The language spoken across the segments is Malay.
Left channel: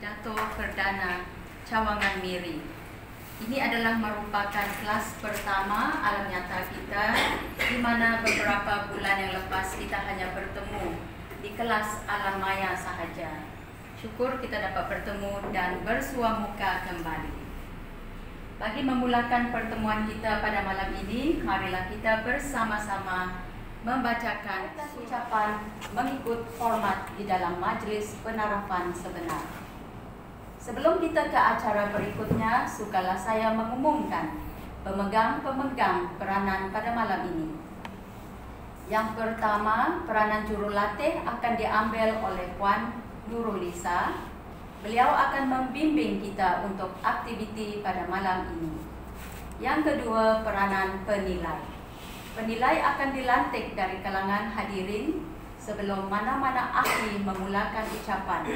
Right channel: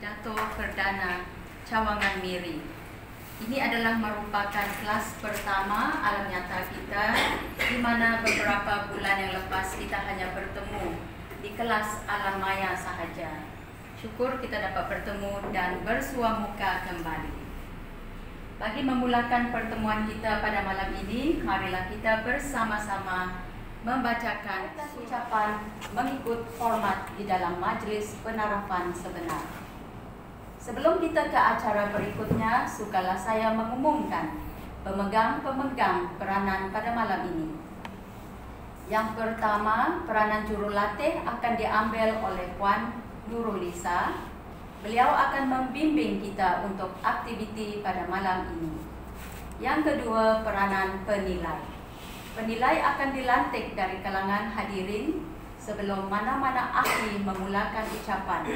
pidato perdana Cawangan Miri. Ini adalah merupakan kelas pertama alam nyata kita, di mana beberapa bulan yang lepas kita hanya bertemu di kelas alam maya sahaja. Syukur kita dapat bertemu dan bersua muka kembali. Bagi memulakan pertemuan kita pada malam ini, marilah kita bersama-sama membacakan ucapan mengikut format di dalam majlis penarapan sebenar. Sebelum kita ke acara berikutnya, sukalah saya mengumumkan pemegang-pemegang peranan pada malam ini. Yang pertama, peranan jurulatih akan diambil oleh Puan Nurulisa. Beliau akan membimbing kita untuk aktiviti pada malam ini. Yang kedua, peranan penilai. Penilai akan dilantik dari kalangan hadirin sebelum mana-mana ahli memulakan ucapan.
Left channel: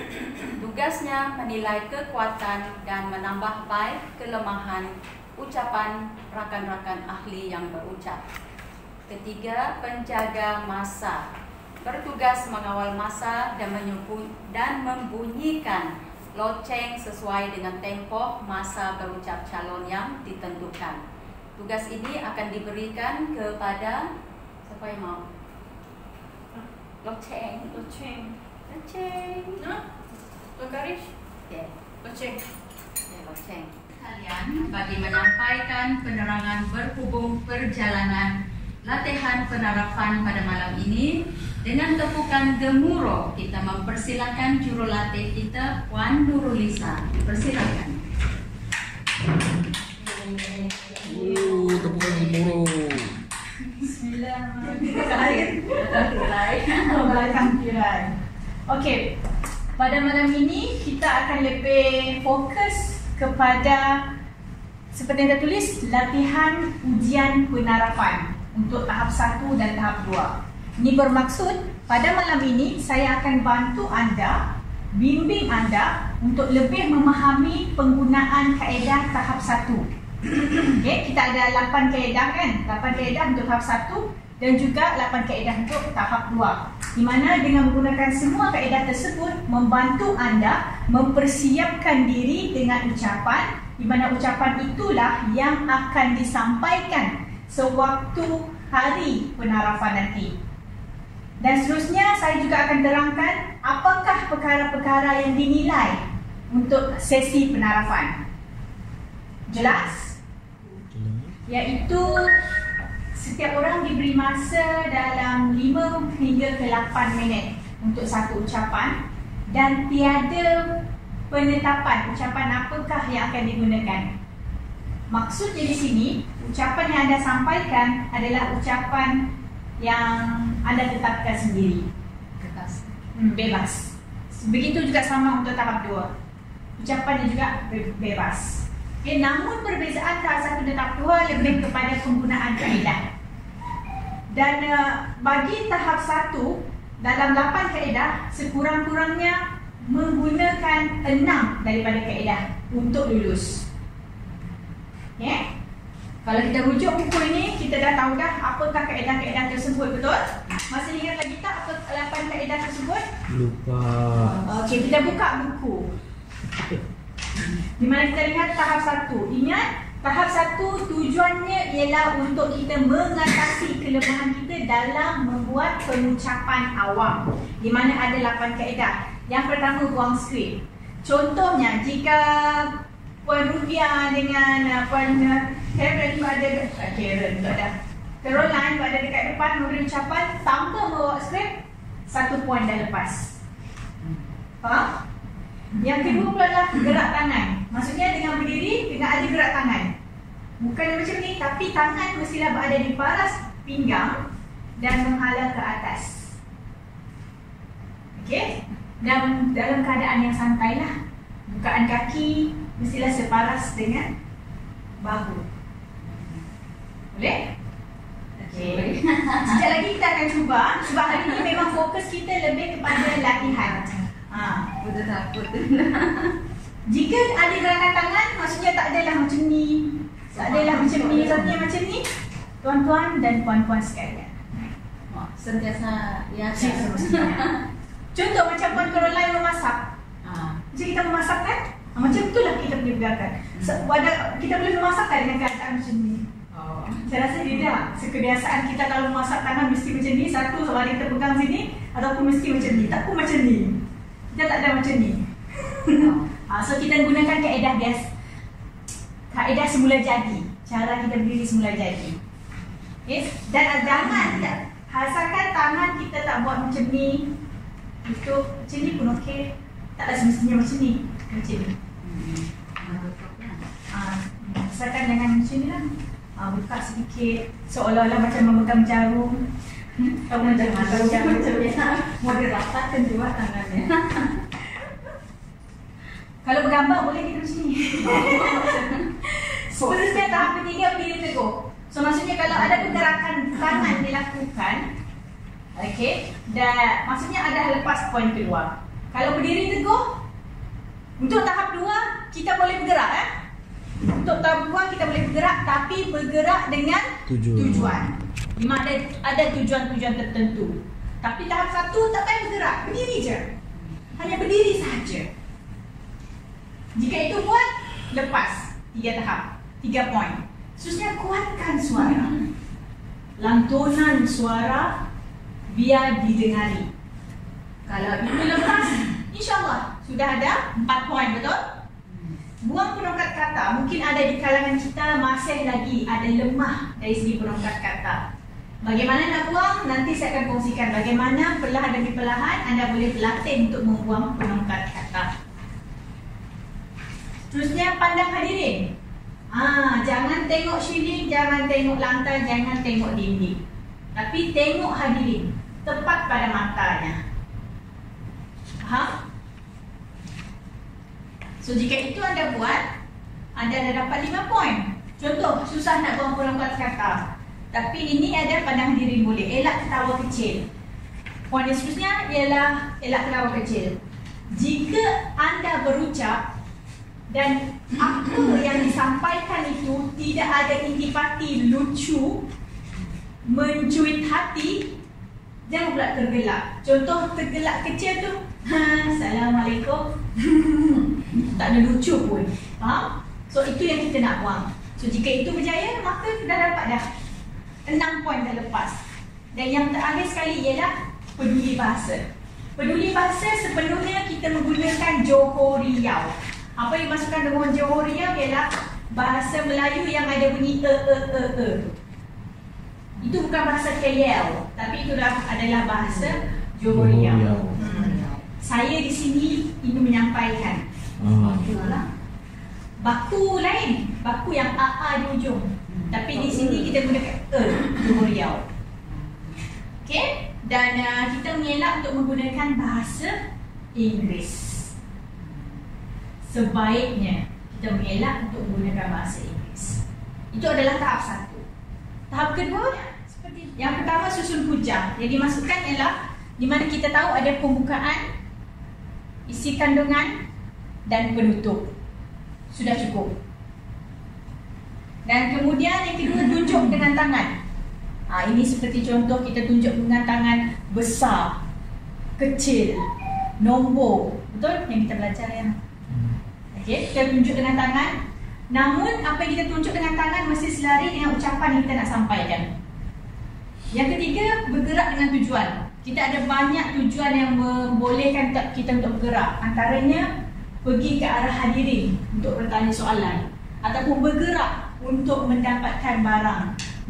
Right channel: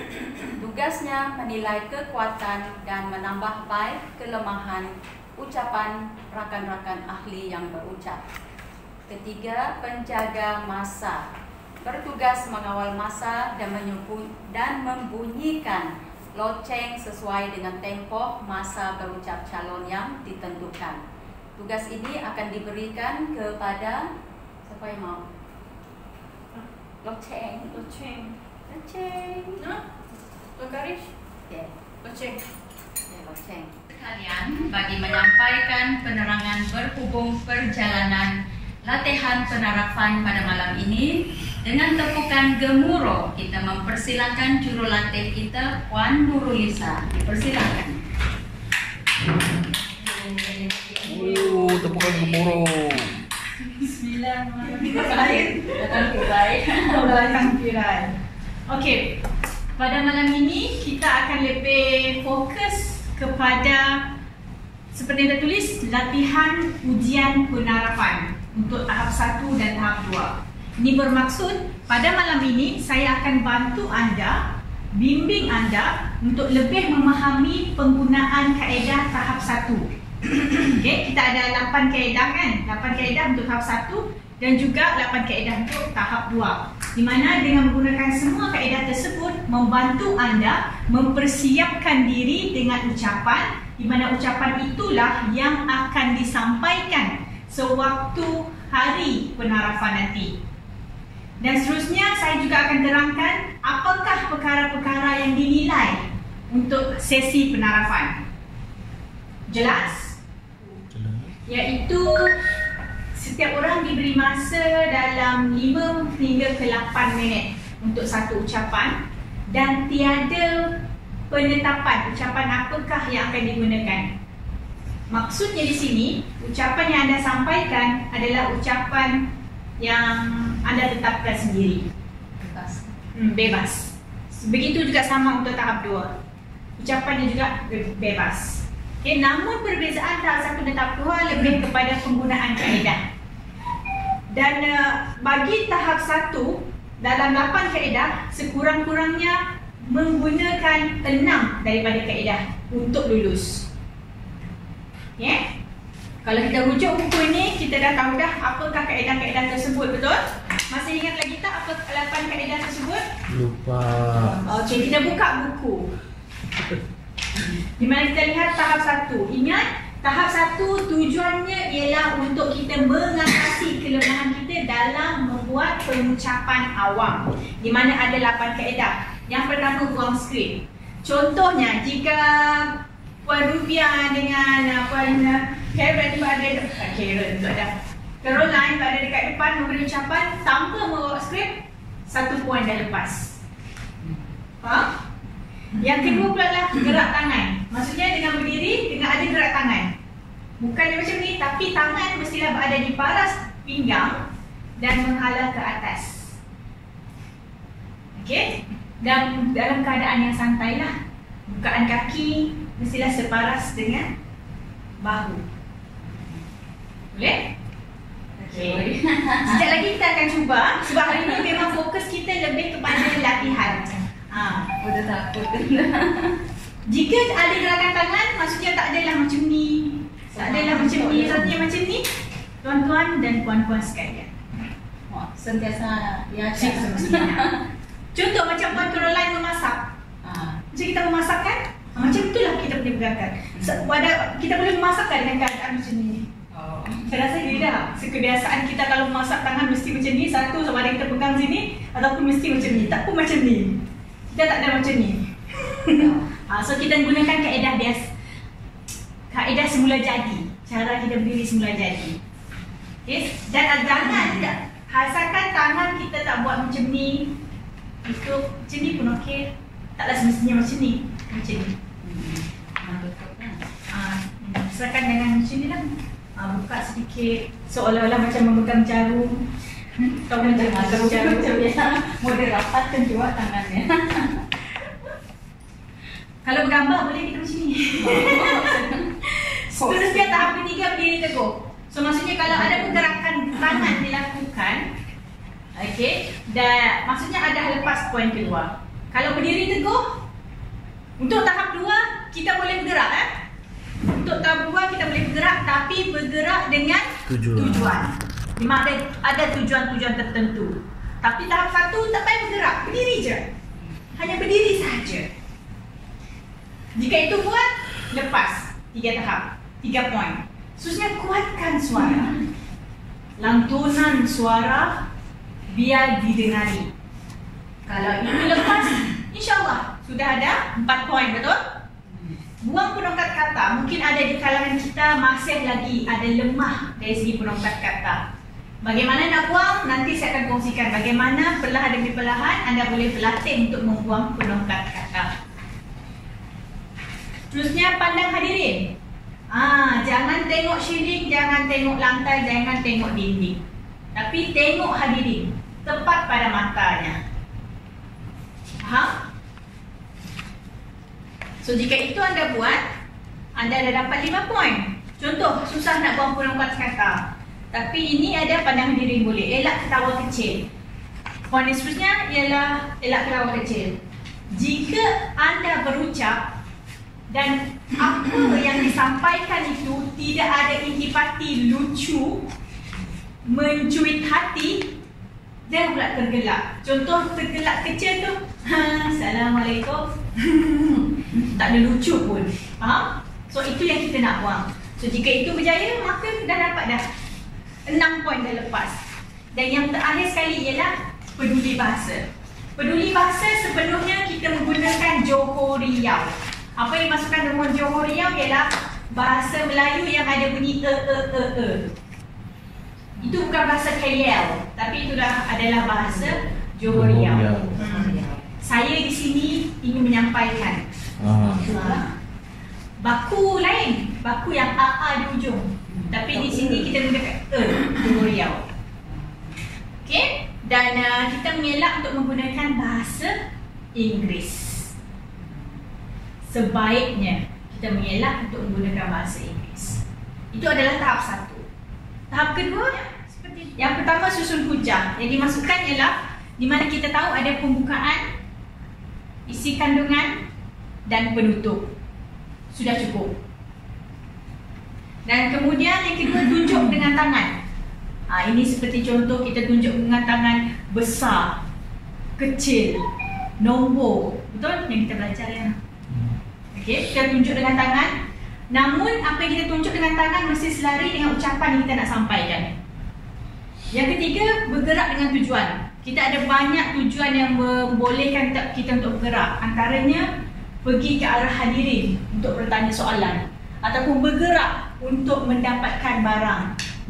Tugasnya menilai kekuatan dan menambah baik kelemahan ucapan rakan-rakan ahli yang berucap. Ketiga, penjaga masa. Bertugas mengawal masa dan membunyikan loceng sesuai dengan tempoh masa berucap calon yang ditentukan. Tugas ini akan diberikan kepada siapa yang mau? Loceng. Lokarish? Okay. Loceng. Loceng. Kalian bagi menyampaikan penerangan berhubung perjalanan latihan penarapan pada malam ini dengan tepukan gemuruh kita mempersilakan jurulatih kita Puan Nurulisa. Dipersilakan. Tepukan gemuruh. Bismillahirrahmanirrahim. Okey, pada malam ini kita akan lebih fokus kepada seperti yang tertulis latihan ujian penarapan untuk tahap 1 dan tahap 2. Ini bermaksud pada malam ini saya akan bantu anda, bimbing anda untuk lebih memahami penggunaan kaedah tahap 1. Okay, kita ada 8 kaedah kan? 8 kaedah untuk tahap 1 dan juga 8 kaedah untuk tahap 2. Di mana dengan menggunakan semua kaedah tersebut membantu anda mempersiapkan diri dengan ucapan, di mana ucapan itulah yang akan disampaikan sewaktu hari penarapan nanti. Dan seterusnya saya juga akan terangkan apakah perkara-perkara yang dinilai untuk sesi penarapan. Jelas? Iaitu setiap orang diberi masa dalam 5 hingga ke 8 minit untuk satu ucapan dan tiada penetapan ucapan apakah yang akan digunakan. Maksudnya di sini, ucapan yang anda sampaikan adalah ucapan yang anda tetapkan sendiri. Bebas. Begitu juga sama untuk tahap 2. Ucapannya juga bebas. Okay, namun perbezaan tahap 1 dan tahap 2 lebih kepada penggunaan kaedah. Dan bagi tahap 1, dalam 8 kaedah, sekurang-kurangnya menggunakan 6 daripada kaedah untuk lulus. Okay? Kalau kita rujuk buku ini, kita dah tahu dah apakah kaedah-kaedah tersebut, betul? Masih ingat lagi tak apa 8 kaedah tersebut? Lupa. Okey, kita buka buku. Di mana kita lihat tahap 1. Ingat, tahap 1 tujuannya ialah untuk kita mengatasi kelemahan kita dalam membuat pengucapan awam. Di mana ada 8 kaedah. Yang pertama, buang skrip. Contohnya, jika Puan Rubia dengan Puan Karen berada Karen tak ada. Caroline berada dekat depan memberi ucapan tanpa membawa skrip, 1 poin dah lepas. Faham? Yang kedua pula adalah gerak tangan. Maksudnya dengan berdiri, dengan ada gerak tangan. Bukan macam ni, tapi tangan mestilah berada di paras pinggang dan menghala ke atas. Okey? Dan dalam keadaan yang santai lah. Bukaan kaki mestilah separas dengan bahu. Boleh? Okey. Sekejap lagi kita akan cuba. Sebab hari ini memang fokus kita lebih kepada latihan. Udah takut. Jika ada gerakan tangan, maksudnya tak adalah macam ni. Tak adalah macam ni, maksudnya macam ni. Tuan-tuan dan puan-puan sekalian. Sentiasa ya Semestinya. Contoh macam Puan Caroline memasak. Macam kita memasak kan? Macam itulah kita punya gerakan. Kita boleh memasak kan dengan keadaan macam ni. Saya rasa tidak. Sekebiasaan kita kalau memasak tangan mesti macam ni. Satu sama ada kita pegang sini ataupun mesti macam ni. Tak pun macam ni. Kita tak ada macam ni. So kita gunakan kaedah semula jadi. Cara kita berdiri semula jadi. Okay? Dan jangan hasilkan tangan kita tak buat macam ni. Itu macam ni pun okey. Taklah semestinya macam ni. Macam ni. Serahkan dengan macam ni lah. Buka sedikit seolah-olah macam memegang jarum. Kamu macam memegang jarum. Model rapatkan juga tangannya. Kalau bergambar boleh kita macam ni. Seterusnya tahap ketiga berdiri teguh. So maksudnya kalau ada pergerakan tangan dilakukan, okey, dan maksudnya ada lepas poin keluar. Kalau berdiri teguh, untuk tahap 2 kita boleh bergerak. Untuk tahap 2 kita boleh bergerak, tapi bergerak dengan tujuan. Di mana ada tujuan-tujuan tertentu. Tapi tahap 1 tak payah bergerak, berdiri je. Hanya berdiri saja. Jika itu buat, lepas 3 tahap, 3 poin. Khususnya kuatkan suara. Lantunan suara biar didengari. Kalau itu lepas, insyaAllah sudah ada 4 poin, betul? Buang penongkat kata. Mungkin ada di kalangan kita masih lagi ada lemah dari segi penongkat kata. Bagaimana nak buang? Nanti saya akan kongsikan bagaimana perlahan demi perlahan anda boleh berlatih untuk membuang penongkat kata. Terusnya pandang hadirin. Jangan tengok ceiling, jangan tengok lantai, jangan tengok dinding. Tapi tengok hadirin, tepat pada matanya. Faham? So jika itu anda buat, anda dah dapat 5 poin. Contoh, susah nak buang penongkat kata. Tapi ini ada pandang hadirin boleh. Elak ketawa kecil. Poin seterusnya ialah elak ketawa kecil. Jika anda berucap dan apa yang disampaikan itu tidak ada intipati lucu, mencuit hati, jangan pula tergelak. Contoh tergelak kecil tu, Assalamualaikum. Tak ada lucu pun. Faham? So itu yang kita nak buang. So jika itu berjaya, maka dah dapat dah 6 poin dah lepas. Dan yang terakhir sekali ialah peduli bahasa. Peduli bahasa sepenuhnya kita menggunakan Johor Riau. Apa yang dimasukkan dengan Johor Riau ialah bahasa Melayu yang ada bunyi Itu bukan bahasa KL, tapi itu adalah bahasa Johor Riau. Saya di sini ingin menyampaikan baku lain, baku yang AA di ujung. Tapi di sini kita gunakan Johor Riau. Okey? Dan kita mengelak untuk menggunakan bahasa Inggeris. Sebaiknya kita mengelak untuk menggunakan bahasa Inggeris. Itu adalah tahap 1. Tahap kedua, seperti yang pertama susun hujah. Yang dimasukkan ialah di mana kita tahu ada pembukaan, isi kandungan dan penutup. Sudah cukup. Dan kemudian yang kedua, tunjuk dengan tangan. Ini seperti contoh kita tunjuk dengan tangan besar, kecil, nombor. Betul yang kita belajar ya. Okey, kita tunjuk dengan tangan. Namun apa yang kita tunjuk dengan tangan mesti selari dengan ucapan yang kita nak sampaikan. Yang ketiga, bergerak dengan tujuan. Kita ada banyak tujuan yang membolehkan kita untuk bergerak. Antaranya pergi ke arah hadirin untuk bertanya soalan, ataupun bergerak untuk mendapatkan barang,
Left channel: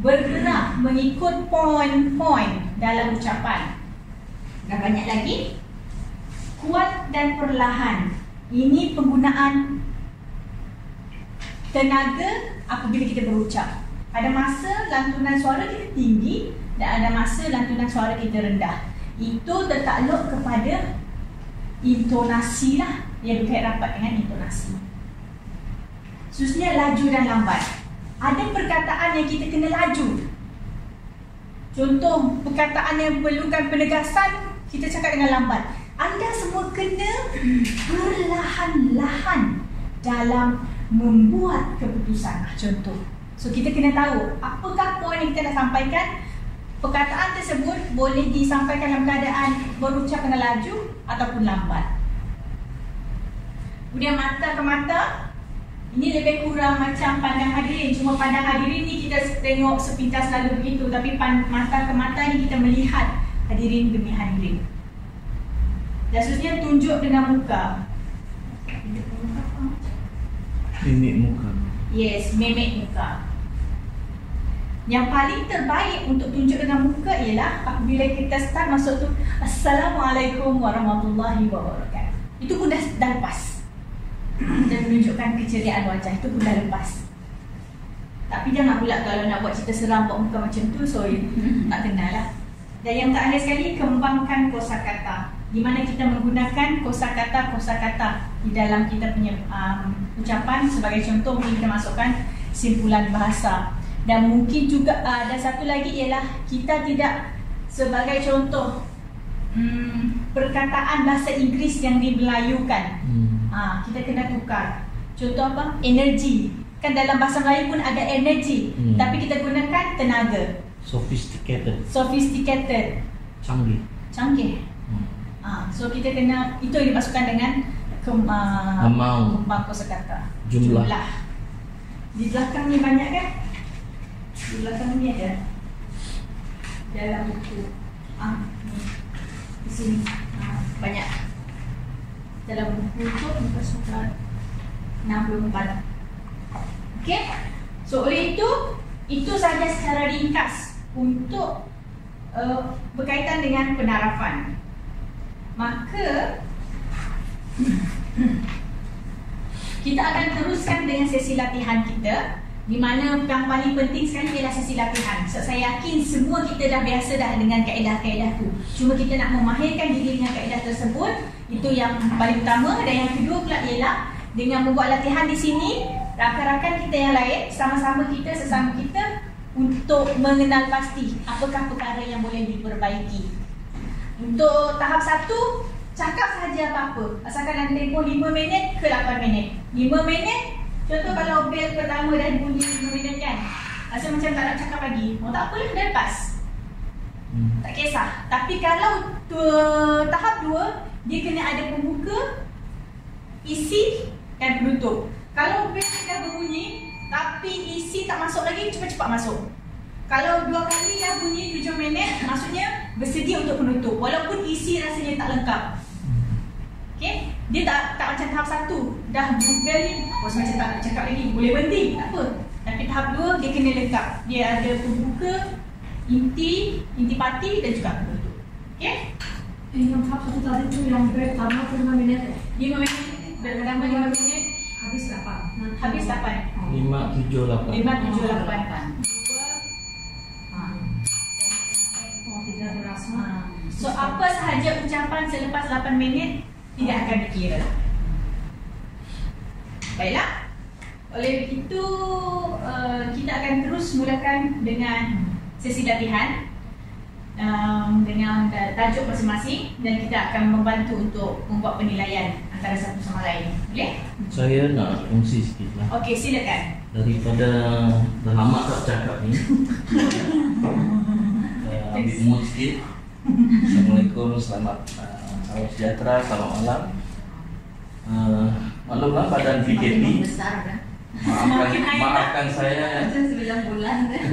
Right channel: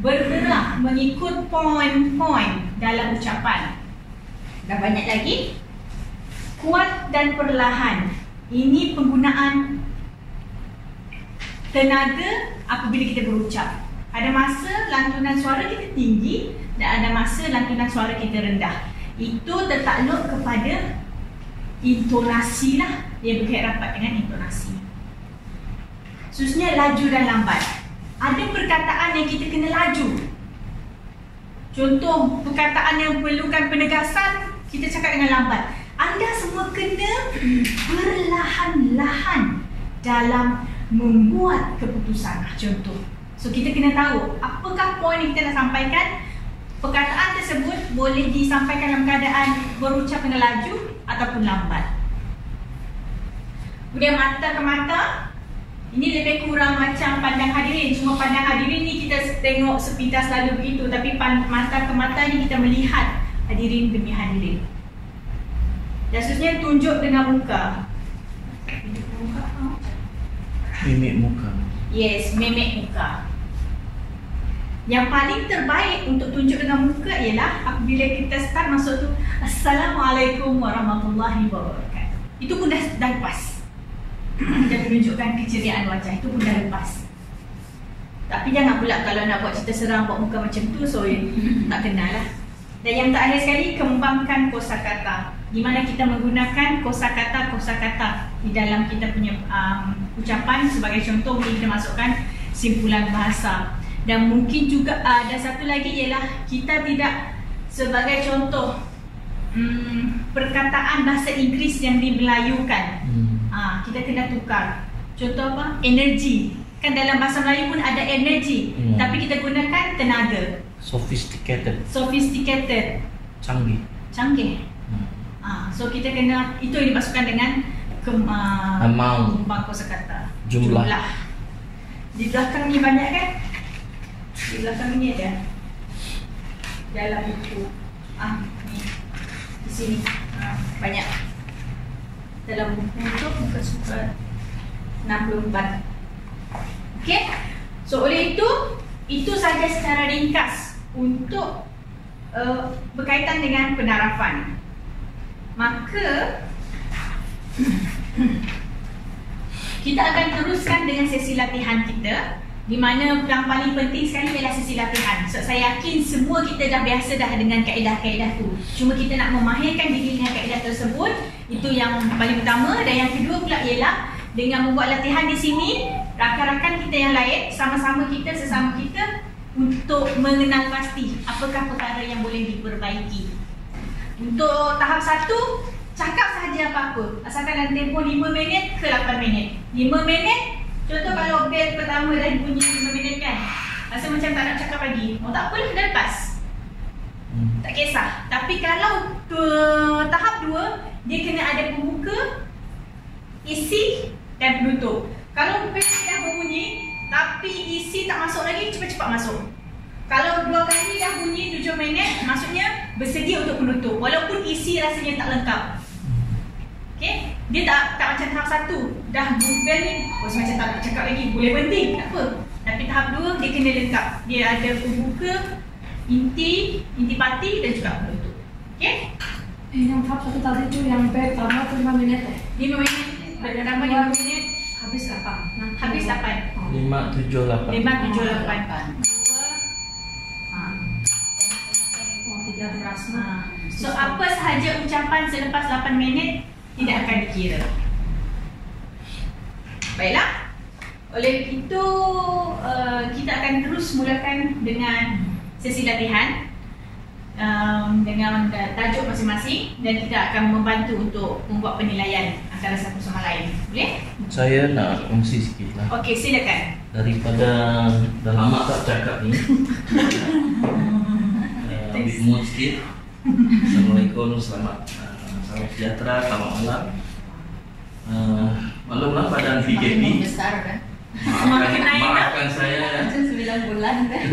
bergerak mengikut poin-poin dalam ucapan. Dan banyak lagi. Kuat dan perlahan. Ini penggunaan tenaga apabila kita berucap. Ada masa lantunan suara kita tinggi dan ada masa lantunan suara kita rendah. Itu tertakluk kepada intonasi lah. Dia berkait rapat dengan intonasi. Khususnya laju dan lambat. Ada perkataan yang kita kena laju. Contoh perkataan yang perlukan penegasan, kita cakap dengan lambat. Anda semua kena perlahan-lahan dalam membuat keputusan. Contoh. So kita kena tahu apakah poin yang kita nak sampaikan. Perkataan tersebut boleh disampaikan dalam keadaan berucap dengan laju ataupun lambat. Kemudian mata ke mata, ini lebih kurang macam pandang hadirin. Cuma pandang hadirin ni kita tengok sepintas lalu begitu, tapi mata ke mata ni kita melihat hadirin demi hadirin. Dan seterusnya tunjuk dengan muka. Mimik muka. Yes, mimik muka. Yang paling terbaik untuk tunjuk dengan muka ialah apabila kita start masuk tu Assalamualaikum warahmatullahi wabarakatuh. Itu pun dah lepas. Dia menunjukkan keceriaan wajah, itu pun dah lepas. Tapi jangan pula kalau nak buat cerita seram buat muka macam tu, so tak kenal lah. Dan yang terakhir sekali, kembangkan kosakata, di mana kita menggunakan kosakata di dalam kita punya ucapan. Sebagai contoh, mungkin kita masukkan simpulan bahasa. Dan mungkin juga dan satu lagi ialah kita tidak, sebagai contoh perkataan bahasa Inggeris yang dimelayukan, kita kena tukar. Contoh apa? Energi. Kan dalam bahasa Melayu pun ada energi, tapi kita gunakan tenaga. Sophisticated. Canggih. So kita kena, itu yang dimasukkan dengan kembang kosakata. Jumlah. Di belakang ni banyak kan? Di belakang ni ada dalam buku. Ni. Di sini. Banyak. Dalam buku tu muka surat 64. Okey. So oleh itu sahaja secara ringkas untuk berkaitan dengan penarafan. Maka kita akan teruskan dengan sesi latihan kita, di mana yang paling penting sekali ialah sesi latihan. So, saya yakin semua kita dah biasa dah dengan kaedah-kaedah tu. Cuma kita nak memahirkan diri dengan kaedah tersebut, itu yang paling utama. Dan yang kedua pula ialah dengan membuat latihan di sini, rakan-rakan kita yang lain sama-sama kita, sesama kita, untuk mengenal pasti apakah perkara yang boleh diperbaiki. Untuk tahap 1, cakap sahaja apa-apa, asalkan dalam tempoh 5 minit ke 8 minit. 5 minit, contoh kalau bel pertama dah bunyi 5 minit kan, rasa macam tak nak cakap lagi, tak apalah, dah lepas, tak kisah. Tapi kalau tahap 2, dia kena ada pembuka, isi dan penutup. Kalau bel dah berbunyi tapi isi tak masuk lagi, cepat-cepat masuk. Kalau 2 kali dah bunyi 7 minit, maksudnya bersedia untuk penutup, walaupun isi rasanya tak lengkap. Okay? Dia tak macam tahap 1, dah bel ni macam tak nak cakap lagi, boleh berhenti, tak apa. Tapi tahap 2 dia kena lengkap. Dia ada pembuka, intipati dan juga penutup. Okay? Yang tahap 1 tadi tu yang bel pertama tu 5 minit 5 minit, bel pertama 5 minit, habis 8. habis 8. 5, 7, 8. 5, 7, 8. So apa sahaja ucapan selepas 8 minit tidak akan dikira. Baiklah. Oleh itu kita akan terus mulakan dengan sesi latihan dengan tajuk masing-masing, dan kita akan membantu untuk membuat penilaian antara satu sama lain. Boleh? Saya nak kongsi sikit lah. Okey, silakan. Daripada dah lama tak cakap ni, ambil mood sikit. Assalamualaikum, salam sejahtera, selamat malam. Maklumlah badan PKP. Besar kan? Maafkan saya. Macam 9 bulan kan?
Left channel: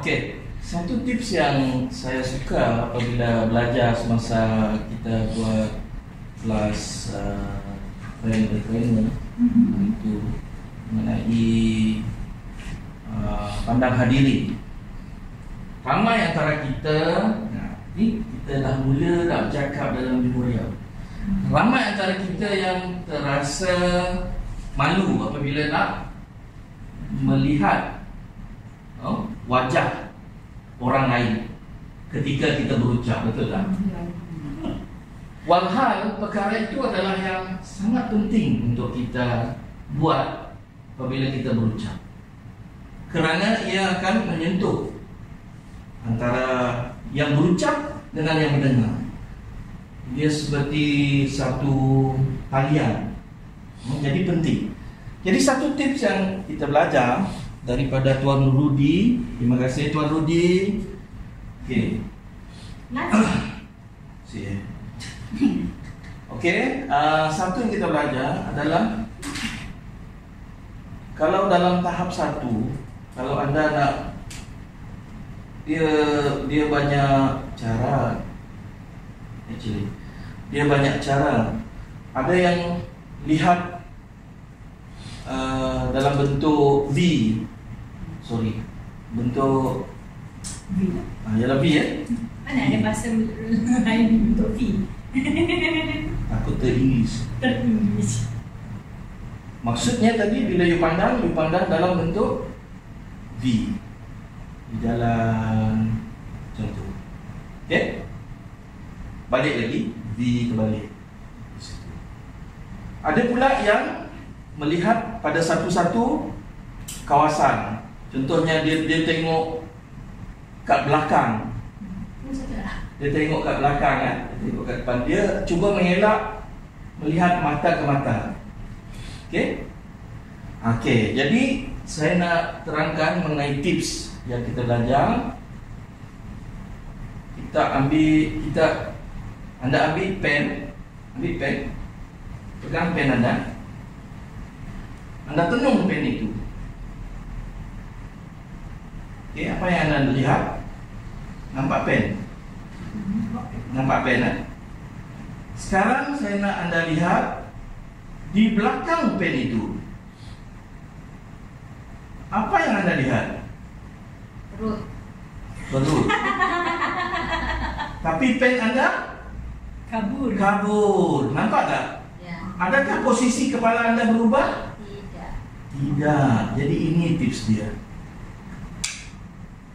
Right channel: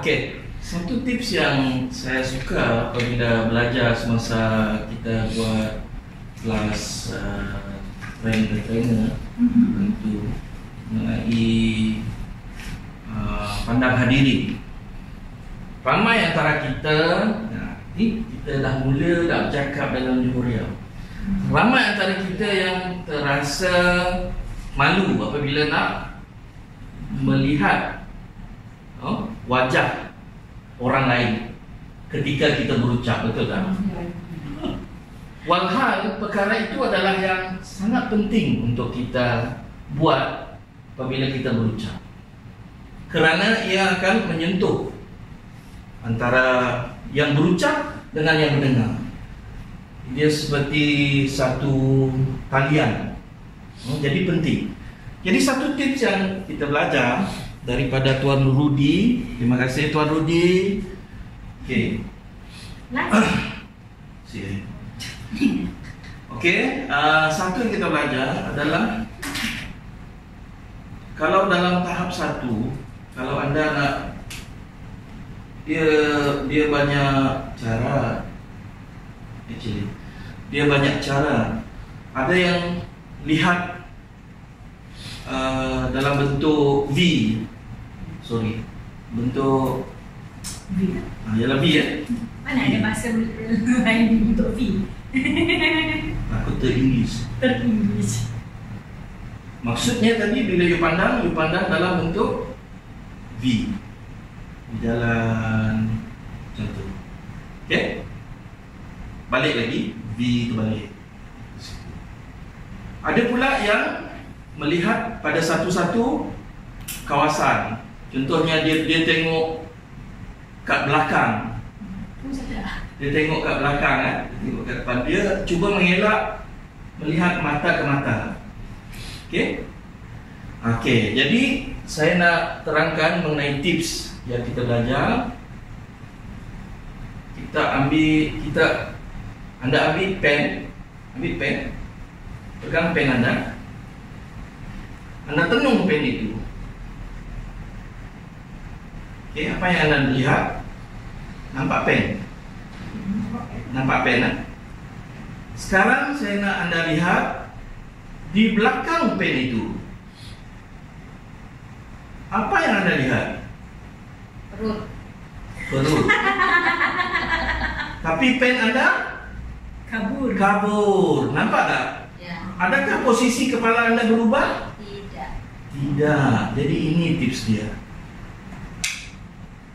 Okey, satu tips yang saya suka apabila belajar semasa kita buat kelas trainer itu mengenai pandang hadirin. Ramai antara kita, kita dah mula nak bercakap dalam jumhuriah. Ramai antara kita yang terasa malu apabila nak melihat wajah orang lain ketika kita berucap, betul tak? Walhal perkara itu adalah yang sangat penting untuk kita buat apabila kita berucap, kerana ia akan menyentuh antara yang berucap dengan yang mendengar. Dia seperti satu talian. Jadi penting. Jadi satu tips yang kita belajar daripada Tuan Rudi. Terima kasih Tuan Rudi. Okey. Okey, satu yang kita belajar adalah kalau dalam tahap 1, kalau anda nak dia banyak cara. Actually, dia banyak cara. Ada yang lihat dalam bentuk V. Sorry, bentuk ialah V ya. Mana ada bahasa lain untuk V? Aku ter-English. Ter-English. Maksudnya tadi bila you pandang dalam bentuk V. Di jalan macam tu. Okey? Balik lagi, V terbalik. Ada pula yang melihat pada satu-satu kawasan. Contohnya dia tengok kat belakang. Dia tengok kat belakang kan, dia tengok kat depan. Dia cuba mengelak melihat mata ke mata. Okey? Okey, jadi saya nak terangkan mengenai tips yang kita belajar. Anda ambil pen, pegang pen anda tenung pen itu. Okey, apa yang anda lihat? Nampak pen? Nampak pen kan? Sekarang saya nak anda lihat di belakang pen itu. Apa yang anda lihat? Perut. Tapi pen anda kabur. Nampak tak? Ya. Adakah posisi kepala anda berubah? Tidak. Jadi ini tips dia.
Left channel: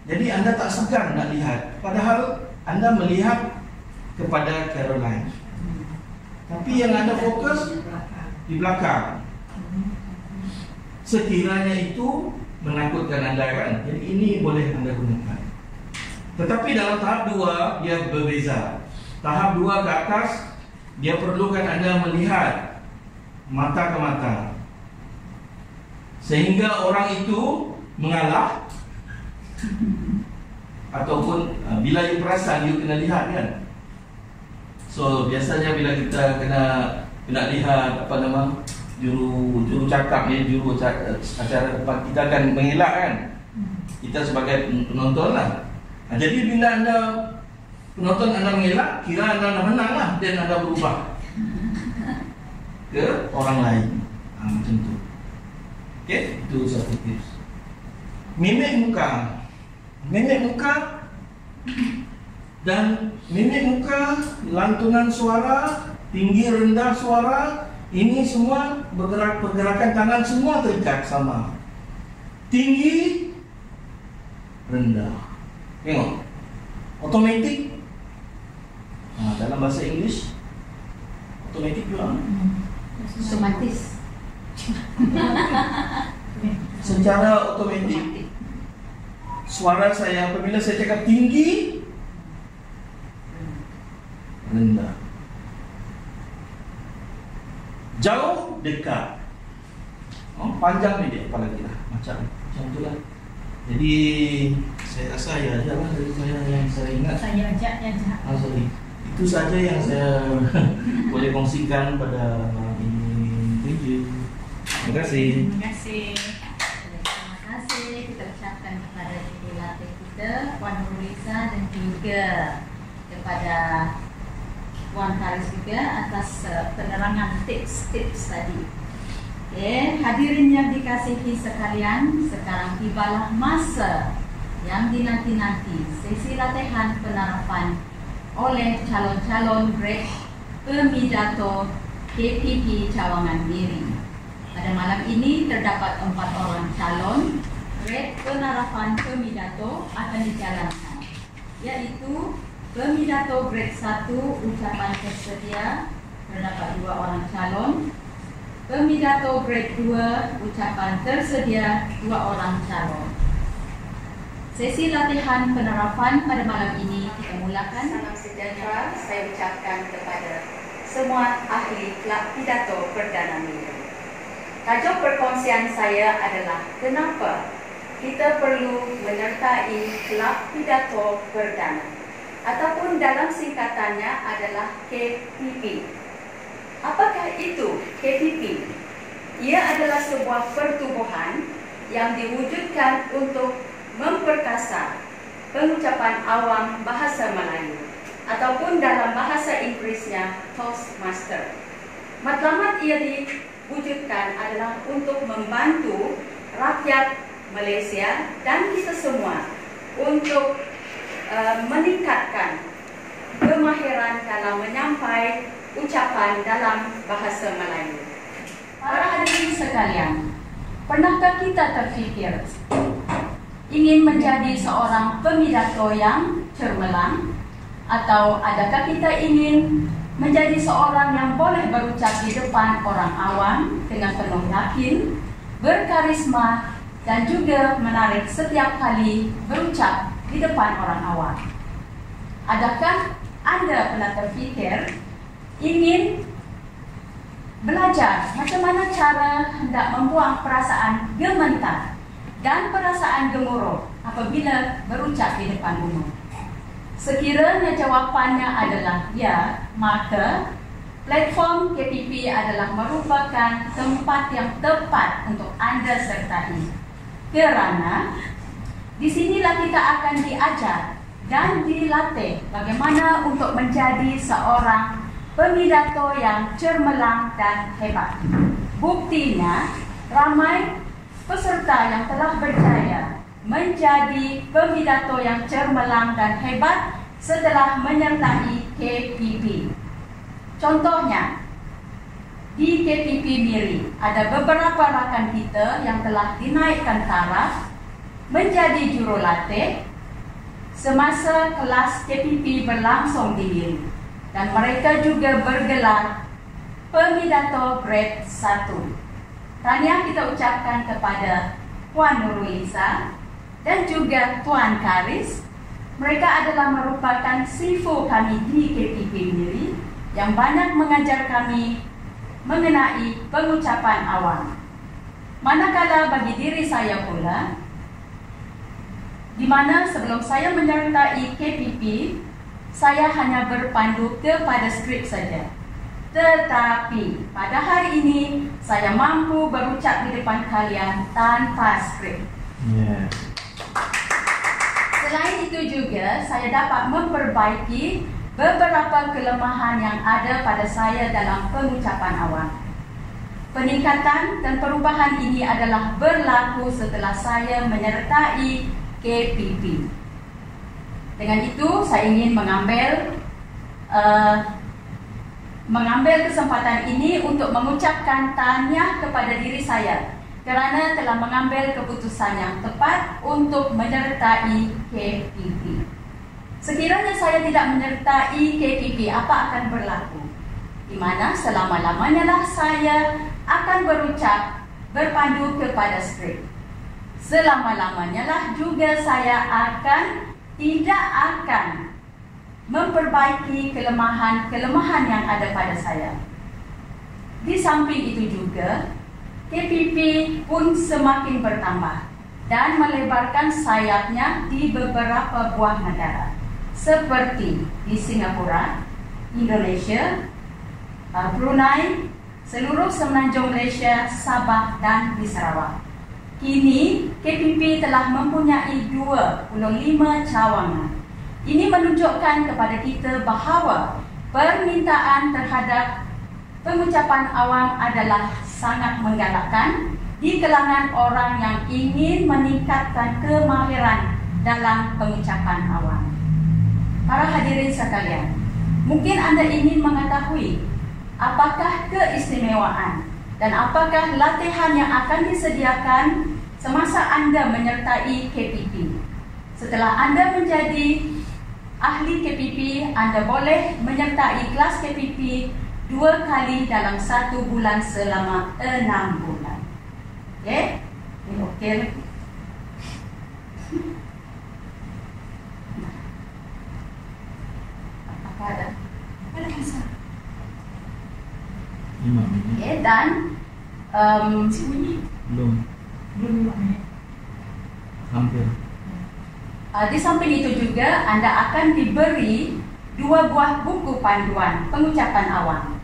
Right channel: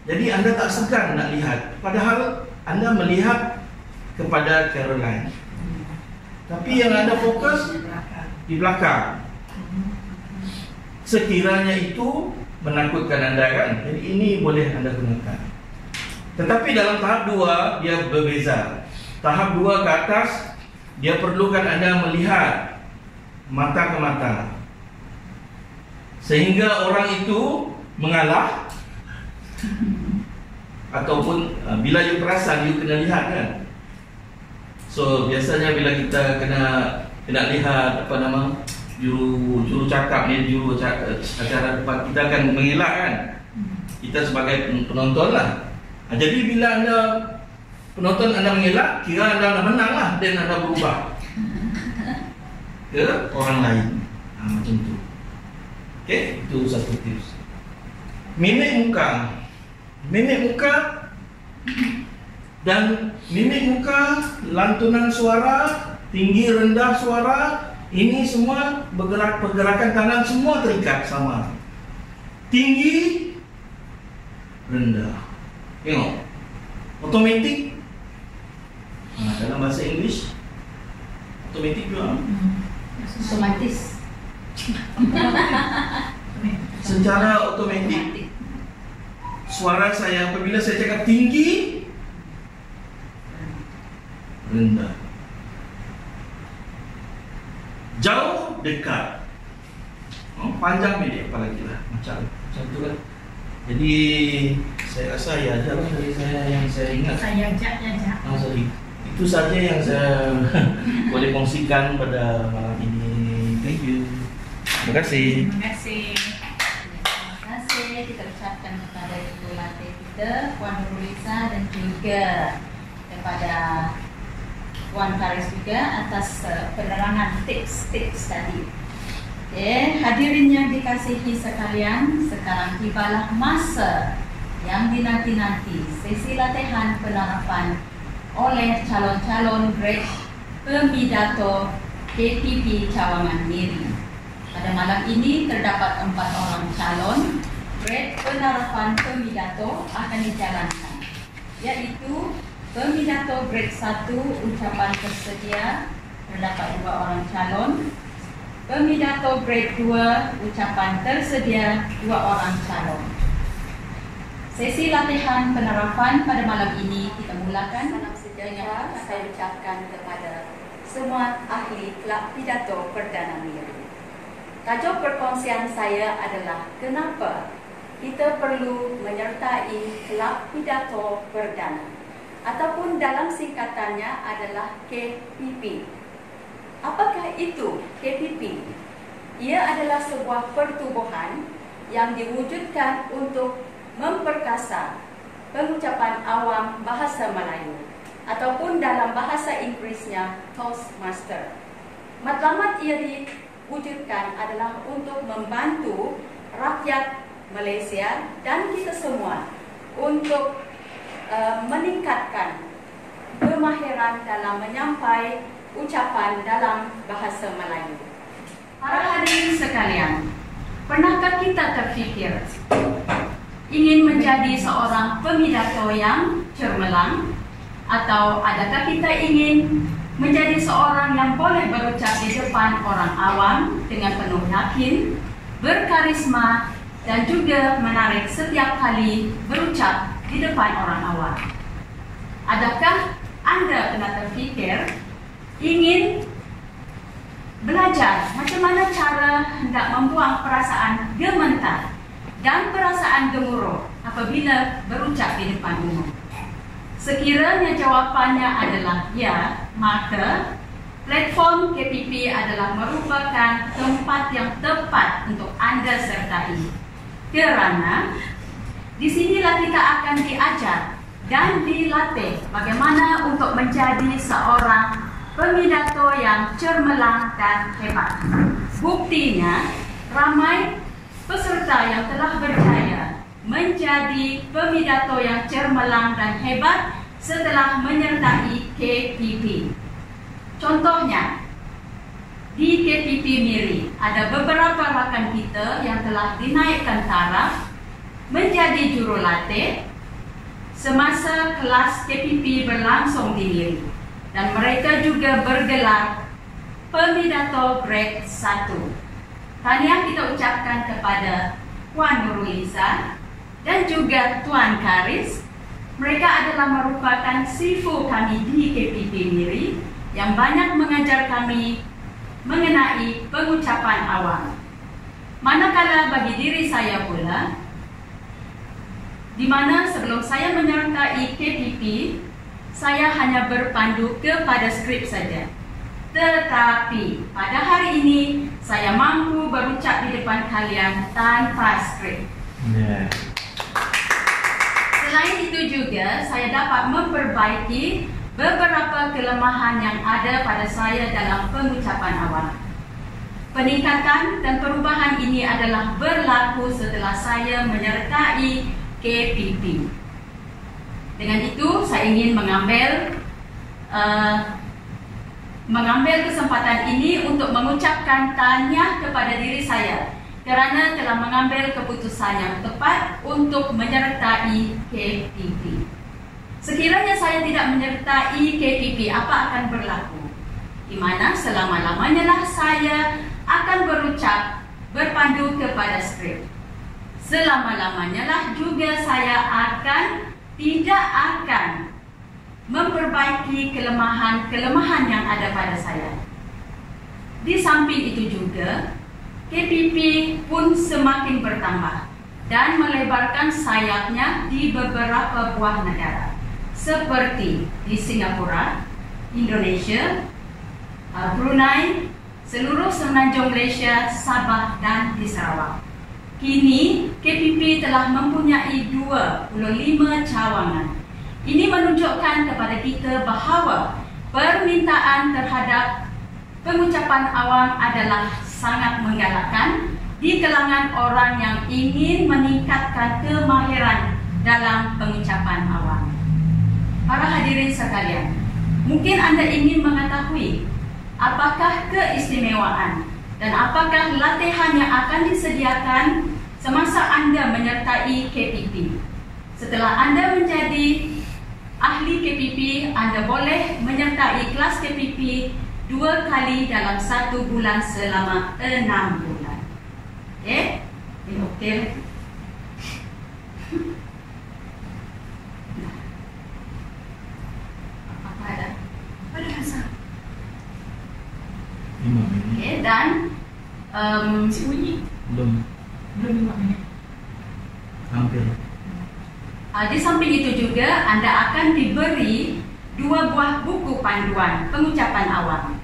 Jadi anda tak segan nak lihat, padahal anda melihat kepada Caroline. Tapi yang anda fokus di belakang. Sekiranya itu menakutkan anda kan, jadi ini boleh anda gunakan. Tetapi dalam tahap 2 dia berbeza. Tahap 2 ke atas, dia perlukan anda melihat mata ke mata, sehingga orang itu mengalah. Ataupun bila you perasan, you kena lihat kan. So biasanya bila kita kena lihat juru cakap ni, juru acara depan, kita akan mengelak kan. Kita sebagai penonton lah. Jadi bila anda penonton anda mengelak, kira anda dah menang lah, dan anda berubah ke orang lain. Macam tu. Okey, itu satu tips. Mimik muka dan mimik muka, lantunan suara, tinggi rendah suara, ini semua pergerakan tangan semua terikat sama. Tinggi, rendah. Tengok, otomatik. Dalam bahasa English, otomatik juga. Otomatis. Secara otomatik. Suara saya apabila saya cakap tinggi, rendah, jauh, dekat, panjang, pendek, apalagi lah, macam tu lah. Jadi saya rasa ya aja lah dari saya yang saya ingat. Sorry. Itu saja yang saya boleh kongsikan pada malam ini. Thank you. Terima kasih. Terima kasih. Terima kasih kita ucapkan kepada ibu pelatih kita, Puan Nurulisa, dan juga kepada Puan Faris juga atas penerangan tips-tips tadi. Hadirin yang dikasihi sekalian, sekarang tibalah masa yang dinanti-nanti, sesi latihan penerapan oleh calon-calon grade pemidato DPP Cawangan Miri. Pada malam ini terdapat 4 orang calon grade penerapan pemidato akan dijalankan, yaitu pemidato grade 1 ucapan tersedia terdapat 2 orang calon, pemidato grade 2 ucapan tersedia 2 orang calon. Sesi latihan penerapan pada malam ini kita mulakan. Salam sejahtera saya ucapkan kepada semua ahli kelab pidato Perdana Miri. Tajuk perkongsian saya adalah kenapa kita perlu menyertai kelab pidato Perdana, ataupun dalam singkatannya adalah KPP. Apakah itu KPP? Ia adalah sebuah pertubuhan yang diwujudkan untuk memperkasa pengucapan awam bahasa Melayu ataupun dalam bahasa Inggrisnya Toastmaster. Matlamat ia diwujudkan adalah untuk membantu rakyat Malaysia dan kita semua untuk meningkatkan kemahiran dalam menyampaikan ucapan dalam bahasa Melayu. Para hadirin sekalian, pernahkah kita terfikir ingin menjadi seorang pemidato yang cermelang? Atau adakah kita ingin menjadi seorang yang boleh berucap di depan orang awam dengan penuh yakin, berkarisma, dan juga menarik setiap kali berucap di depan orang awam? Adakah Anda pernah terfikir ingin belajar macam mana cara hendak membuang perasaan gementar dan perasaan gemuruh apabila berucap di depan umum? Sekiranya jawapannya adalah ya, maka platform KPP adalah merupakan tempat yang tepat untuk Anda sertai. Kerana di sinilah kita akan diajar dan dilatih bagaimana untuk menjadi seorang pemidato yang cermelang dan hebat. Buktinya, ramai peserta yang telah berjaya menjadi pemidato yang cermelang dan hebat setelah menyertai KPP. Contohnya, di KPP Miri ada beberapa rakan kita yang telah dinaikkan taraf menjadi jurulatih semasa kelas KPP berlangsung di Miri, dan mereka juga bergelar pemidato grade 1. Tahniah kita ucapkan kepada Puan Nurulisa dan juga Tuan Karis. Mereka adalah merupakan sifu kami di KPP Miri yang banyak mengajar kami mengenai pengucapan awam. Manakala bagi diri saya pula, di mana sebelum saya menyertai KPP, saya hanya berpandu kepada skrip saja. Tetapi pada hari ini saya mampu berucap di depan kalian tanpa skrip. Selain itu juga saya dapat memperbaiki beberapa kelemahan yang ada pada saya dalam pengucapan awam. Peningkatan dan perubahan ini adalah berlaku setelah saya menyertai KPP. Dengan itu saya ingin mengambil kesempatan ini untuk mengucapkan tahniah kepada diri saya kerana telah mengambil keputusan yang tepat untuk menyertai KPP. Sekiranya saya tidak menyertai KPP, apa akan berlaku? Di mana selama-lamanya lah saya akan berucap berpandu kepada skrip. Selama-lamanya lah juga saya tidak akan memperbaiki kelemahan yang ada pada saya. Di samping itu juga, KPP pun semakin bertambah dan melebarkan sayapnya di beberapa buah negara seperti di Singapura, Indonesia, Brunei, seluruh semenanjung Malaysia, Sabah dan di Sarawak. Kini KPP telah mempunyai 25 cawangan. Ini menunjukkan kepada kita bahawa permintaan terhadap pengucapan awam adalah sangat menggalakkan di kalangan orang yang ingin meningkatkan kemahiran dalam pengucapan awam. Para hadirin sekalian, mungkin Anda ingin mengetahui apakah keistimewaan dan apakah latihan yang akan disediakan semasa Anda menyertai KPP. Setelah Anda menjadi ahli KPP, Anda boleh menyertai kelas KPP 2 kali dalam 1 bulan selama 6 bulan. Okey? Ini okey. Apa ada? Ada masa. Okey, dan belum hampir. Di samping itu juga Anda akan diberi 2 buah buku panduan pengucapan awam.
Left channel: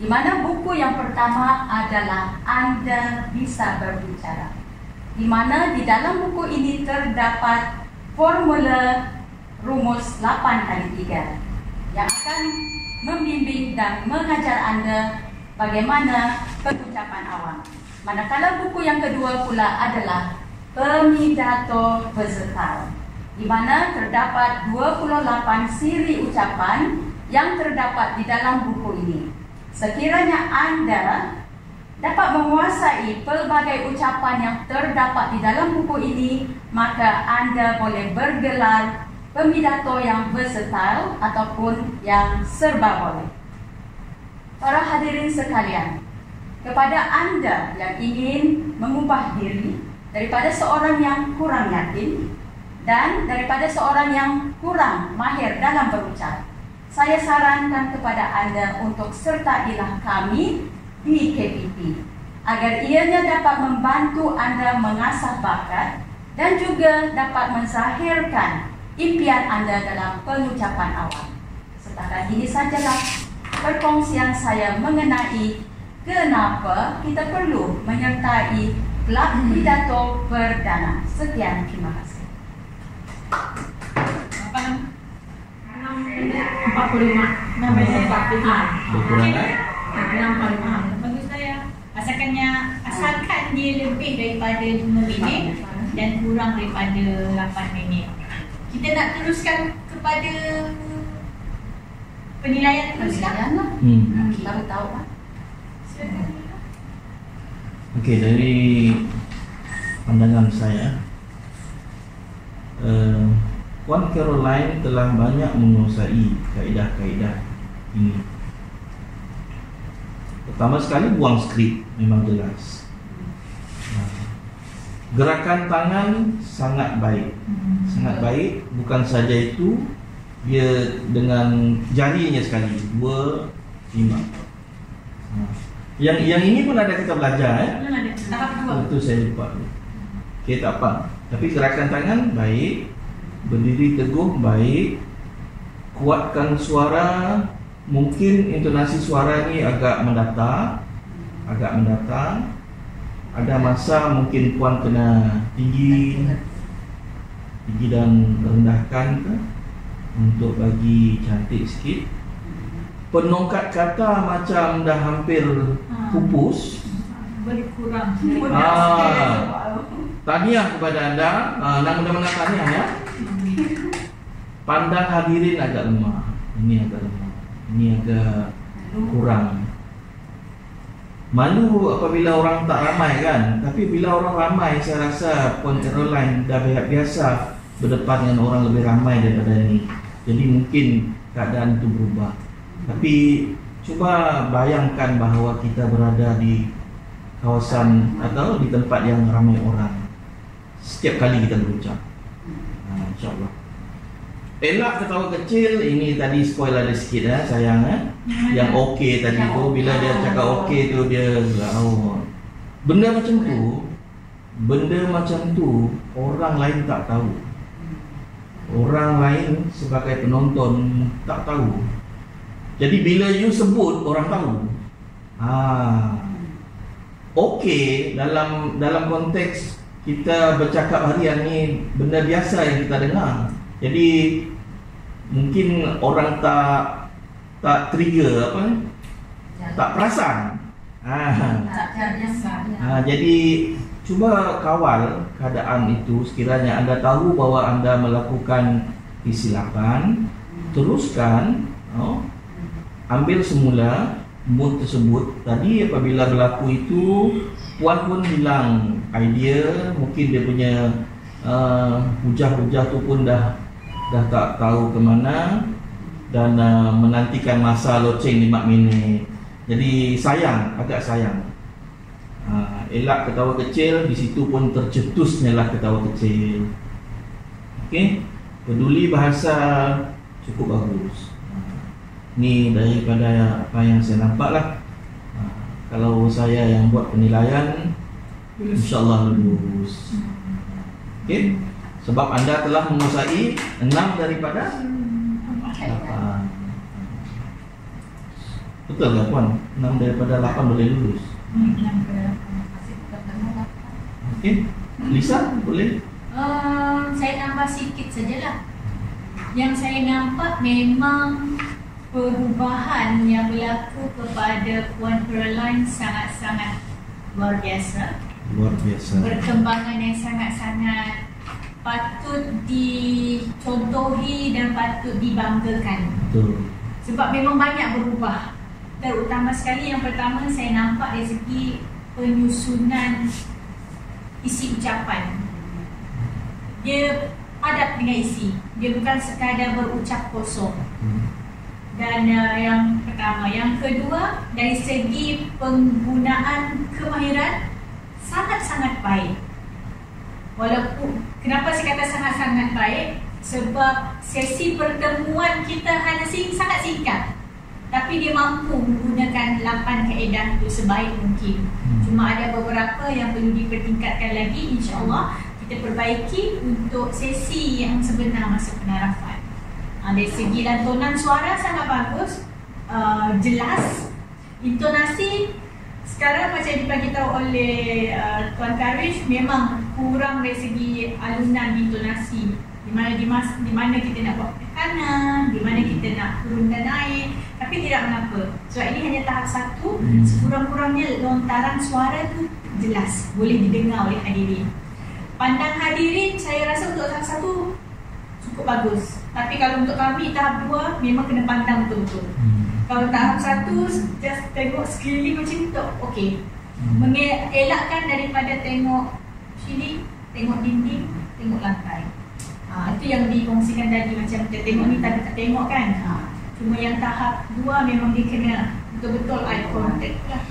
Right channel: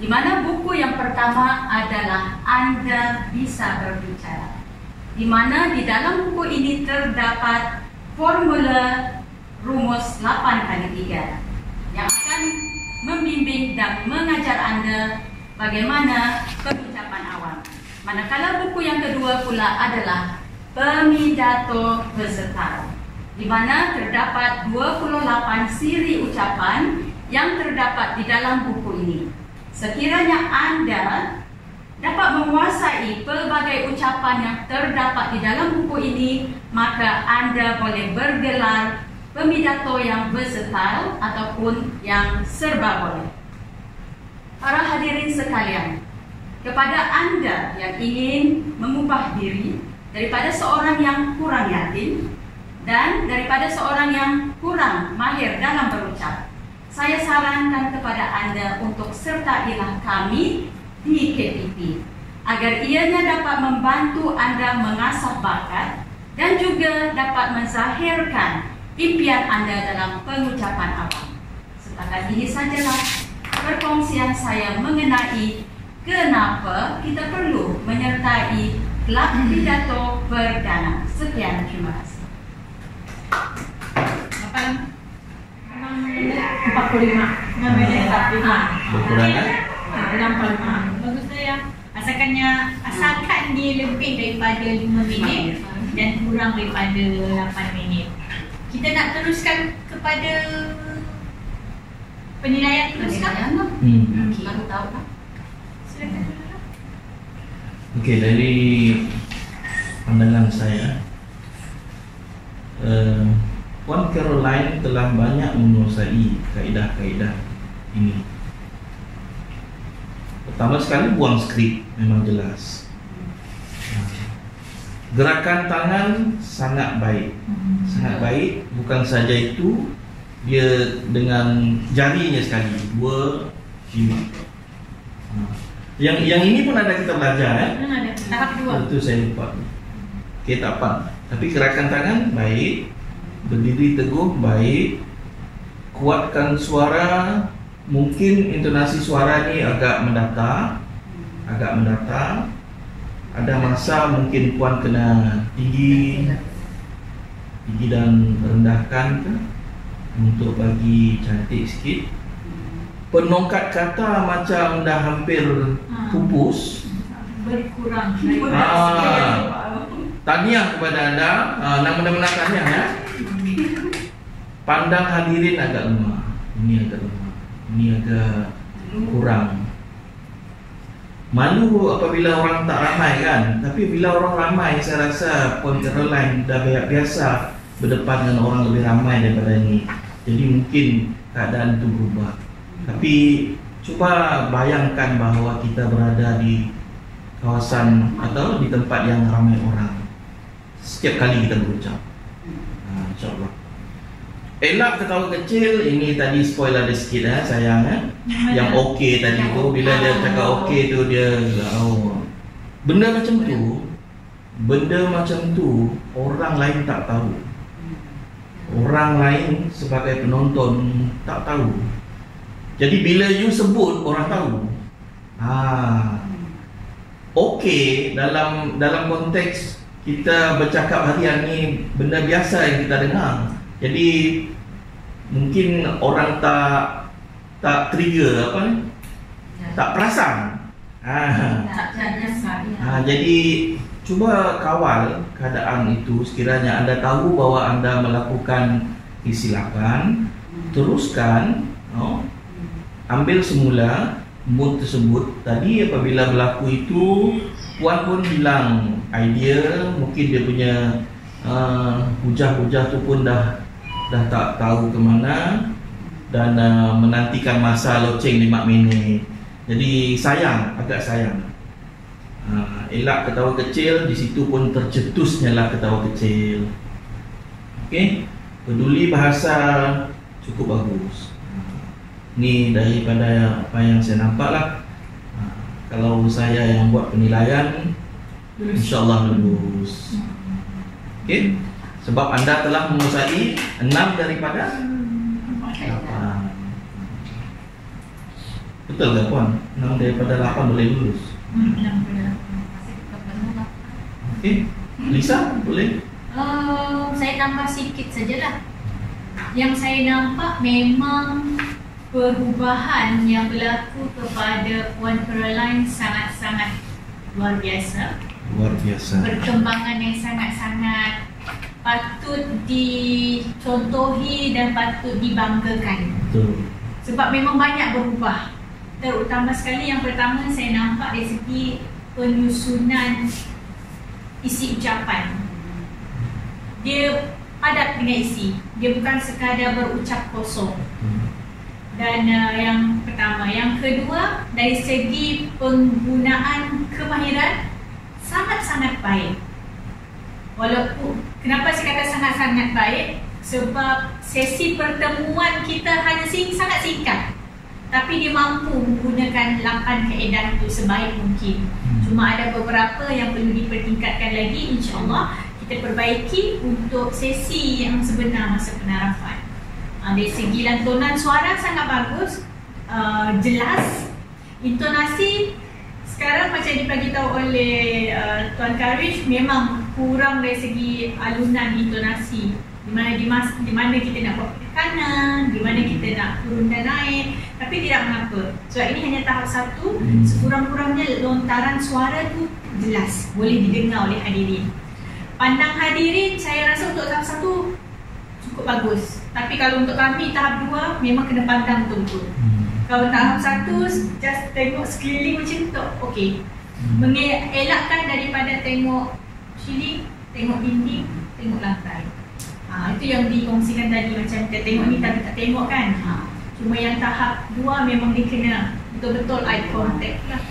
Di mana buku yang pertama adalah Anda Bisa Berbicara. Di mana di dalam buku ini terdapat formula rumus 8x3 yang akan membimbing dan mengajar Anda bagaimana pengucapan awam. Manakala buku yang kedua pula adalah Pemidato Versatile, di mana terdapat 28 siri ucapan yang terdapat di dalam buku ini. Sekiranya Anda dapat menguasai pelbagai ucapan yang terdapat di dalam buku ini, maka Anda boleh bergelar pemidato yang versatile ataupun yang serba boleh. Para hadirin sekalian, kepada Anda yang ingin mengubah diri daripada seorang yang kurang yakin dan daripada seorang yang kurang mahir dalam berucap, saya sarankan kepada Anda untuk sertailah kami di KPP agar ianya dapat membantu Anda mengasah bakat dan juga dapat menzahirkan impian Anda dalam pengucapan awam. Setakat ini sajalah perkongsian saya mengenai kenapa kita perlu menyertai Kelab Pidato Perdana. Sekian, terima kasih. 45. Kekurangan? Bagus ya. Asalkan dia lebih daripada 5 minit dan kurang daripada 8 minit. Kita nak teruskan kepada penilaian teruskan? Okey. Baru tahu kan? Silakan. Okey, dari pandangan saya, Puan Caroline telah banyak menguasai kaedah-kaedah ini. Pertama sekali, buang skrip memang jelas. Gerakan tangan sangat baik. Sangat baik. Bukan saja itu, dia dengan jarinya sekali, 2, 5. Yang ini pun ada kita belajar, Ada tahap 2. Itu saya lupa. Okey, tak apa. Tapi gerakan tangan baik, berdiri teguh baik, kuatkan suara. Mungkin intonasi suara ni agak mendatar. Ada masa mungkin puan kena tinggi dan rendahkan untuk bagi cantik sikit. Penongkat kata macam dah hampir pupus. Berkurang. Tahniah kepada anda. Nama-nama tahniah ya. Pandang hadirin agak lemah. Ini agak lemah. Ini agak kurang. Malu apabila orang tak ramai kan. Tapi bila orang ramai, saya rasa Puan Caroline dah biasa berdepan dengan orang lebih ramai daripada ini. Jadi mungkin keadaan itu berubah. Tapi cuba bayangkan bahawa kita berada di kawasan atau di tempat yang ramai orang setiap kali kita berucap. InsyaAllah. Elak ketawa kecil. Ini tadi spoil ada sikit sayang Yang okey tadi tu, bila dia cakap okey tu dia benda macam tu orang lain tak tahu. Orang lain sebagai penonton tak tahu. Jadi bila you sebut, orang tahu. Okey, dalam konteks kita bercakap harian ni, benda biasa yang kita dengar. Jadi mungkin orang tak trigger tak perasan. Jadi cuba kawal keadaan itu. Sekiranya anda tahu bahawa anda melakukan kesilapan, teruskan, ambil semula mood tersebut. Tadi apabila berlaku itu, puan pun bilang idea, mungkin dia punya hujah-hujah tu pun dah tak tahu ke mana, dan menantikan masa loceng 5 minit. Jadi agak sayang. Elak ketawa kecil, di situ pun tercetusnya lah ketawa kecil. Okey, peduli bahasa cukup bagus. Ni daripada apa yang saya nampak lah. Kalau saya yang buat penilaian, InsyaAllah lulus. Okey, sebab anda telah menguasai 6 daripada 8. Betul tak Puan? 6 daripada 8 boleh lulus. 6 daripada 8. Okey, Lisa boleh? Saya nampak sikit sajalah. Yang saya nampak memang perubahan yang berlaku kepada Puan Pearline sangat-sangat luar biasa. Luar biasa. Perkembangan yang sangat-sangat patut dicontohi dan patut dibanggakan. Betul. Sebab memang banyak berubah. Terutama sekali yang pertama saya nampak dari segi penyusunan isi ucapan. Dia padat dengan isi. Dia bukan sekadar berucap kosong. Dan yang pertama. Yang kedua, dari segi penggunaan kemahiran sangat-sangat baik. Walaupun, kenapa saya kata sangat-sangat baik? Sebab sesi pertemuan kita hanya sangat singkat, tapi dia mampu menggunakan 8 kaedah itu sebaik mungkin. Cuma ada beberapa yang perlu dipertingkatkan lagi, insya-Allah kita perbaiki untuk sesi yang sebenar masa penarapan. Dari segi lantunan suara sangat bagus, jelas. Intonasi sekarang macam diberitahu oleh Tuan Karish, memang kurang dari segi alunan intonasi. Di mana kita nak buat penekanan, di mana kita nak turun dan naik, tapi tidak mengapa. Sebab ini hanya tahap 1, sekurang-kurangnya lontaran suara tu jelas, boleh didengar oleh hadirin. Pandang hadirin, saya rasa untuk tahap 1 cukup bagus. Tapi kalau untuk kami tahap 2 memang kena pandang betul-betul. Kalau tahap 1 just tengok sekeliling macam tu, okey. Mengelakkan daripada tengok ceiling, tengok dinding, tengok lantai. Itu yang dikongsikan tadi, macam kita tengok ni tapi tak tengok kan. Cuma yang tahap 2 memang dia kena betul-betul eye contact lah.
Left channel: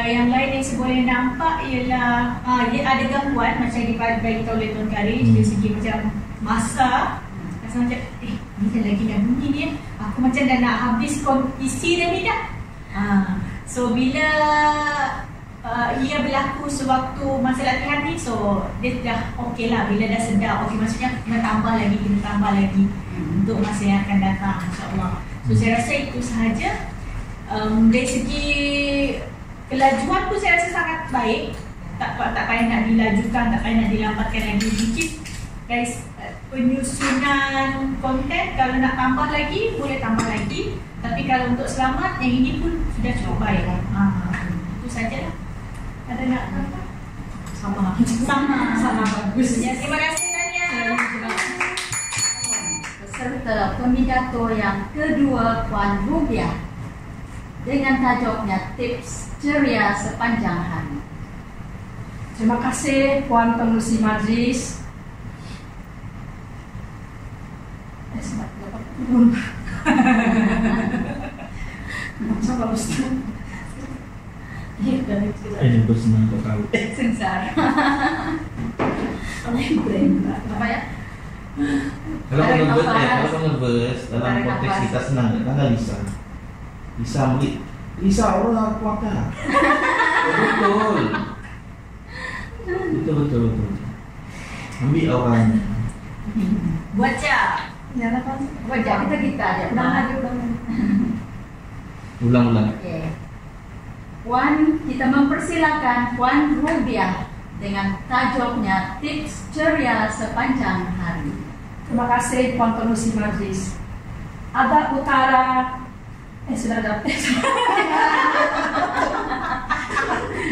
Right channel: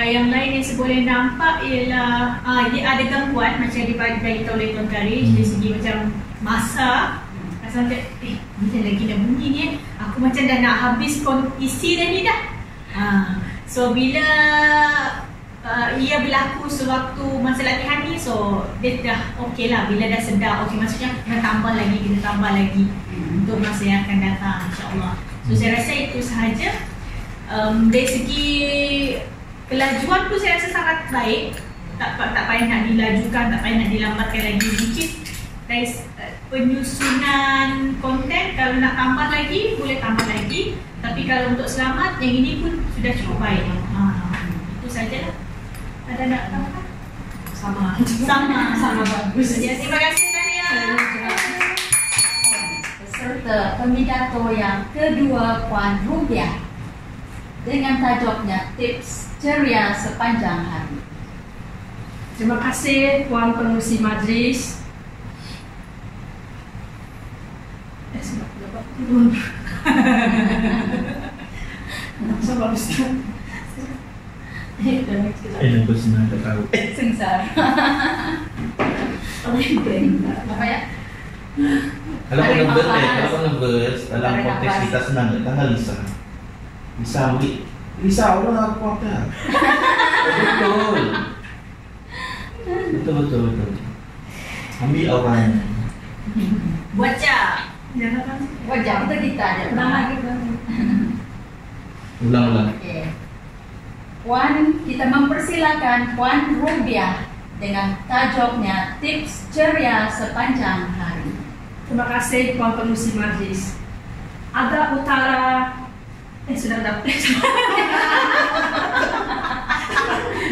Yang lain yang saya boleh nampak ialah dia ada gangguan macam diberitahu oleh Tuan Karish dari segi macam masa. Rasa macam ni dah lagi dah bunyi ni, aku macam dah nak habis isi dah ni dah. So bila ia berlaku sewaktu masa latihan ni, so dia dah okey lah. Bila dah sedar, okey, maksudnya kena tambah lagi untuk masa yang akan datang, insyaAllah. So saya rasa itu sahaja. Dari segi kelajuan pun saya rasa sangat baik. Tak payah nak dilajukan, tak payah nak dilambatkan lagi sedikit. Dari penyusunan konten, kalau nak tambah lagi, boleh tambah lagi. Tapi kalau untuk selamat, yang ini pun sudah cukup baik. Itu sajalah. Ada nak tambahkan? Sama bagus. Ya, terima kasih Tania. Beserta pemidato yang kedua Puan Rubiah dengan tajuknya Tips Ceria Sepanjang Hari. Terima kasih Puan Pengerusi Majlis. Sebab dapat turun. Coba Ustaz. Aku senang tak tahu. Sengsara. Apa ya? Kalau nervous dalam konteks kita senang, tanggal Lisa. Lisa ambil. Lisa orang kuatkan. Betul. Ambil orang. Wajah. Wajah kita aja. Ulang. Okey. Puan, kita mempersilakan Puan Rubiah dengan tajuknya Tips Ceria Sepanjang Hari. Terima kasih Puan Pengerusi Majlis. Ada utara sudah dapat.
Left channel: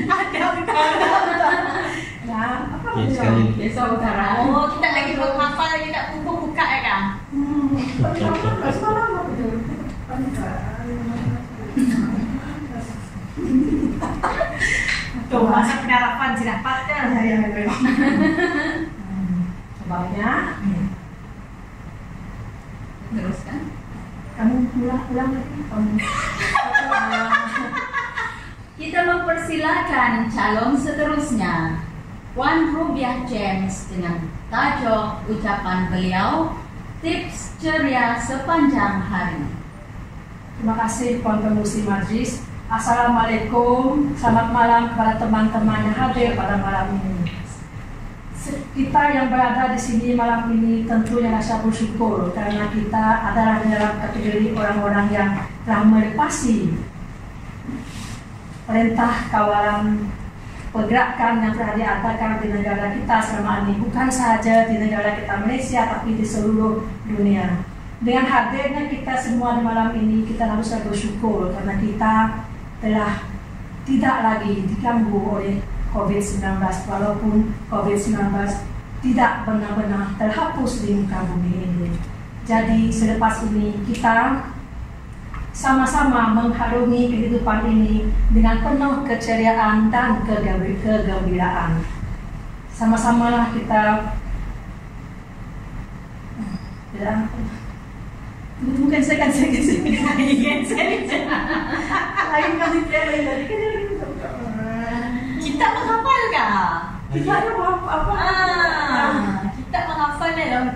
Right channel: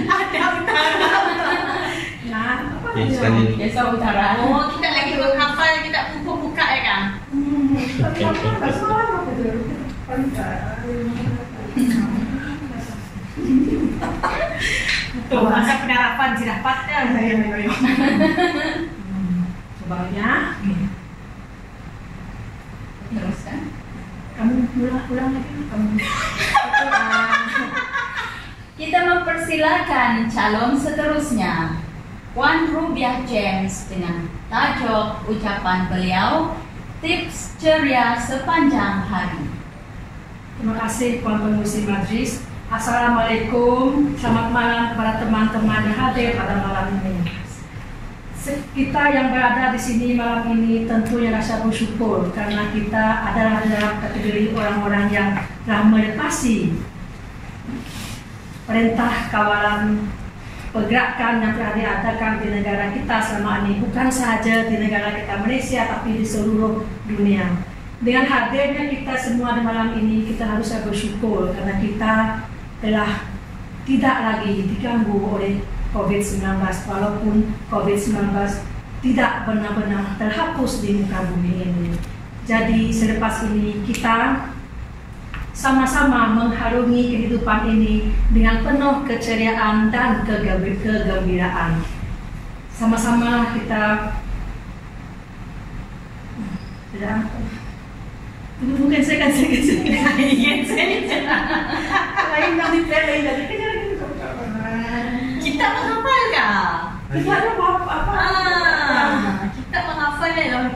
Ada utara. Ya, apa Okey, sekali. Desa Utara. Oh, kita lagi menghafal, kita buka ya kan? Tuh, masa penerapan sudah dapat dah. Ya. Sebabnya Teruskan. kamu ulang lagi. Kita mempersilakan calon seterusnya Puan Rubiah James dengan tajuk ucapan beliau Tips Ceria Sepanjang Hari. Terima kasih Puan Pengerusi Majlis. Assalamualaikum, selamat malam kepada teman-teman yang hadir pada malam ini. Kita yang berada di sini malam ini tentunya rasa bersyukur karena kita adalah dalam kategori orang-orang yang telah melepasi perintah kawalan pergerakan yang telah diadakan di negara kita selama ini, bukan sahaja di negara kita Malaysia tapi di seluruh dunia. Dengan hadirnya kita semua di malam ini, kita harusnya bersyukur karena kita telah tidak lagi diganggu oleh COVID-19, walaupun COVID-19 tidak benar-benar terhapus di muka bumi ini. Jadi selepas ini kita sama-sama mengharungi kehidupan ini dengan penuh keceriaan dan kegembiraan. Sama-sama kita bukan saya kan saya kita menghafal kah? Kita ada apa? Kita menghafal lah.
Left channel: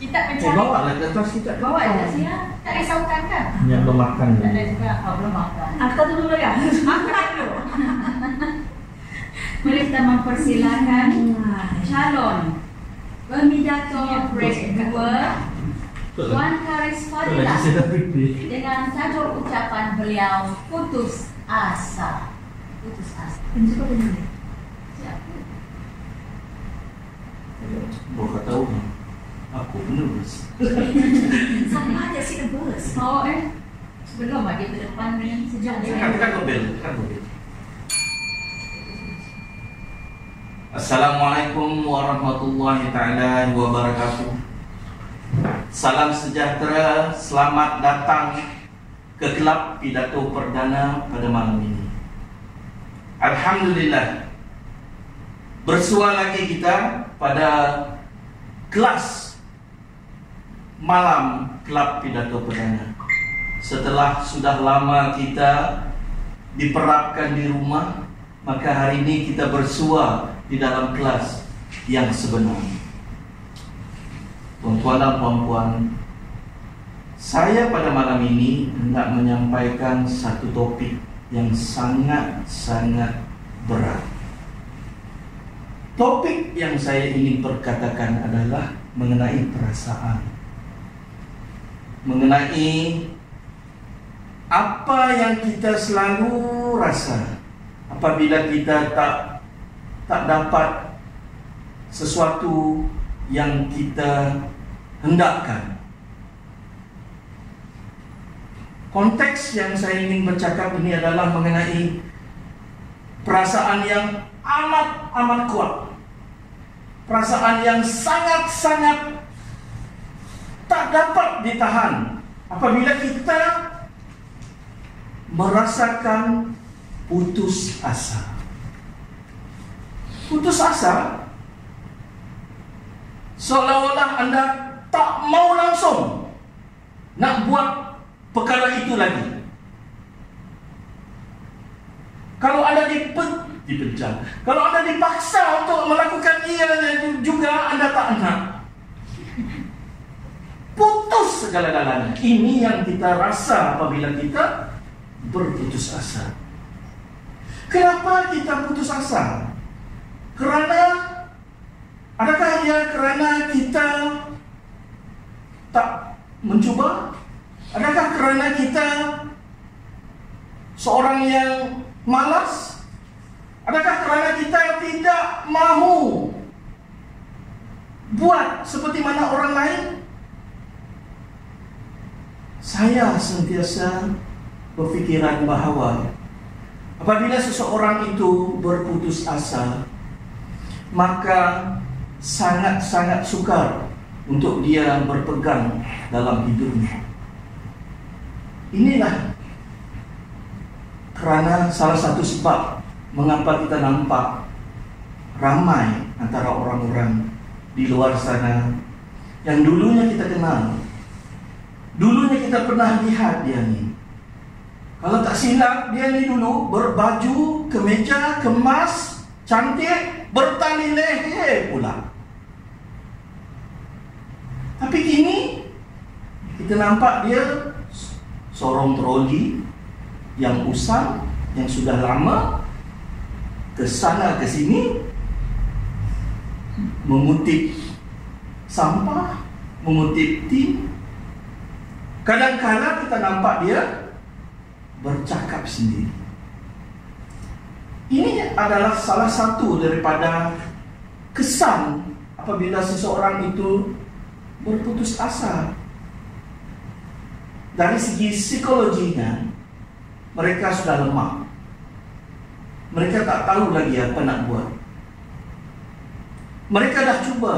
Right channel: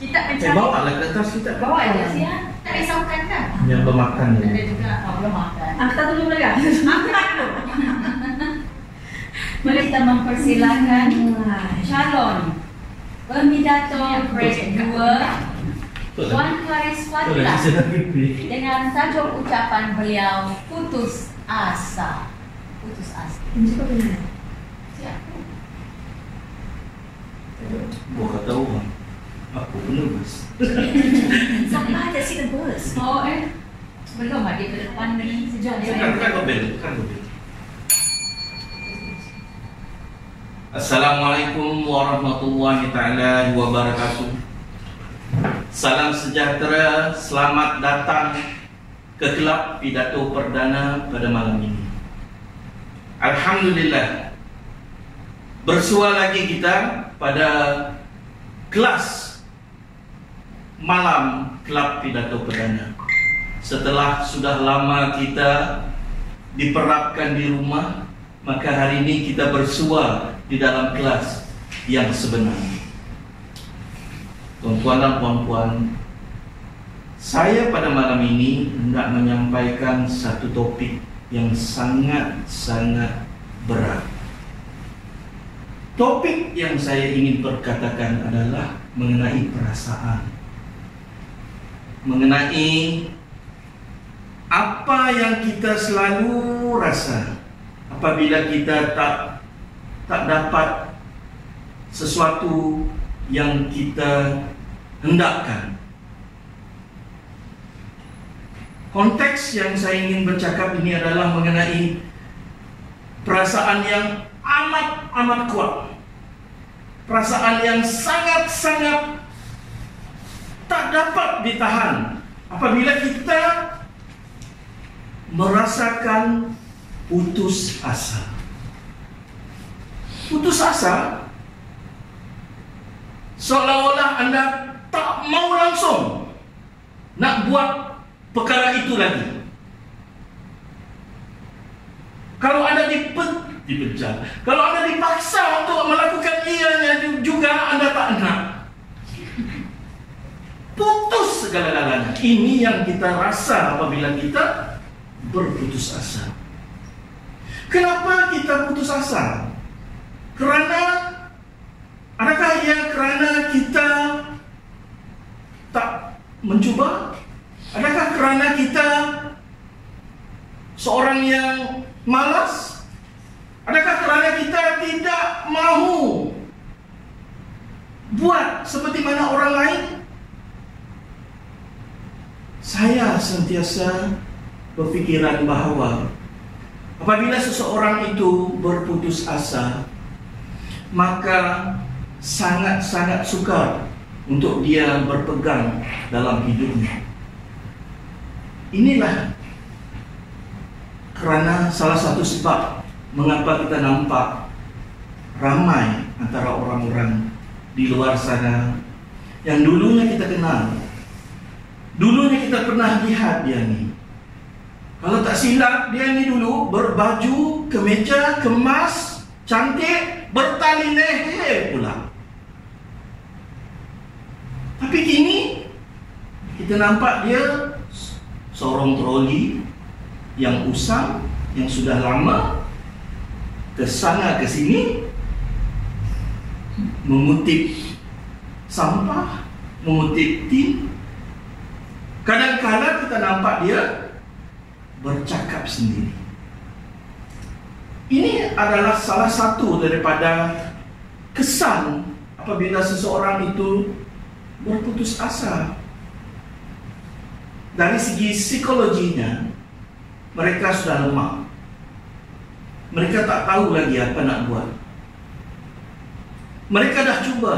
Kita mencari. Bawa lah kertas kita. Bawa aja sih ya. Tak risaukan kan? Yang pemakan ni. Ada juga belum makan. Angkat dulu ya. Makan dulu. Mari kita mempersilakan calon pemidato break 2 Puan Karis Fadilah dengan tajuk ucapan beliau putus asa. Putus asa. Gua kata orang, aku penerus. Sama aja sih nervous. Oh belum ada ke depan ni sejak Kan gobel. Assalamualaikum warahmatullahi taala wabarakatuh. Salam sejahtera, selamat datang ke kelab pidato perdana pada malam ini. Alhamdulillah, bersua lagi kita pada kelas malam kelab pidato perdana. Setelah sudah lama kita diperapkan di rumah, maka hari ini kita bersua di dalam kelas yang sebenar. Tuan-tuan dan puan-puan, saya pada malam ini hendak menyampaikan satu topik yang sangat-sangat berat. Topik yang saya ingin perkatakan adalah mengenai perasaan. Mengenai apa yang kita selalu rasa apabila kita tak dapat sesuatu yang kita hendakkan. Konteks yang saya ingin bercakap ini adalah mengenai perasaan yang amat kuat. Perasaan yang sangat-sangat tak dapat ditahan apabila kita merasakan putus asa. Putus asa seolah-olah Anda tak mau langsung nak buat perkara itu lagi. Kalau Anda dipecat, kalau Anda dipaksa untuk melakukan ianya juga Anda tak nak. Putus segala-galanya. Ini yang kita rasa apabila kita berputus asa. Kenapa kita putus asa? Adakah ia kerana kita tak mencuba? Adakah kerana kita seorang yang malas? Adakah kerana kita tidak mahu buat seperti mana orang lain? Saya sentiasa berfikiran bahawa apabila seseorang itu berputus asa, maka sangat-sangat sukar untuk dia berpegang dalam hidupnya. Inilah kerana salah satu sebab mengapa kita nampak ramai antara orang-orang di luar sana yang dulunya kita kenal, dulunya kita pernah lihat dia ni. Kalau tak silap, dia ni dulu berbaju, kemeja, kemas, cantik, bertali leher pula. Tapi kini kita nampak dia sorong troli yang usang, yang sudah lama, ke sana ke sini, mengutip sampah, mengutip tin. Kadang-kadang kita nampak dia bercakap sendiri. Ini adalah salah satu daripada kesan apabila seseorang itu berputus asa. Dari segi psikologinya, mereka sudah lemah. Mereka tak tahu lagi apa nak buat. Mereka dah cuba,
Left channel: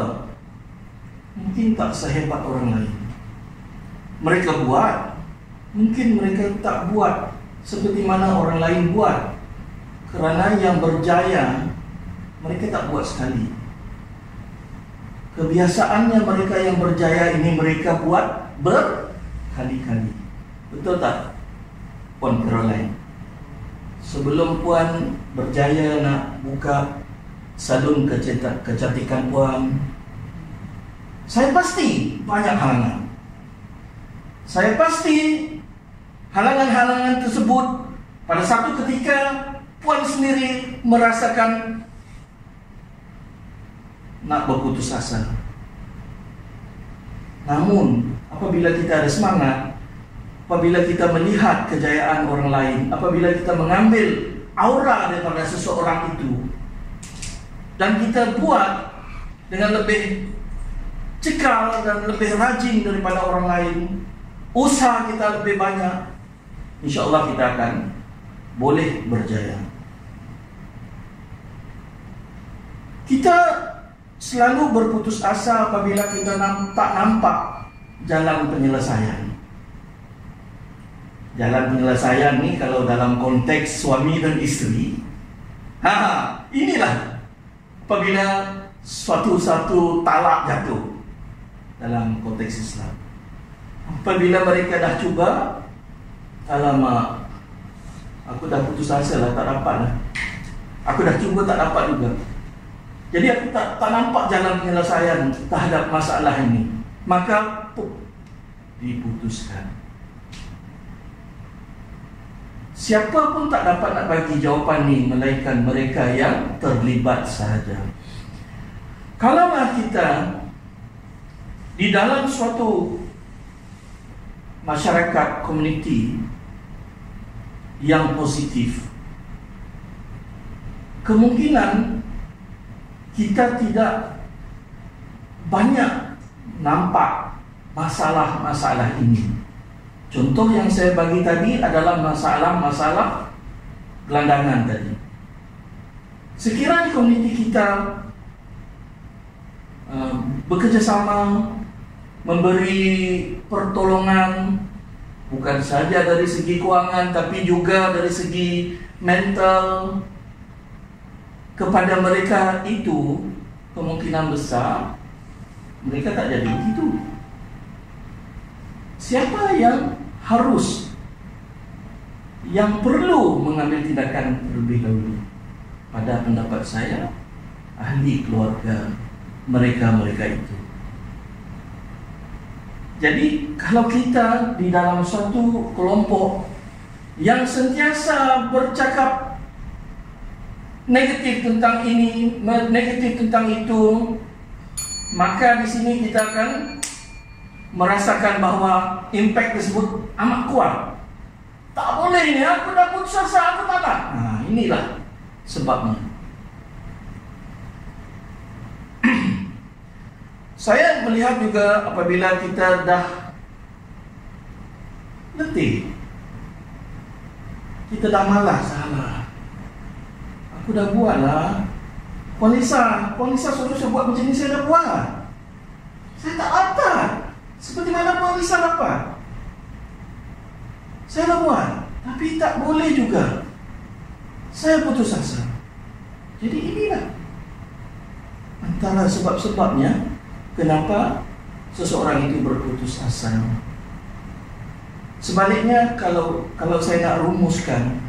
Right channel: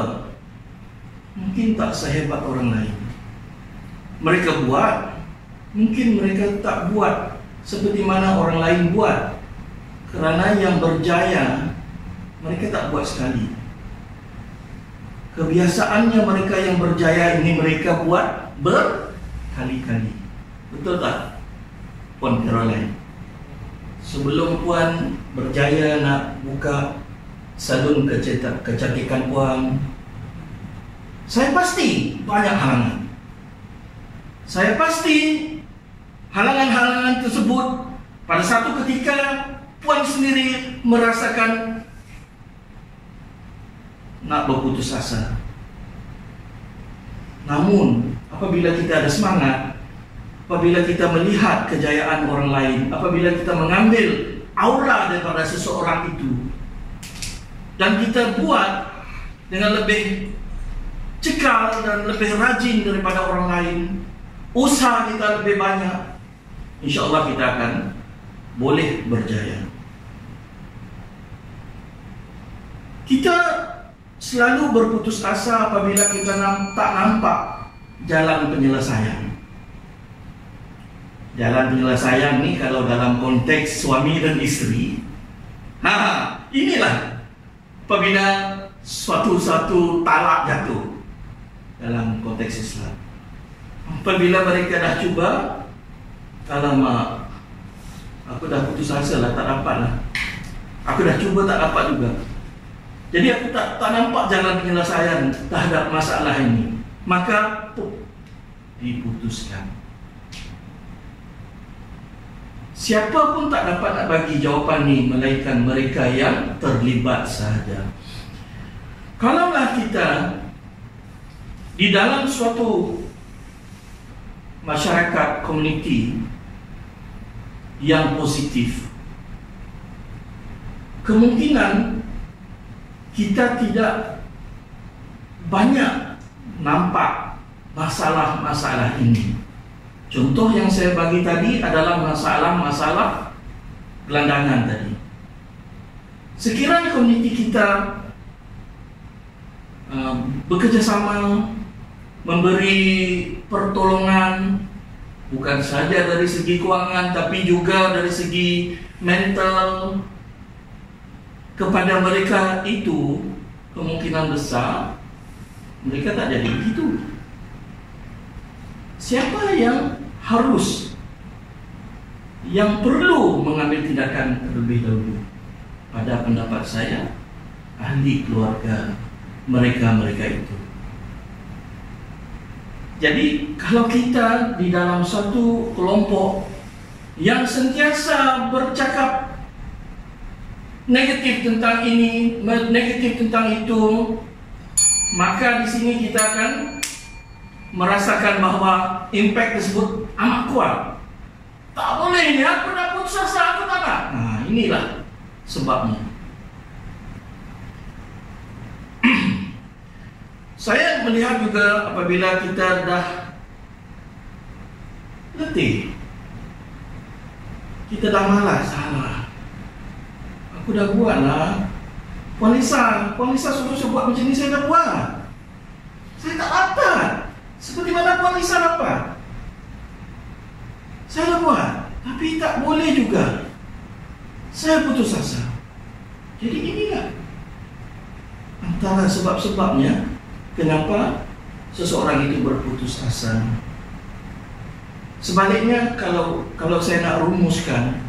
mungkin tak sehebat orang lain. Mereka buat, mungkin mereka tak buat seperti mana orang lain buat. Kerana yang berjaya, mereka tak buat sekali. Kebiasaannya mereka yang berjaya ini mereka buat berkali-kali. Betul tak, Puan Caroline? Sebelum Puan berjaya nak buka salon kecantikan Puan, saya pasti banyak halangan. Saya pasti halangan-halangan tersebut pada satu ketika Puan sendiri merasakan nak berputus asa. Namun apabila kita ada semangat, apabila kita melihat kejayaan orang lain, apabila kita mengambil aura daripada seseorang itu dan kita buat dengan lebih cekal dan lebih rajin daripada orang lain, usaha kita lebih banyak, insya-Allah kita akan boleh berjaya. Kita selalu berputus asa apabila kita tak nampak jalan penyelesaian. Jalan penyelesaian ni kalau dalam konteks suami dan isteri, inilah apabila suatu talak jatuh dalam konteks Islam. Apabila mereka dah cuba, alamak, aku dah putus asa lah, tak dapat lah. Aku dah cuba tak dapat juga. Jadi aku tak nampak jalan penyelesaian terhadap masalah ini. Maka diputuskan. Siapa pun tak dapat nak bagi jawapan ni melainkan mereka yang terlibat sahaja. Kalaulah kita di dalam suatu masyarakat komuniti yang positif, kemungkinan kita tidak banyak nampak masalah-masalah ini. Contoh yang saya bagi tadi adalah masalah-masalah gelandangan tadi. Sekiranya komuniti kita bekerjasama, memberi pertolongan, bukan saja dari segi kewangan tapi juga dari segi mental kepada mereka, itu kemungkinan besar mereka tak jadi begitu. Siapa yang perlu mengambil tindakan terlebih dahulu? Pada pendapat saya, ahli keluarga mereka itu. Jadi kalau kita di dalam suatu kelompok yang sentiasa bercakap negatif tentang ini, negatif tentang itu, maka di sini kita akan merasakan bahawa impact tersebut amat kuat. Tak boleh ni, aku dah putus asa, aku tak nak. Inilah sebabnya. Saya melihat juga apabila kita dah letih, kita dah malas, aku dah buat lah. Puan Lisa suruh saya buat macam ni, saya dah buat. Saya tak dapat seperti mana Puan Lisa dapat. Saya dah buat, tapi tak boleh juga. Saya putus asa. Jadi inilah antara sebab-sebabnya kenapa seseorang itu berputus asa. Sebaliknya, kalau saya nak rumuskan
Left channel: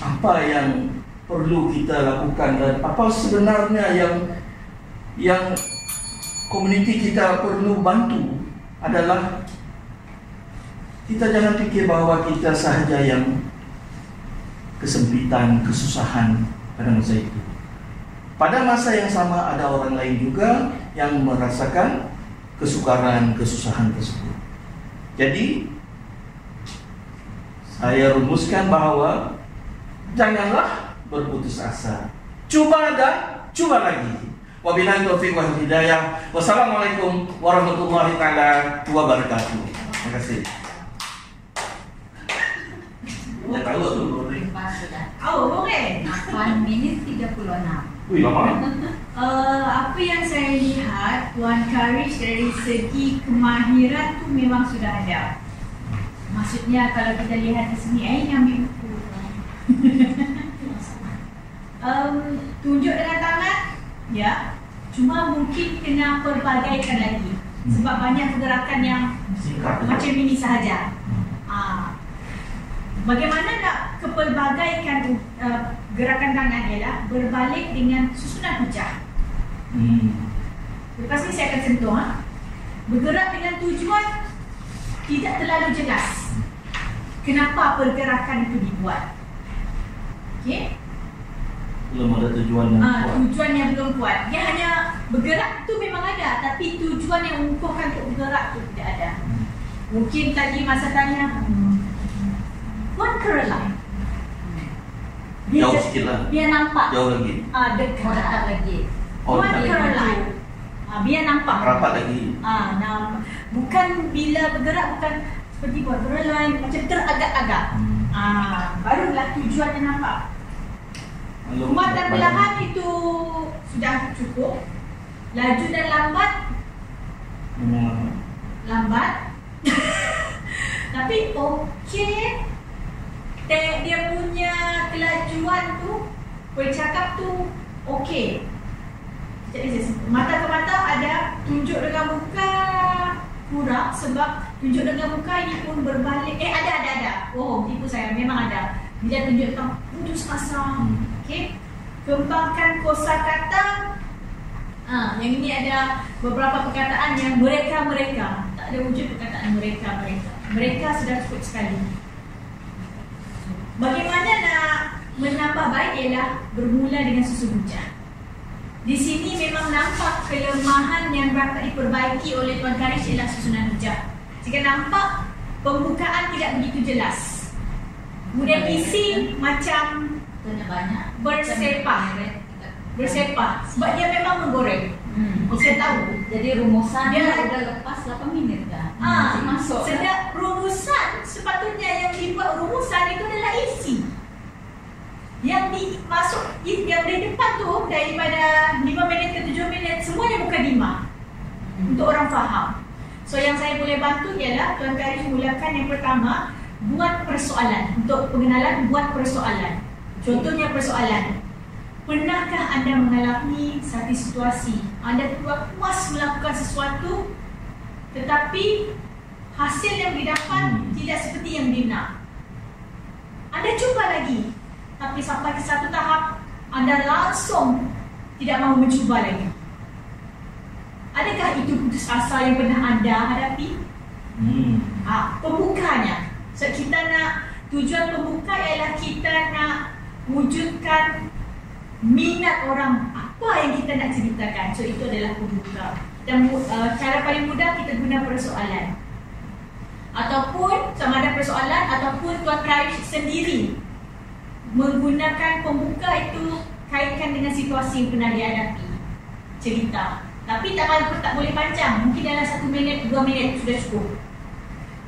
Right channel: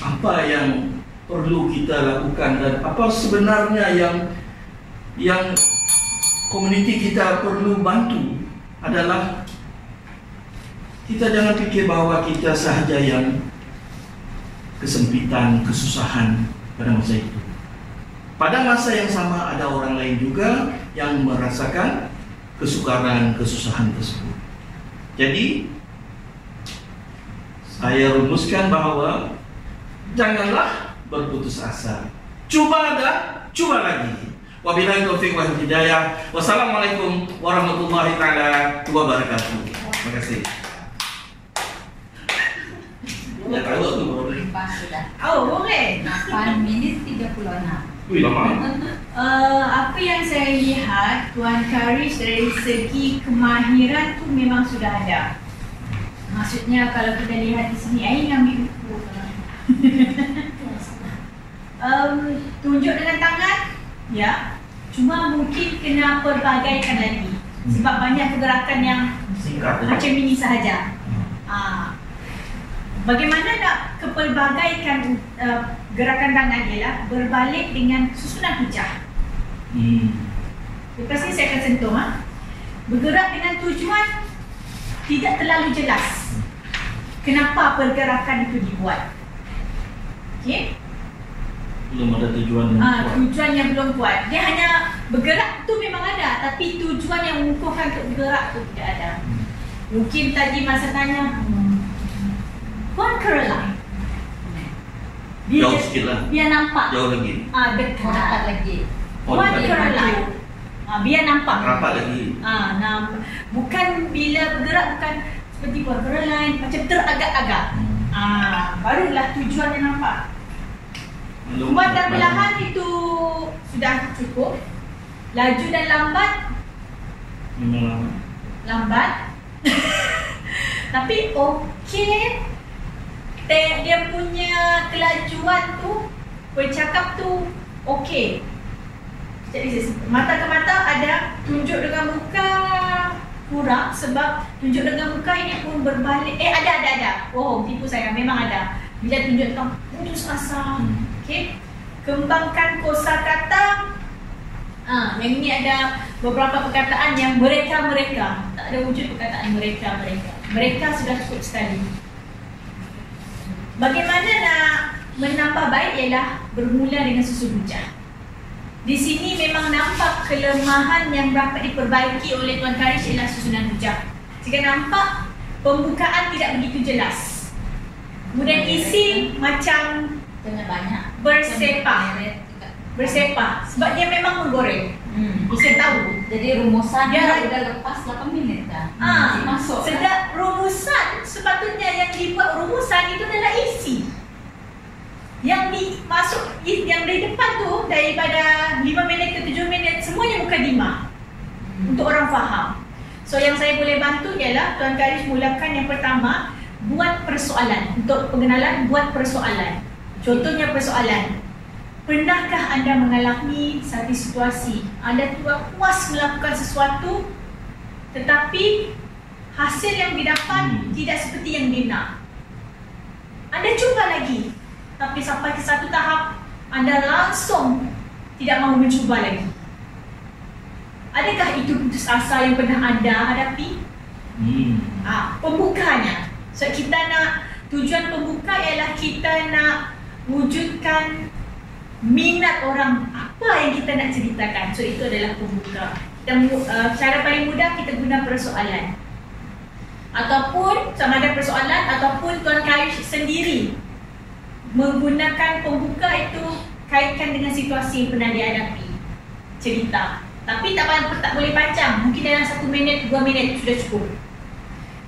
apa yang perlu kita lakukan dan apa sebenarnya yang komuniti kita perlu bantu, adalah kita jangan fikir bahawa kita sahaja yang kesempitan, kesusahan pada masa itu. Pada masa yang sama ada orang lain juga yang merasakan kesukaran, kesusahan tersebut. Jadi saya rumuskan bahawa janganlah berputus asa. Cuba dan cuba lagi. Wabillahi taufiq wal hidayah. Wassalamualaikum warahmatullahi taala wabarakatuh. Terima kasih. Ya tahu tu boleh. Sudah. Oh, boleh. 8 minit 36. Wih, lama. Apa yang saya lihat Tuan Karish dari segi kemahiran tu memang sudah ada. Maksudnya kalau kita lihat di sini, ambil buku. Tunjuk dengan tangan, ya. Cuma mungkin kena perbagaikan lagi. Sebab banyak pergerakan yang Singkat. macam ini sahaja. Bagaimana nak kepelbagaikan gerakan tangan ialah berbalik dengan susunan hujah. Lepas ni saya akan sentuh. Bergerak dengan tujuan tidak terlalu jelas. Kenapa pergerakan itu dibuat? Okey? Belum ada tujuan yang kuat. Tujuan yang belum kuat. Dia hanya bergerak tu memang ada, tapi tujuan yang mengukuhkan untuk bergerak tu tidak ada. Mungkin tadi masa tanya Puan Caroline, Jauh sikit lah. Biar nampak. Jauh lagi. Dekat lagi. Puan dekat. Caroline, biar nampak. Rapat lagi. Bukan bila bergerak, bukan seperti Puan Caroline, macam teragak-agak. Barulah tujuan yang nampak. Kuat dan perlahan itu sudah cukup. Laju dan lambat, Memang lambat. Tapi okey. Dia punya kelajuan tu, bercakap tu okey. Mata ke mata ada, tunjuk dengan muka kurang sebab tunjuk dengan muka ini pun berbalik. Ada. Oh, tipu saya, memang ada. Bila tunjuk tentang putus asa. Okey. Kembangkan kosakata. Yang ini ada beberapa perkataan yang mereka. Tak ada wujud perkataan mereka. Mereka sudah cukup sekali. Bagaimana nak menambah baik ialah bermula dengan susun hujah. Di sini memang nampak kelemahan yang dapat diperbaiki oleh Tuan Karish ialah susunan hujah. Jika nampak pembukaan tidak begitu jelas. Kemudian isi macam banyak bersepah sebab dia memang menggoreng. Saya tahu. Jadi rumusannya udah lepas 8 minit kan. Masuk. Sedap rumusan, sepatutnya yang dibuat rumusan itu adalah isi. Yang dimasuk yang di depan tu daripada 5 minit ke 7 minit semuanya bukan 5. Untuk orang faham. So yang saya boleh bantu ialah Tuan Karish mulakan yang pertama, buat persoalan. Untuk pengenalan, buat persoalan. Contohnya persoalan. Pernahkah anda mengalami satu situasi anda tidak puas melakukan sesuatu tetapi hasil yang didapat tidak seperti yang dinak? Anda cuba lagi tapi sampai ke satu tahap anda langsung tidak mahu mencuba lagi. Adakah itu putus asa yang pernah anda hadapi? Pembukanya. So kita nak, tujuan pembuka ialah kita nak wujudkan minat orang apa yang kita nak ceritakan. So itu adalah pembuka. Dan cara paling mudah kita guna persoalan. Ataupun sama ada persoalan ataupun Tuan Karish sendiri menggunakan pembuka itu kaitkan dengan situasi yang pernah dihadapi. Cerita. Tapi tak boleh panjang. Mungkin dalam 1 minit, 2 minit sudah cukup.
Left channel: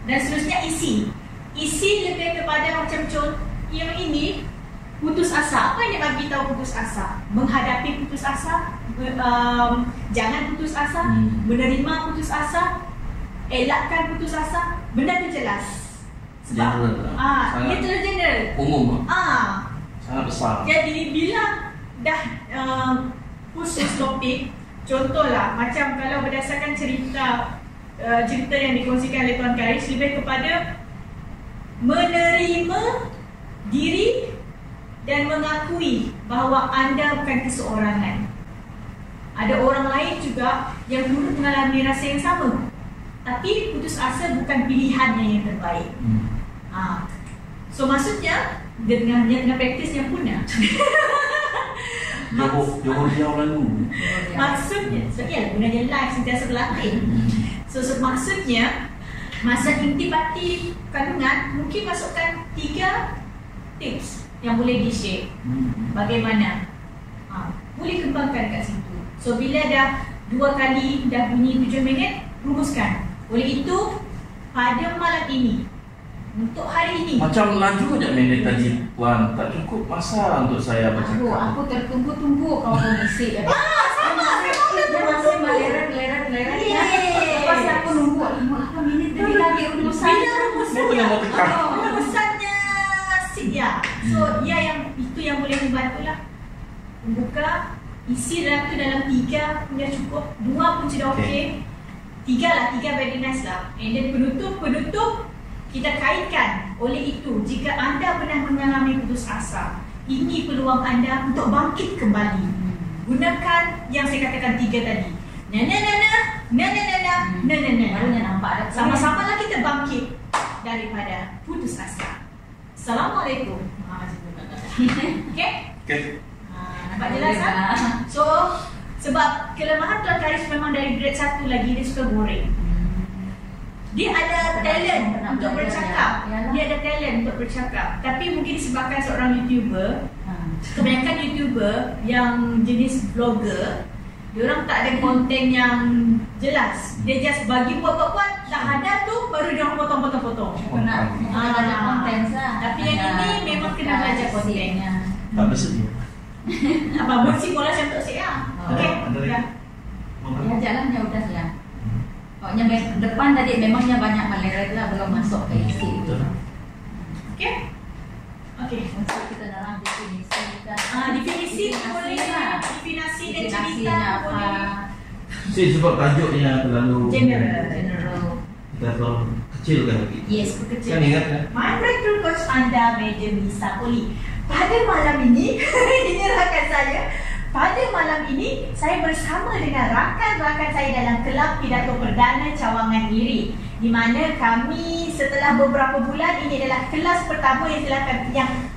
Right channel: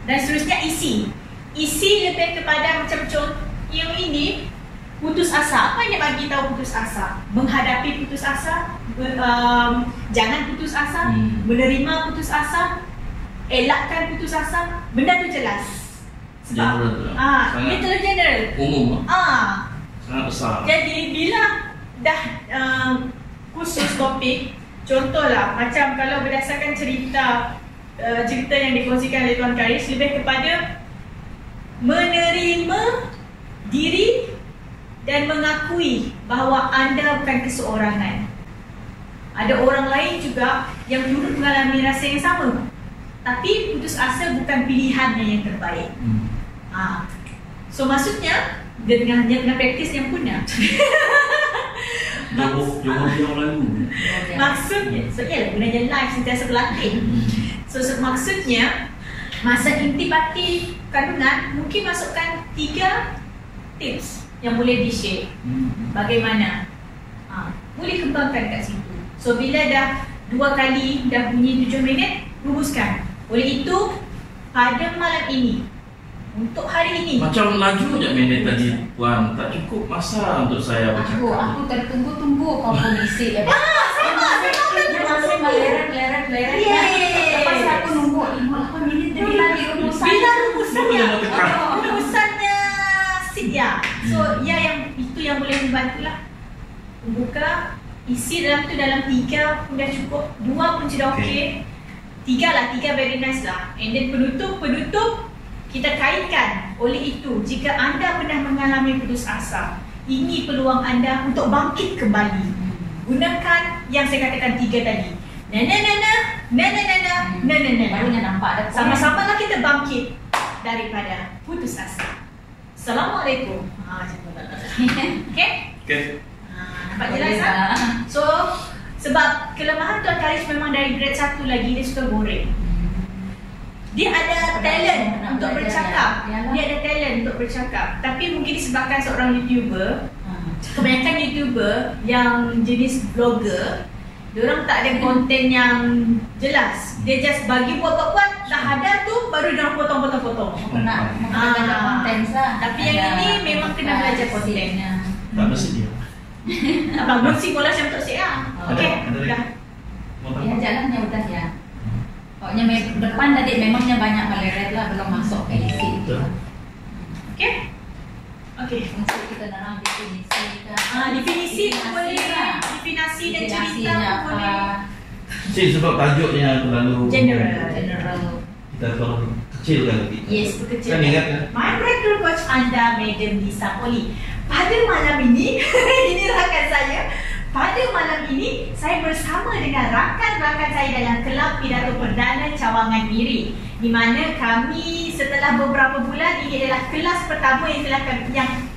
Dan seterusnya isi. Isi lebih kepada macam contoh yang ini, putus asa. Apa yang bagi tahu putus asa? Menghadapi putus asa, jangan putus asa, menerima putus asa, elakkan putus asa. Benda tu jelas. Sebab dia terlalu general. Umum. Sangat besar. Jadi bila dah khusus topik, contohlah macam kalau berdasarkan cerita yang dikongsikan oleh Tuan Karish, lebih kepada menerima diri dan mengakui bahawa anda bukan keseorangan. Ada orang lain juga yang dulu mengalami rasa yang sama. Tapi putus asa bukan pilihannya yang terbaik. So maksudnya dengan praktis yang punah. Johor yang lalu. Maksudnya, so ialah gunanya live sentiasa berlatih. So maksudnya Masa intibati kandungan, mungkin masukkan 3 tips yang boleh di-share. Bagaimana? Boleh kembangkan kat situ. So bila dah 2 kali dah bunyi 7 minit, rumuskan. Oleh itu, pada malam ini, untuk hari ini, Macam laju je minit tadi Puan, tak cukup masa untuk saya bercakap. Aku tertunggu-tunggu kau mengisi ya. sama. Dia masih meleret. Yes. Lepas aku nunggu 5 minit dari lagi rumusan. Bila Dia rumusannya, boleh tekan. rumusannya ya. So ya, yang itu yang boleh membantu lah. Buka, isi dalam tu dalam 3 pun dah cukup, 2 pun sudah okey. 3 very nice lah. And then penutup kita kaitkan. Oleh itu, jika anda pernah mengalami putus asa, ini peluang anda untuk bangkit kembali. Gunakan yang saya katakan 3 tadi. Barunya nampak ada Sama-sama lah kita bangkit daripada putus asa. Assalamualaikum. Okay? Okay. Nampak jelas tak? So, sebab kelemahan Tuan Karis memang dari grade 1 lagi, dia suka goreng. Dia ada talent untuk bercakap. Dia ada talent untuk bercakap. Tapi mungkin disebabkan seorang YouTuber, kebanyakan YouTuber yang jenis vlogger, diorang tak ada konten yang jelas. Dia just bagi buat, dah ada tu baru diorang potong. Nak konten sah. Tapi yang ini memang kena belajar kontennya. Tak bersedia. Abang bersih bola macam Tok Syed lah. Okey, Ada lagi? dah. Mau Ya tambah? jalannya udah ya. Pokoknya depan tadi memangnya banyak meleret lah, belum masuk ke isi itu. Okey? Okey. Masuk kita dalam definisi kan. Definisi boleh lah. Definisi dan cerita pun boleh. Sebab tajuknya terlalu General. kita perkecilkan lagi. Yes, berkecil. Kan ingat kan? My breakthrough coach anda, Madam Lisa Poli. Pada malam ini, ini rakan saya. Pada malam ini, saya bersama dengan rakan-rakan saya dalam kelab pidato perdana Cawangan Miri, di mana kami setelah beberapa bulan, ini adalah kelas pertama yang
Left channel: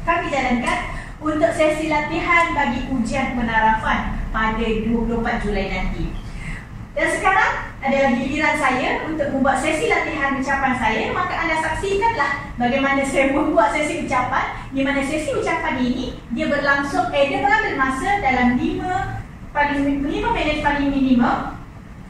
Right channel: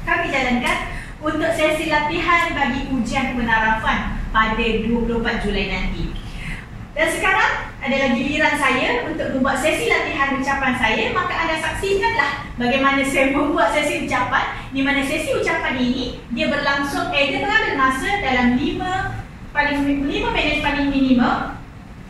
kami jalankan untuk sesi latihan bagi ujian penarafan pada 24 Julai nanti. Dan sekarang adalah giliran saya untuk membuat sesi latihan ucapan saya. Maka anda saksikanlah bagaimana saya membuat sesi ucapan, di mana sesi ucapan ini dia berlangsung, dia mengambil masa dalam 5 minit paling minimum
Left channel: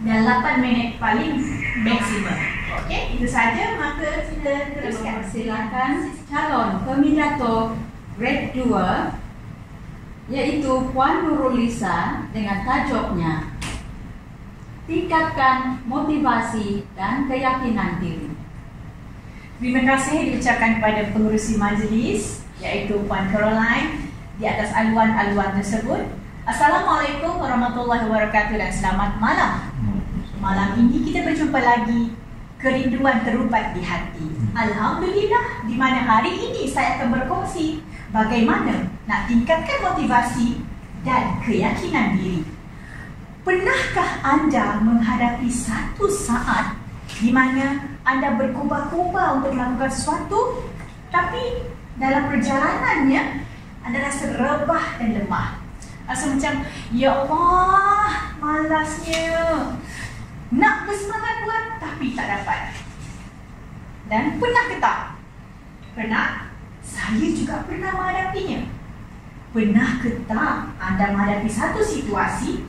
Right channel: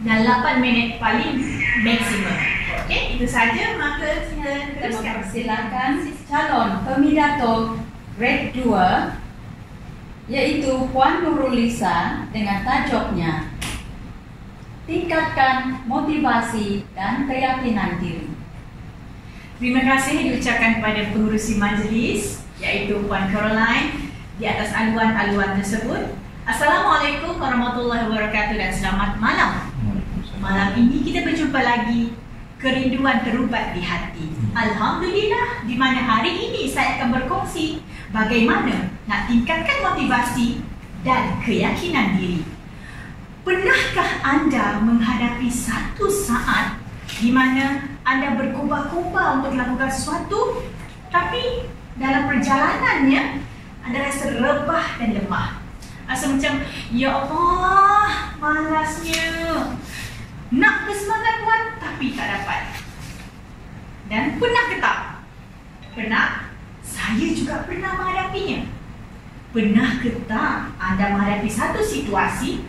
dan 8 minit paling maksimum. Okey, itu saja. Maka kita teruskan. Silakan calon pemidato grade 2 yaitu Puan Nurul Lisa dengan tajuknya tingkatkan motivasi dan keyakinan diri. Terima kasih diucapkan kepada pengurusi majlis iaitu Puan Caroline di atas aluan-aluan tersebut. Assalamualaikum warahmatullahi wabarakatuh dan selamat malam. Malam ini kita berjumpa lagi, kerinduan terubat di hati. Alhamdulillah, di mana hari ini saya akan berkongsi bagaimana nak tingkatkan motivasi dan keyakinan diri. Pernahkah anda menghadapi satu saat di mana anda berkobar-kobar untuk melakukan sesuatu, tapi dalam perjalanannya anda rasa rebah dan lemah? Rasa macam, ya Allah, malasnya. Nak bersemangat buat, tapi tak dapat. Dan pernah ke tak? Pernah? Saya juga pernah menghadapinya. Pernah ke tak anda menghadapi satu situasi,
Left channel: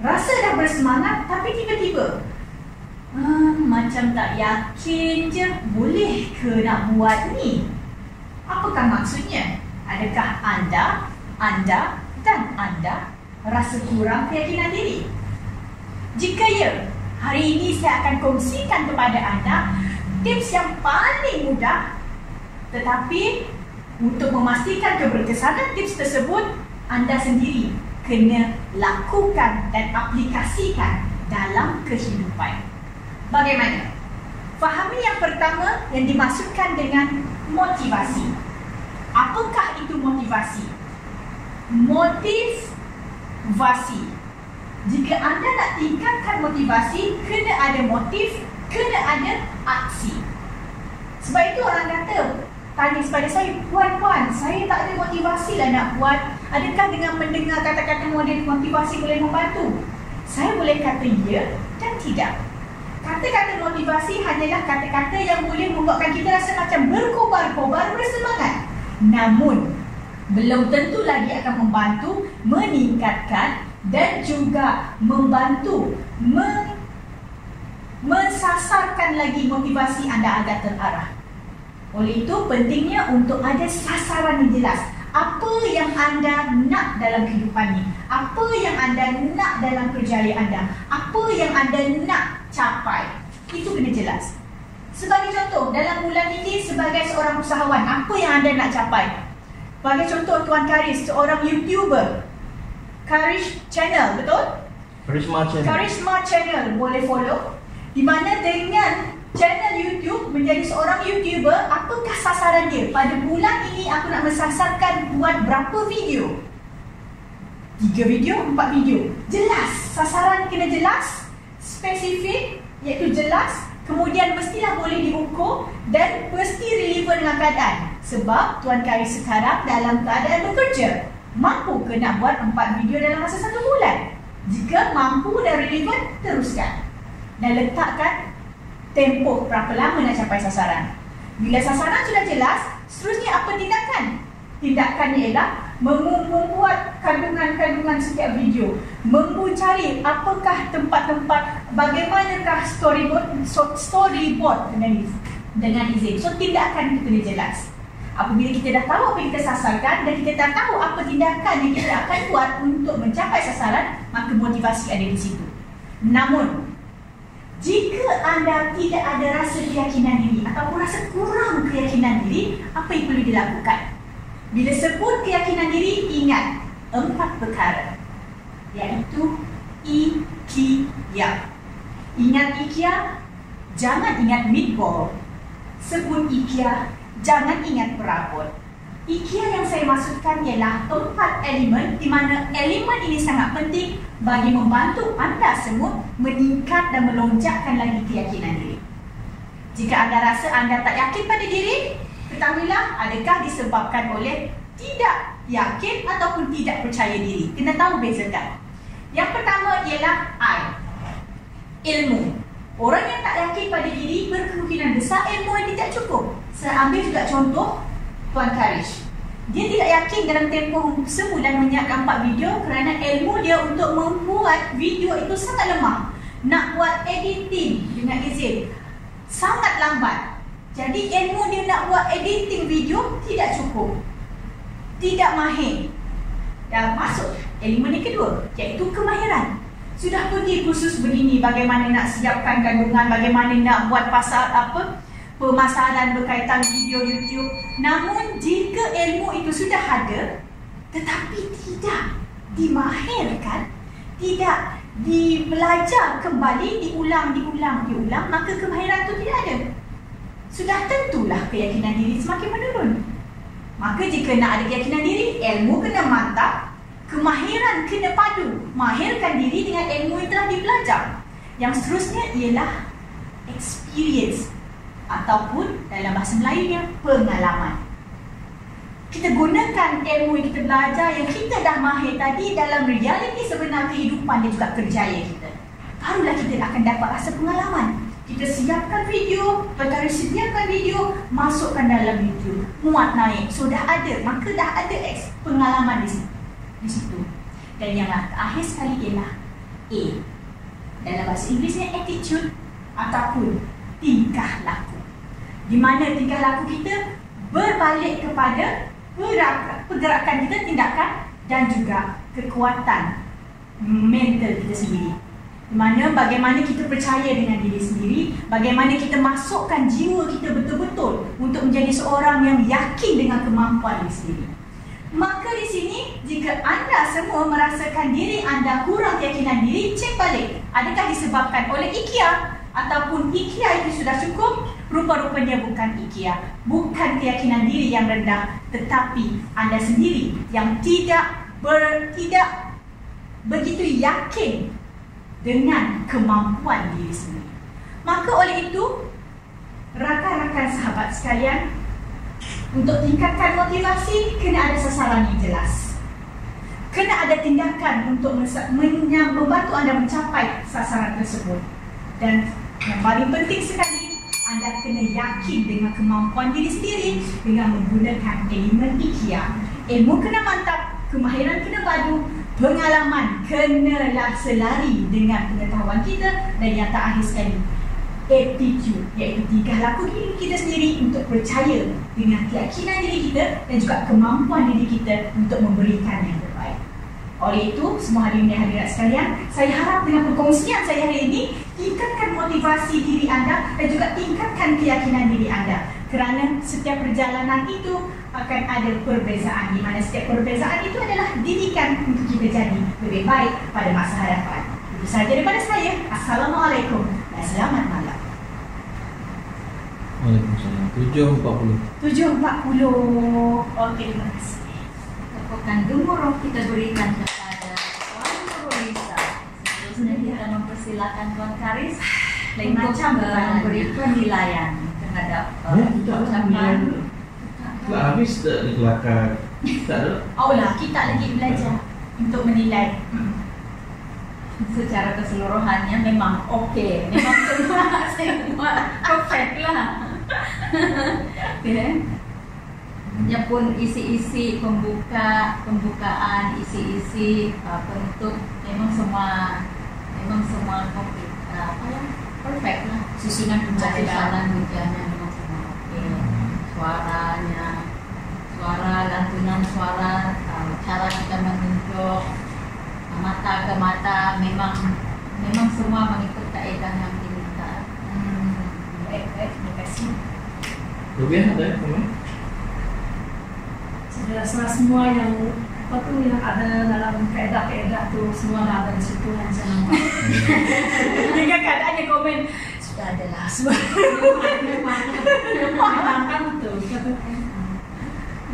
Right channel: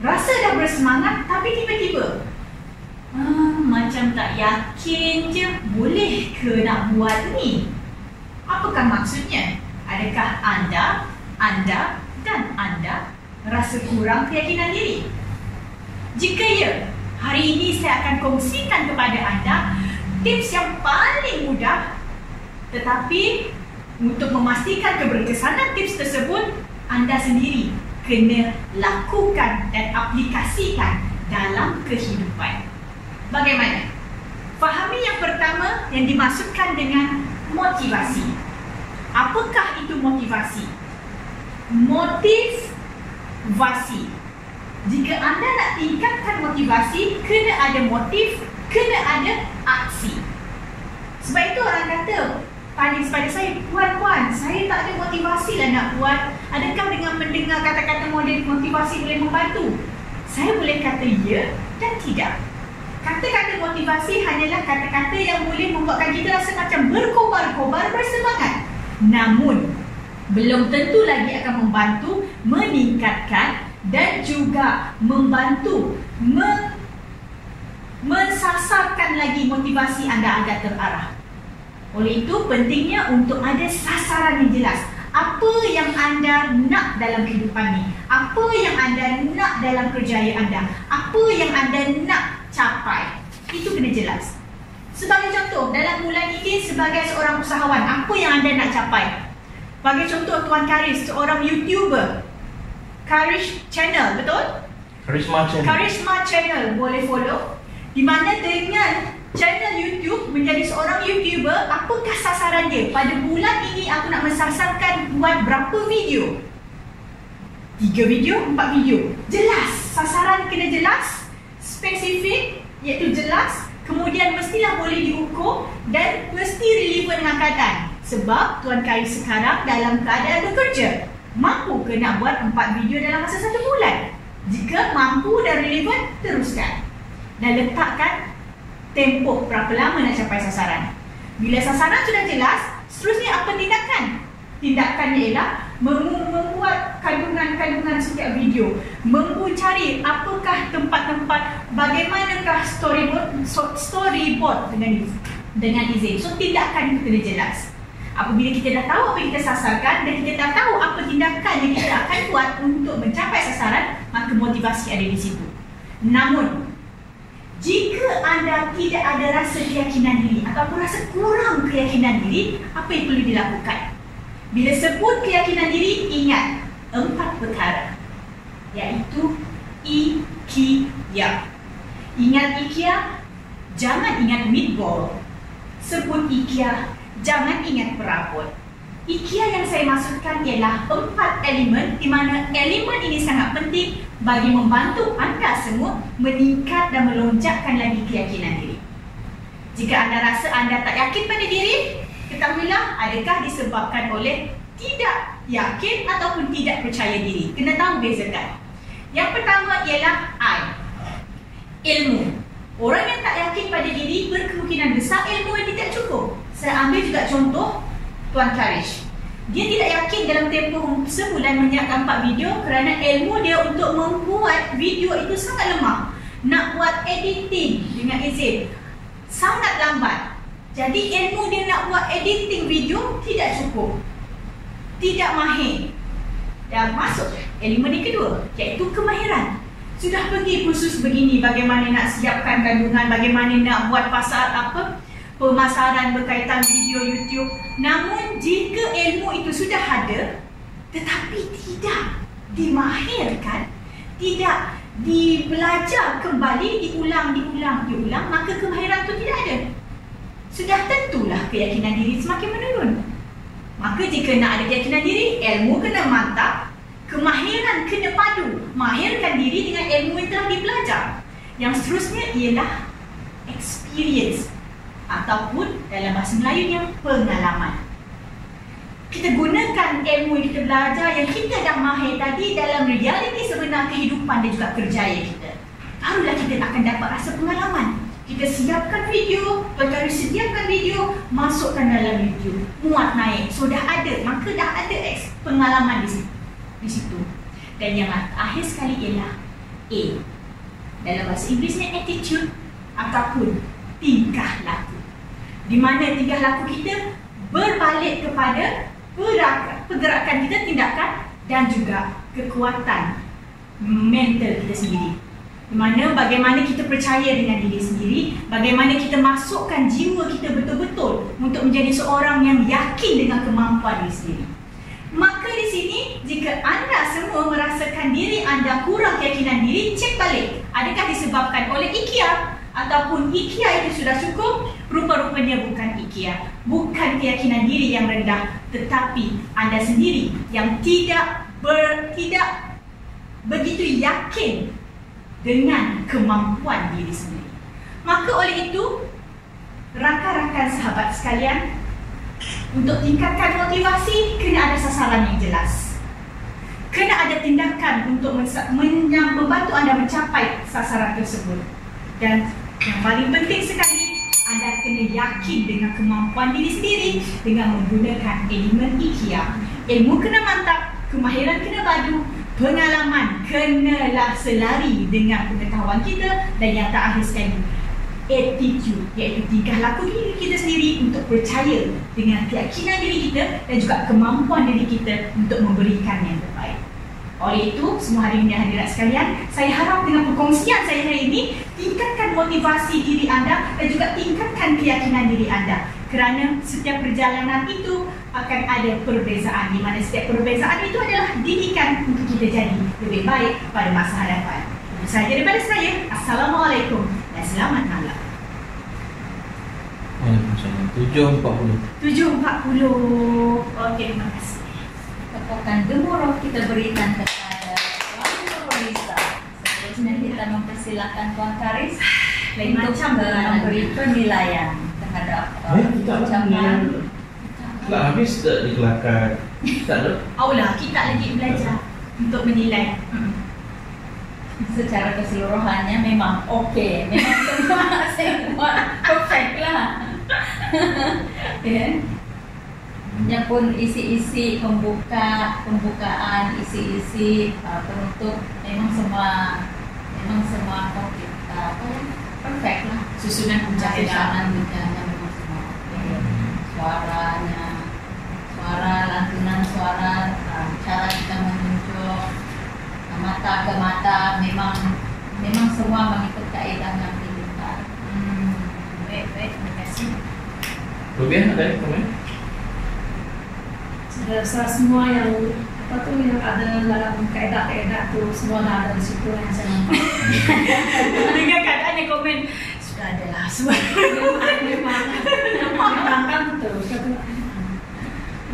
rasa dah bersemangat tapi tiba-tiba macam tak yakin je, boleh ke nak buat ni? Apakah maksudnya? Adakah anda rasa kurang keyakinan diri? Jika ya, hari ini saya akan kongsikan kepada anda tips yang paling mudah, tetapi untuk memastikan keberkesanan tips tersebut, anda sendiri kena lakukan dan aplikasikan dalam kehidupan. Bagaimana? Fahami yang pertama yang dimaksudkan dengan motivasi. Apakah itu motivasi? Motivasi. Jika anda nak tingkatkan motivasi, kena ada motif, kena ada aksi. Sebab itu orang kata, tanya kepada saya, Puan, saya tak ada motivasi lah nak buat. Adakah dengan mendengar kata-kata model motivasi boleh membantu? Saya boleh kata ya dan tidak. Kata-kata motivasi hanyalah kata-kata yang boleh membuatkan kita rasa macam berkobar-kobar, bersemangat. Namun, belum tentu lagi akan membantu meningkatkan dan juga membantu mensasarkan lagi motivasi anda agar terarah. Oleh itu, pentingnya untuk ada sasaran yang jelas. Apa yang anda nak dalam kehidupan ini? Apa yang anda nak dalam kerjaya anda? Apa yang anda nak capai? Itu kena jelas. Sebagai contoh, dalam bulan ini sebagai seorang usahawan, apa yang anda nak capai? Bagi contoh, Tuan Karis, seorang YouTuber, Karis Channel, betul? Karisma Channel, boleh follow. Di mana dengan channel YouTube, menjadi seorang YouTuber, apakah sasaran dia? Pada bulan ini aku nak mensasarkan buat berapa video? 3 video, 4 video. Jelas, sasaran kena jelas, spesifik, iaitu jelas. Kemudian mestilah boleh diukur dan mesti relevan dengan keadaan. Sebab Tuan Karis sekarang dalam keadaan bekerja. Mampu ke nak buat 4 video dalam masa 1 bulan? Jika mampu dan relevan, teruskan. Dan letakkan tempoh berapa lama nak capai sasaran. Bila sasaran sudah jelas, seterusnya apa tindakan? Tindakan ialah membuat kandungan-kandungan setiap video, mencari apakah tempat-tempat, bagaimanakah storyboard dengan izin. So tindakan itu kena jelas. Apabila kita dah tahu apa yang kita sasarkan dan kita dah tahu apa tindakan yang kita akan buat untuk mencapai sasaran, maka motivasi ada di situ. Namun, jika anda tidak ada rasa keyakinan diri ataupun rasa kurang keyakinan diri, apa yang perlu dilakukan? Bila sebut keyakinan diri, ingat 4 perkara, iaitu IKIA. Ingat IKIA, jangan ingat meatball. Sebut IKIA, jangan ingat perabot. IKIA yang saya maksudkan ialah 4 elemen, di mana elemen ini sangat penting bagi membantu anda semua meningkat dan melonjakkan lagi keyakinan diri. Jika anda rasa anda tak yakin pada diri, ketahuilah adakah disebabkan oleh tidak yakin ataupun tidak percaya diri. Kena tahu bezakan. Yang pertama ialah I, ilmu. Orang yang tak yakin pada diri berkemungkinan besar ilmu yang tidak cukup. Saya ambil juga contoh Tuan Karis. Dia tidak yakin dalam tempoh sebulan menyiapkan 4 video kerana ilmu dia untuk membuat video itu sangat lemah. Nak buat editing dengan izin sangat lambat. Jadi ilmu dia nak buat editing video tidak cukup, tidak mahir. Dan masuk elemen yang kedua, iaitu kemahiran. Sudah pergi kursus begini, bagaimana nak siapkan kandungan, bagaimana nak buat pemasaran berkaitan video YouTube. Namun jika ilmu itu sudah ada tetapi tidak dimahirkan, tidak dibelajar kembali, diulang, maka kemahiran itu tidak ada. Sudah tentulah keyakinan diri semakin menurun. Maka jika nak ada keyakinan diri, ilmu kena mantap, kemahiran kena padu. Mahirkan diri dengan ilmu yang telah dibelajar. Yang seterusnya ialah experience, ataupun dalam bahasa Melayunya pengalaman. Kita gunakan ilmu yang kita belajar, yang kita dah mahir tadi dalam realiti sebenar kehidupan dan juga kerjaya kita. Barulah kita akan dapat rasa pengalaman. Kita siapkan video, sediakan video, masukkan dalam YouTube, muat naik. So dah ada, maka dah ada pengalaman di situ. Dan yang akhir sekali ialah A. Dalam bahasa Inggerisnya attitude ataupun tingkah laku. Di mana tingkah laku kita berbalik kepada pergerakan kita, tindakan dan juga kekuatan mental kita sendiri. Di mana bagaimana kita percaya dengan diri sendiri, bagaimana kita masukkan jiwa kita betul-betul untuk menjadi seorang yang yakin dengan kemampuan diri sendiri. Maka di sini, jika anda semua merasakan diri anda kurang keyakinan diri, cek balik. Adakah disebabkan oleh IKIA? Ataupun IKIA itu sudah cukup? Rupa-rupanya bukan IKIA, bukan keyakinan diri yang rendah, tetapi anda sendiri yang tidak begitu yakin dengan kemampuan diri sendiri. Maka oleh itu, rakan-rakan sahabat sekalian, untuk tingkatkan motivasi, kena ada sasaran yang jelas. Kena ada tindakan untuk membantu anda mencapai sasaran tersebut. Dan Yang paling penting sekali, anda kena yakin dengan kemampuan diri sendiri dengan menggunakan elemen IKEA. Ilmu kena mantap, kemahiran kena padu, pengalaman kenalah selari dengan pengetahuan kita, dan yang terakhir sekali, attitude, iaitu tingkah laku diri kita sendiri untuk percaya dengan keyakinan diri kita dan juga kemampuan diri kita untuk memberikan yang terbaik. Oleh itu, semua hadirin dan hadirat sekalian, saya harap dengan perkongsian saya hari ini, tingkatkan motivasi diri anda dan juga tingkatkan keyakinan diri anda. Kerana setiap perjalanan itu akan ada perbezaan, di mana setiap perbezaan itu adalah didikan untuk kita jadi lebih baik pada masa hadapan. Itu sahaja daripada saya. Assalamualaikum dan selamat malam. 7.40. 7.40. Okey, terima kasih. Tepukan gemuruh kita berikan kepada Tuan Nurulisa. Seterusnya kita mempersilakan Tuan Karis Lain macam memberi penilaian terhadap Kita telah habis tak di kelakar. Tak ada. Oh lah, kita lagi belajar untuk menilai. Secara keseluruhannya memang okey, memang semua perfect lah. Yang pun isi-isi pembukaan, isi-isi penutup memang semua perfect lah. Susunan hujahnya memang semua. Suaranya, lantunan suara, cara kita menunjuk mata ke mata, memang semua mengikut kaedah yang diminta. Baik, terima kasih. Rubiah ada komen? Semua yang yang ada dalam kaedah-kaedah tu semua ada di situ yang saya nampak. Dengan keadaannya komen sudah adalah semua. Memang tu.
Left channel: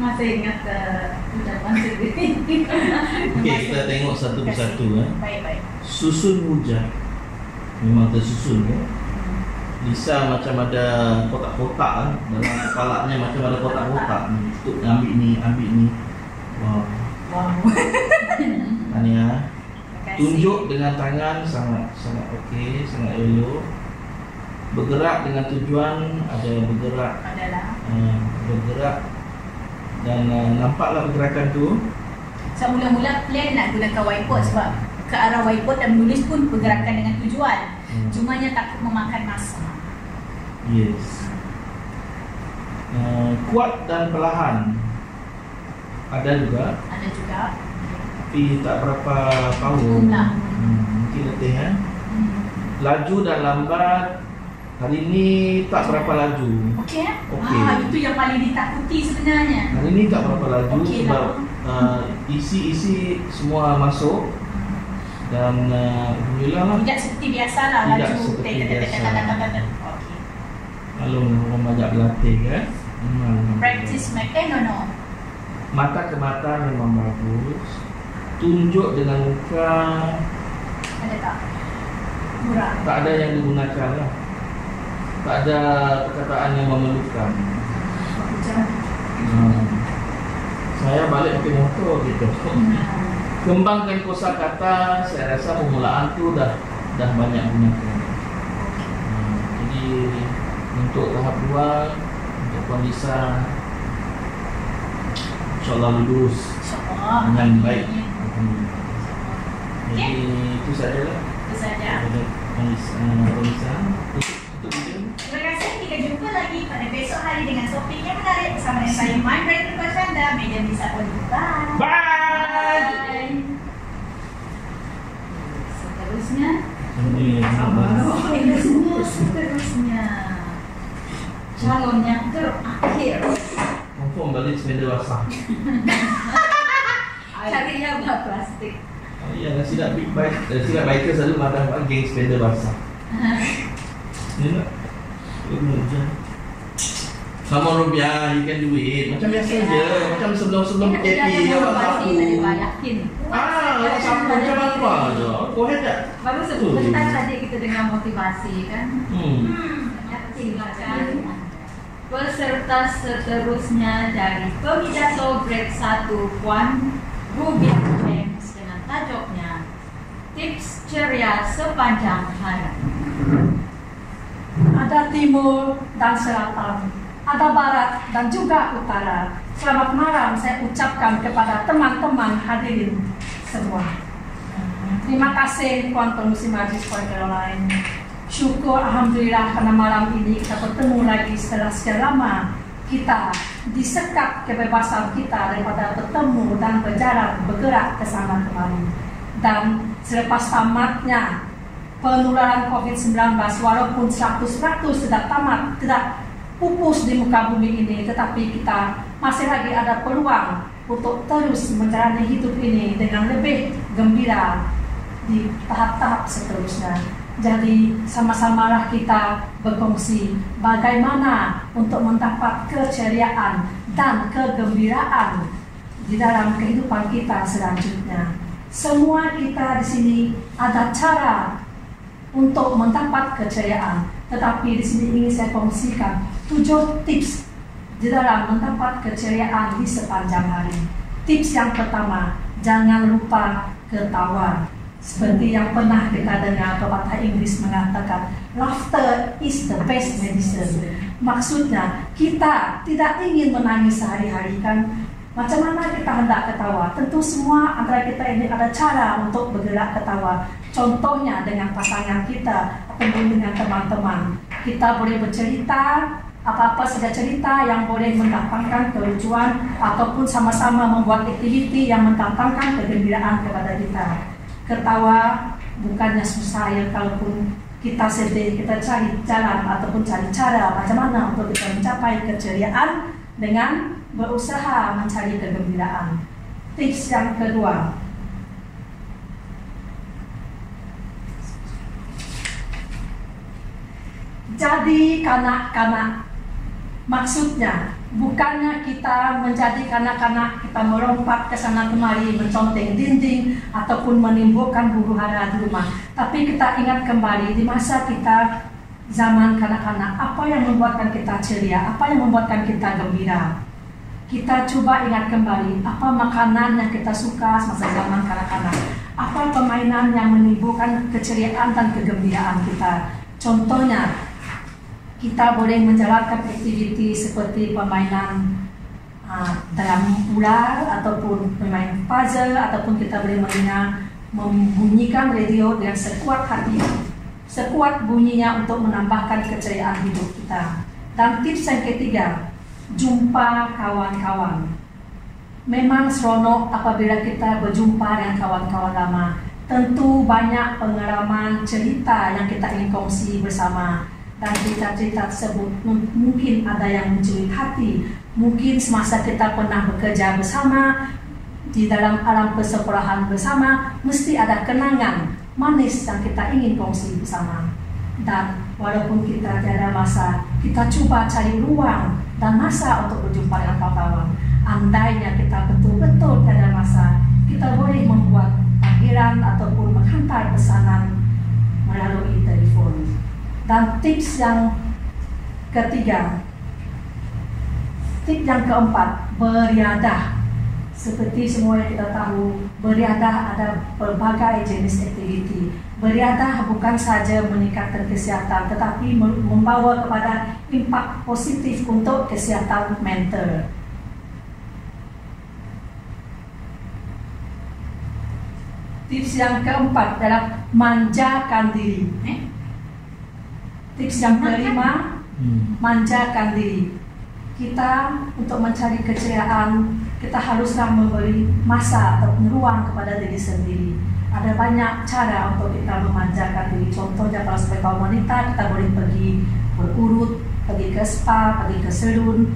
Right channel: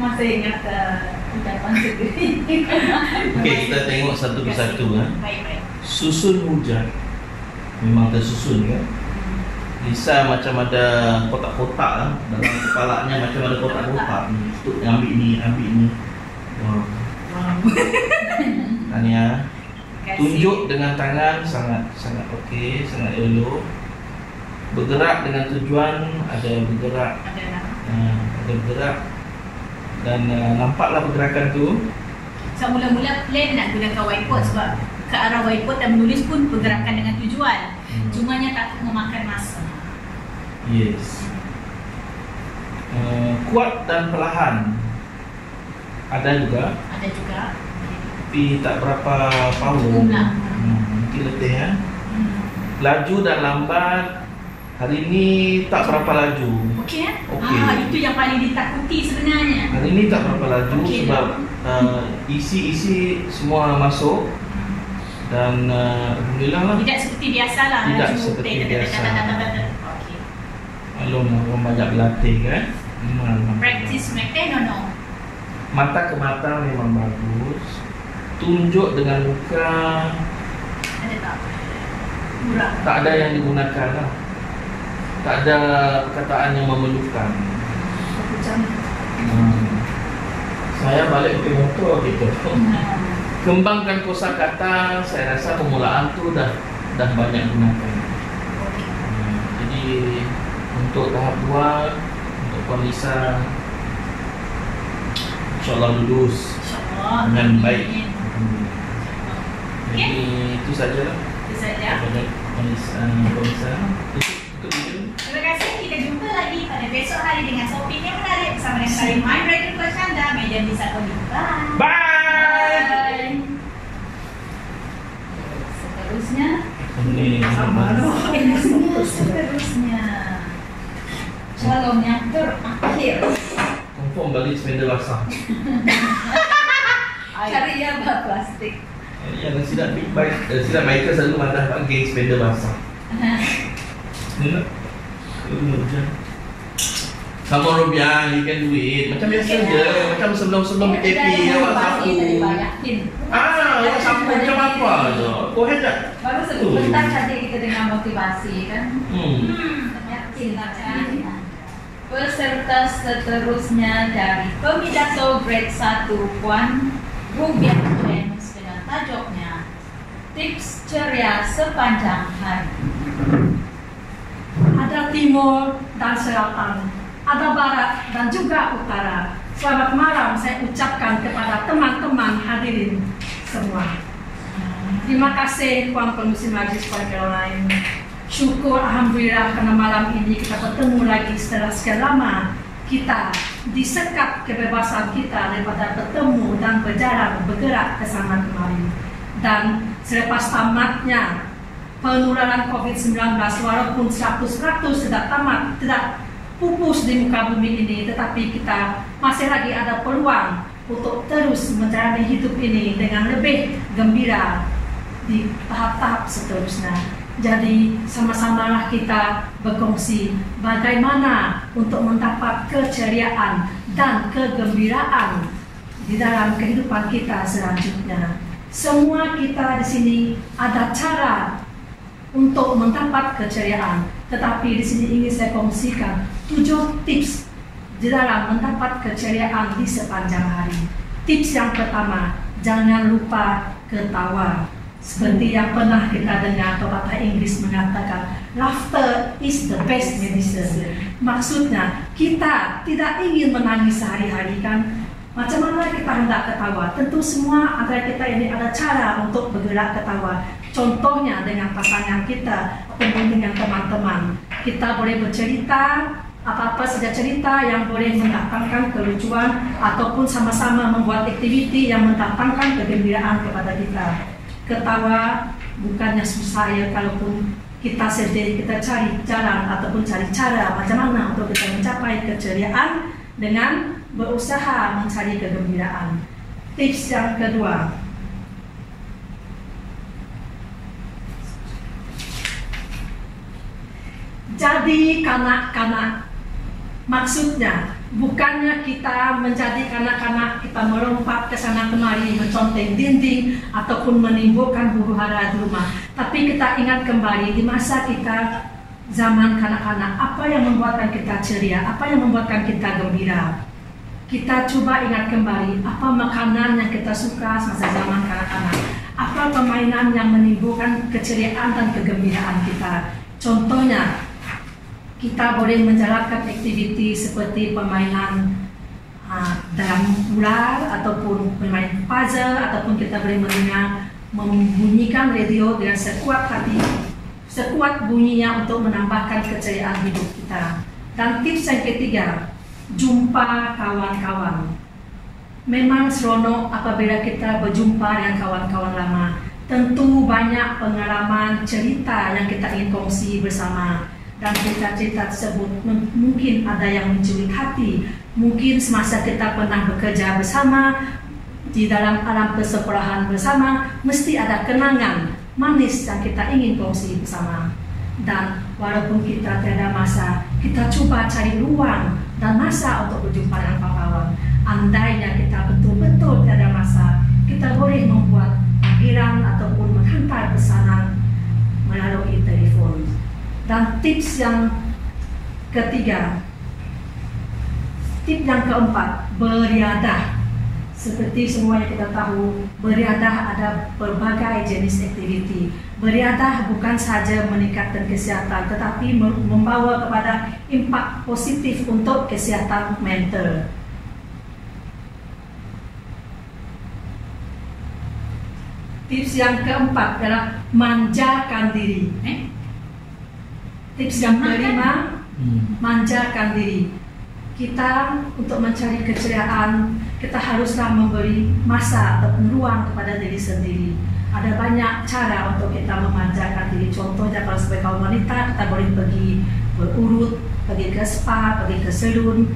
Masih ingat ucapan sendiri. Okey, kita tengok satu persatu. Baik. Susun hujah memang tersusun kan. Lisa macam ada kotak-kotak dalam kepalanya, macam ada kotak-kotak untuk ambil ni. Wow. Tanya. Tunjuk dengan tangan sangat okey, sangat elok. Bergerak dengan tujuan, ada bergerak. Ada bergerak. Dan nampaklah pergerakan tu. So mula-mula plan nak gunakan whiteboard sebab ke arah whiteboard dan menulis pun pergerakan dengan tujuan. Cumanya takut memakan masa. Yes. Kuat dan perlahan ada juga. Tapi tak berapa power. Mungkin lebih Laju dan lambat. Hari ni tak berapa laju. Okey. Okey. Itu yang paling ditakuti sebenarnya. Hari ni tak berapa laju sebab isi semua masuk. Dan alhamdulillah lah. Tidak seperti biasalah Tidak laju. seperti biasa. Okey. Kalau orang banyak berlatih kan. Practice make no. Mata ke mata memang bagus. Tunjuk dengan muka. Ada tak? Murah. Tak ada yang digunakan lah. Tak ada perkataan yang memerlukan. Saya balik ke motor gitu. Kembangkan kosakata, saya rasa permulaan tu dah banyak gunakan. Jadi untuk tahap 2, untuk Lisa, InsyaAllah lulus dengan baik. Jadi itu sajalah. Itu saja. Lisa, tutup video. Terima kasih. Kita jumpa lagi pada besok hari dengan topik yang menarik bersama dengan saya, My Brain Tuan Chandra, Media Bisa Oli. Bye. Bye. Seterusnya calon yang terakhir. Confirm balik sepeda basah. Cari apa plastik. Ya, silap biker selalu mengatakan geng sepeda basah. Kamu Rubiah, you can do it. Macam biasa je. Macam sebelum PKP awak sapu. Yakin. Awak sapu macam apa je. Kau hebat. Baru sebentar saja kita dengan motivasi kan. Yakin macam. Peserta seterusnya dari Pemidaso Grade 1 Puan Rubiah James dengan tajuknya Tips Ceria Sepanjang Hari. ada timur dan selatan, ada barat dan juga utara. Selamat malam saya ucapkan kepada teman-teman hadirin semua. Terima kasih Tuan Pengurusi Majlis Puan Caroline. Syukur Alhamdulillah karena malam ini kita bertemu lagi setelah sekian lama kita disekat kebebasan kita daripada bertemu dan berjalan bergerak ke sana kemari. Dan selepas tamatnya penularan COVID-19, walaupun 100% tidak tamat, tidak pupus di muka bumi ini, tetapi kita masih lagi ada peluang untuk terus menjalani hidup ini dengan lebih gembira di tahap-tahap seterusnya. Jadi sama-samalah kita berkongsi bagaimana untuk mendapat keceriaan dan kegembiraan di dalam kehidupan kita selanjutnya. Semua kita di sini ada cara untuk mendapat keceriaan, tetapi di sini ingin saya kongsikan 7 tips di dalam mendapat keceriaan di sepanjang hari. Tips yang pertama, jangan lupa ketawa. Seperti yang pernah kita dengar pepatah Inggris mengatakan, laughter is the best medicine. Maksudnya kita tidak ingin menangis sehari-hari kan? Macam mana kita hendak ketawa? Tentu semua antara kita ini ada cara untuk bergerak ketawa. Contohnya dengan pasangan kita ataupun dengan teman-teman. Kita boleh bercerita apa-apa saja cerita yang boleh mendatangkan kelucuan ataupun sama-sama membuat aktiviti yang mendatangkan kegembiraan kepada kita. Ketawa bukannya susah ya, kalaupun kita sedih, kita cari jalan ataupun cari cara macam mana untuk kita mencapai keceriaan dengan berusaha mencari kegembiraan. Tips yang kedua, jadi kanak-kanak. Maksudnya bukannya kita menjadi kanak-kanak, kita melompat ke sana kemari, menconteng dinding ataupun menimbulkan huru-hara di rumah. Tapi kita ingat kembali di masa kita zaman kanak-kanak, apa yang membuatkan kita ceria, apa yang membuatkan kita gembira. Kita coba ingat kembali apa makanan yang kita suka semasa zaman kanak-kanak, apa permainan yang menimbulkan keceriaan dan kegembiraan kita. Contohnya, kita boleh menjalankan aktiviti seperti permainan dalam ular ataupun permainan puzzle, ataupun kita boleh membunyikan radio dengan sekuat hati, sekuat bunyinya untuk menambahkan keceriaan hidup kita. Dan tips yang ketiga, jumpa kawan-kawan. Memang seronok apabila kita berjumpa dengan kawan-kawan lama. Tentu banyak pengalaman cerita yang kita ingin kongsi bersama. Dan cerita-cerita tersebut mungkin ada yang mencuri hati. Mungkin semasa kita pernah bekerja bersama di dalam alam persekolahan bersama, mesti ada kenangan manis yang kita ingin kongsi bersama. Dan walaupun kita tiada masa, kita coba cari ruang dan masa untuk berjumpa dengan kawan-kawan. Andainya kita betul-betul tiada masa, kita boleh membuat panggilan ataupun menghantar pesanan melalui telefon. Dan tips yang ketiga, tips yang keempat, beriadah. Seperti semua yang kita tahu, beriadah ada berbagai jenis aktiviti. Beriadah bukan saja meningkatkan kesihatan, tetapi membawa kepada impak positif untuk kesihatan mental. Tips yang keempat adalah manjakan diri. Tips yang kelima, manjakan diri. Kita untuk mencari keceriaan, kita haruslah memberi masa ataupun ruang kepada diri sendiri. Ada banyak cara untuk kita memanjakan diri. Contohnya kalau sebagai kaum wanita, kita boleh pergi berurut, pergi ke spa, pergi ke salon.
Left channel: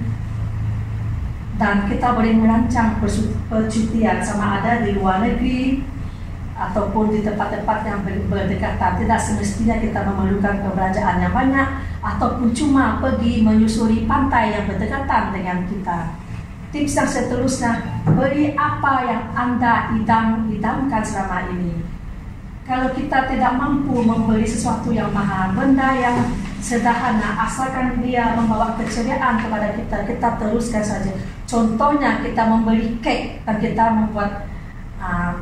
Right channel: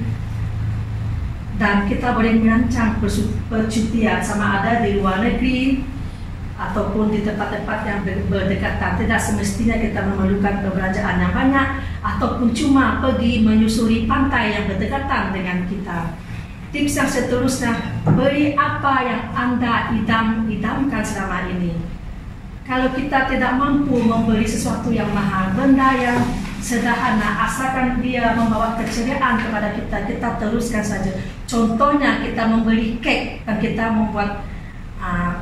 Dan kita boleh merancang percutian sama ada di luar negeri ataupun di tempat-tempat yang berdekatan. Tidak semestinya kita memerlukan perbelanjaan yang banyak, ataupun cuma pergi menyusuri pantai yang berdekatan dengan kita. Tips yang seterusnya, beri apa yang Anda idam-idamkan selama ini. Kalau kita tidak mampu membeli sesuatu yang mahal, benda yang sederhana, asalkan dia membawa keceriaan kepada kita, kita teruskan saja. Contohnya kita membeli kek dan kita membuat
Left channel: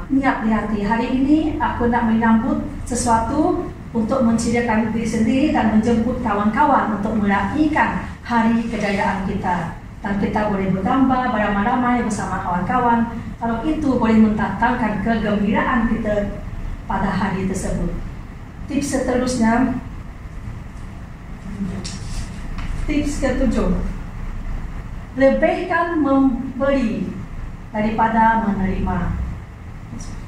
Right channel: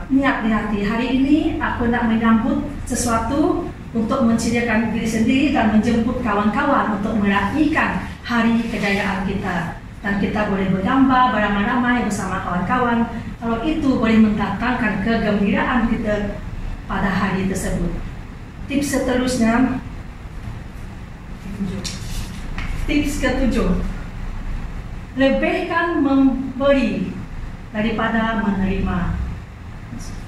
niat di hati, hari ini aku nak menyambut sesuatu untuk menceriakan diri sendiri dan menjemput kawan-kawan untuk meraihkan hari kejayaan kita. Dan kita boleh bergambar beramai-ramai bersama kawan-kawan. Kalau itu boleh mendatangkan kegembiraan kita pada hari tersebut. Tips seterusnya, tips ketujuh, lebihkan memberi daripada menerima.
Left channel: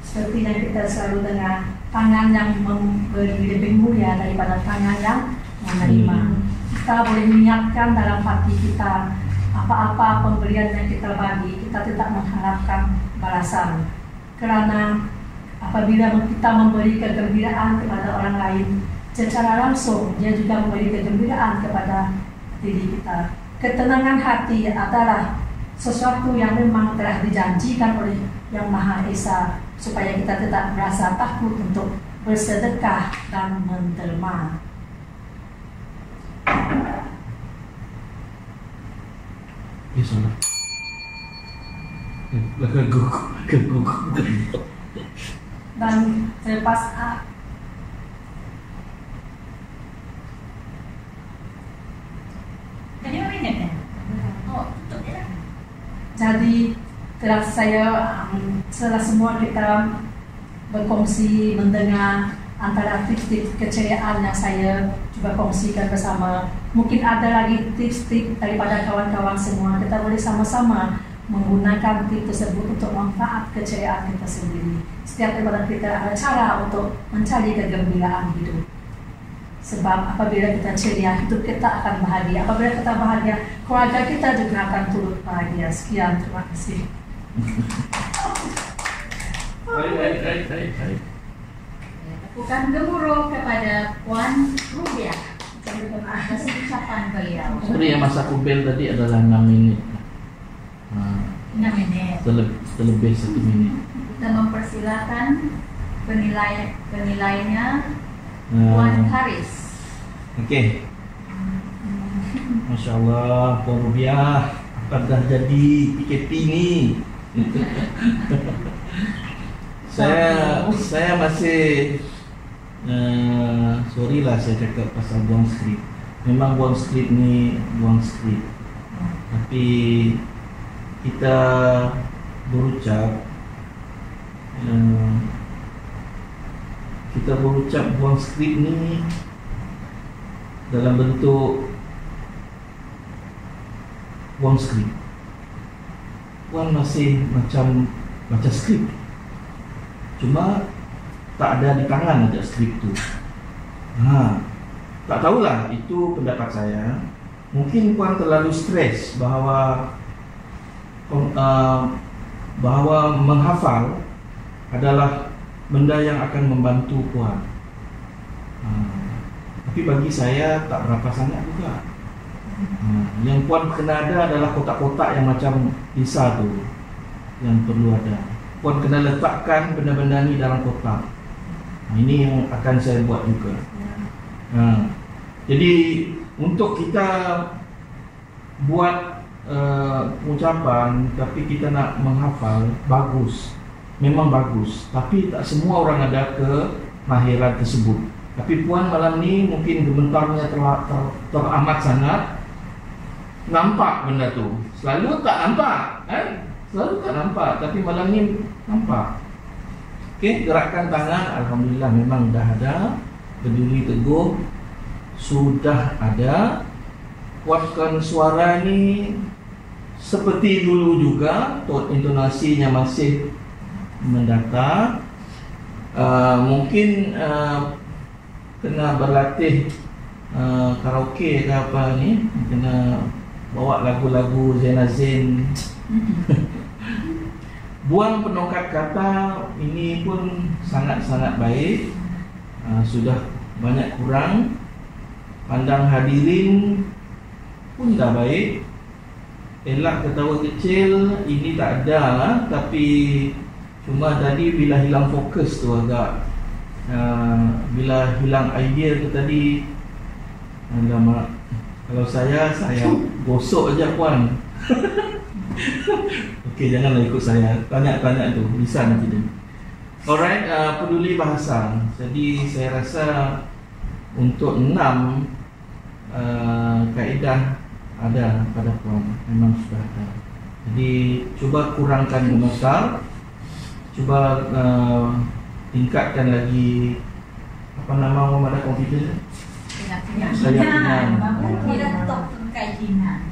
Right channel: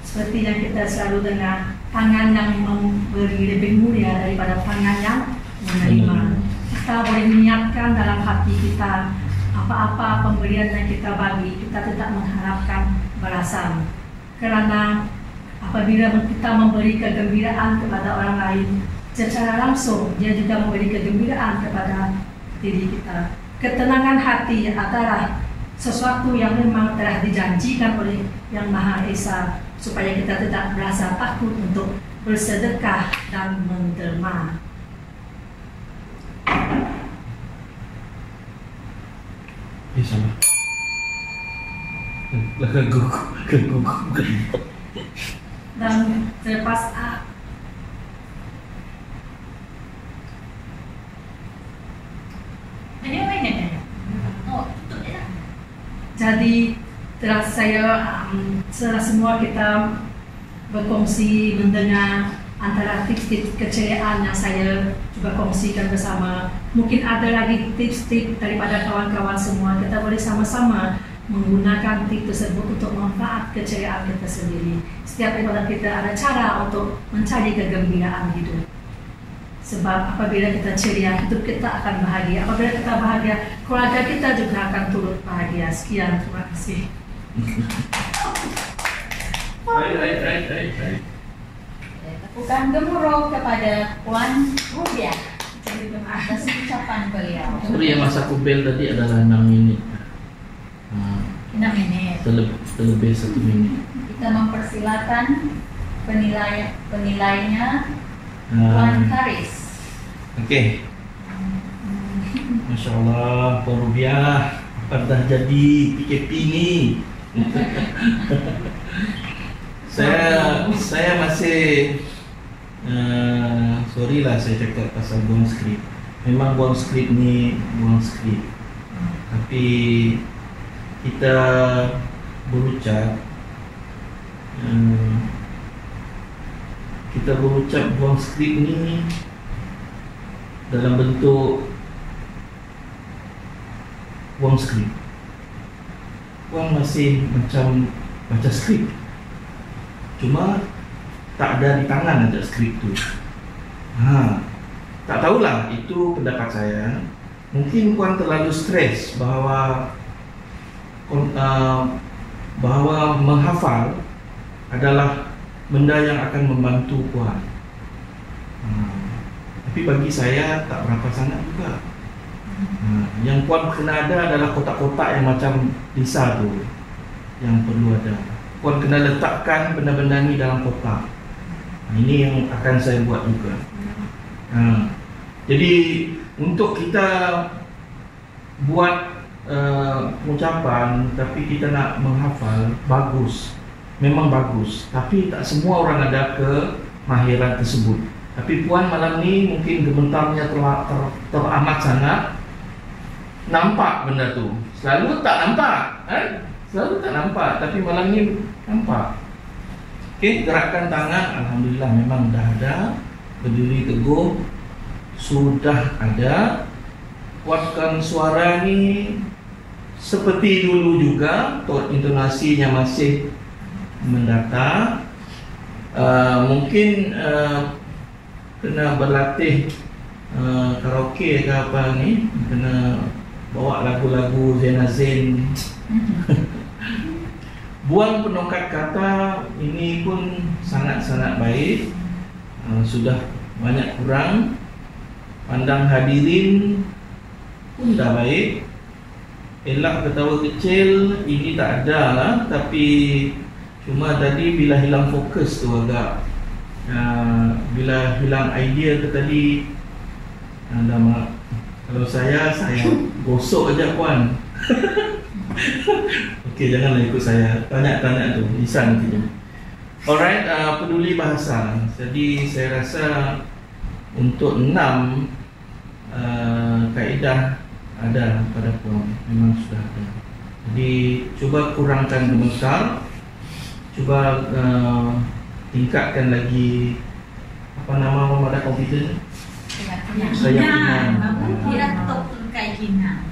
Seperti yang kita selalu dengar, tangan yang memberi lebih mulia daripada tangan yang menerima. Kita boleh niatkan dalam hati kita, apa-apa pemberian yang kita bagi, kita tidak mengharapkan balasan. Kerana apabila kita memberi kegembiraan kepada orang lain, secara langsung dia juga memberi kegembiraan kepada diri kita. Ketenangan hati adalah sesuatu yang memang telah dijanjikan oleh Yang Maha Esa, supaya kita tidak merasa takut untuk bersedekah dan menderma. Bisa lah. Dan selepas Jadi apa ini? Oh, tutup je lah. jadi setelah semua kita berkongsi, mendengar antara tips-tips keceriaan yang saya coba kongsikan bersama, mungkin ada lagi tips-tips daripada kawan-kawan semua. Kita boleh sama-sama menggunakan tips tersebut untuk manfaat keceriaan kita sendiri. Setiap daripada kita ada cara untuk mencari kegembiraan hidup. Sebab apabila kita ceria, hidup kita akan bahagia. Apabila kita bahagia, keluarga kita juga akan turut bahagia. Sekian, terima kasih. Baik. Tepukan gemuruh kepada Puan Rubiah atas ucapan beliau. Sorry yang masa kubel tadi adalah 6 minit. 6 menit. Terlebih 1 minit. Kita mempersilakan penilainya Puan Haris. Okey. Masya Allah, Puan Rubiah, apa dah jadi PKP ni? Saya masih sorry lah saya cakap pasal buang skrip. Memang buang skrip ni buang skrip. Tapi kita berucap buang skrip ni dalam bentuk buang skrip. Puan masih macam baca skrip, cuma tak ada di tangan aja skrip tu. Tak tahulah, itu pendapat saya. Mungkin Puan terlalu stres bahawa menghafal adalah benda yang akan membantu Puan. Tapi bagi saya tak berapa sangat juga. Yang Puan kena ada adalah kotak-kotak yang macam Lisa tu, yang perlu ada. Puan kena letakkan benda-benda ni dalam kotak. Ini yang akan saya buat juga. Jadi untuk kita buat ucapan tapi kita nak menghafal, bagus, memang bagus. Tapi tak semua orang ada kemahiran tersebut. Tapi Puan malam ni mungkin gementarnya teramat sangat. Nampak benda tu. Selalu tak nampak, Selalu tak nampak, tapi malam ni nampak. Okey, gerakan tangan alhamdulillah memang dah ada. Berdiri teguh sudah ada. Kuatkan suara ni seperti dulu juga, intonasinya masih mendata. Mungkin kena berlatih karaoke ke apa ni, kena bawa lagu-lagu Zain. Buang penongkat kata ini pun sangat-sangat baik. Sudah banyak kurang. Pandang hadirin pun dah baik. Elak ketawa kecil ini tak ada lah. Tapi cuma tadi bila hilang fokus tu agak bila hilang idea tu tadi kalau saya gosok aja Puan. Okey, janganlah ikut saya. Tanya-tanya tu bisa nanti. Alright, peduli bahasa. Jadi saya rasa untuk 6 kaedah ada pada puan, memang sudah ada. Jadi cuba kurangkan gemetar, cuba tingkatkan lagi apa nama pada komputer ni? Keyakinan. Laptop keyakinan.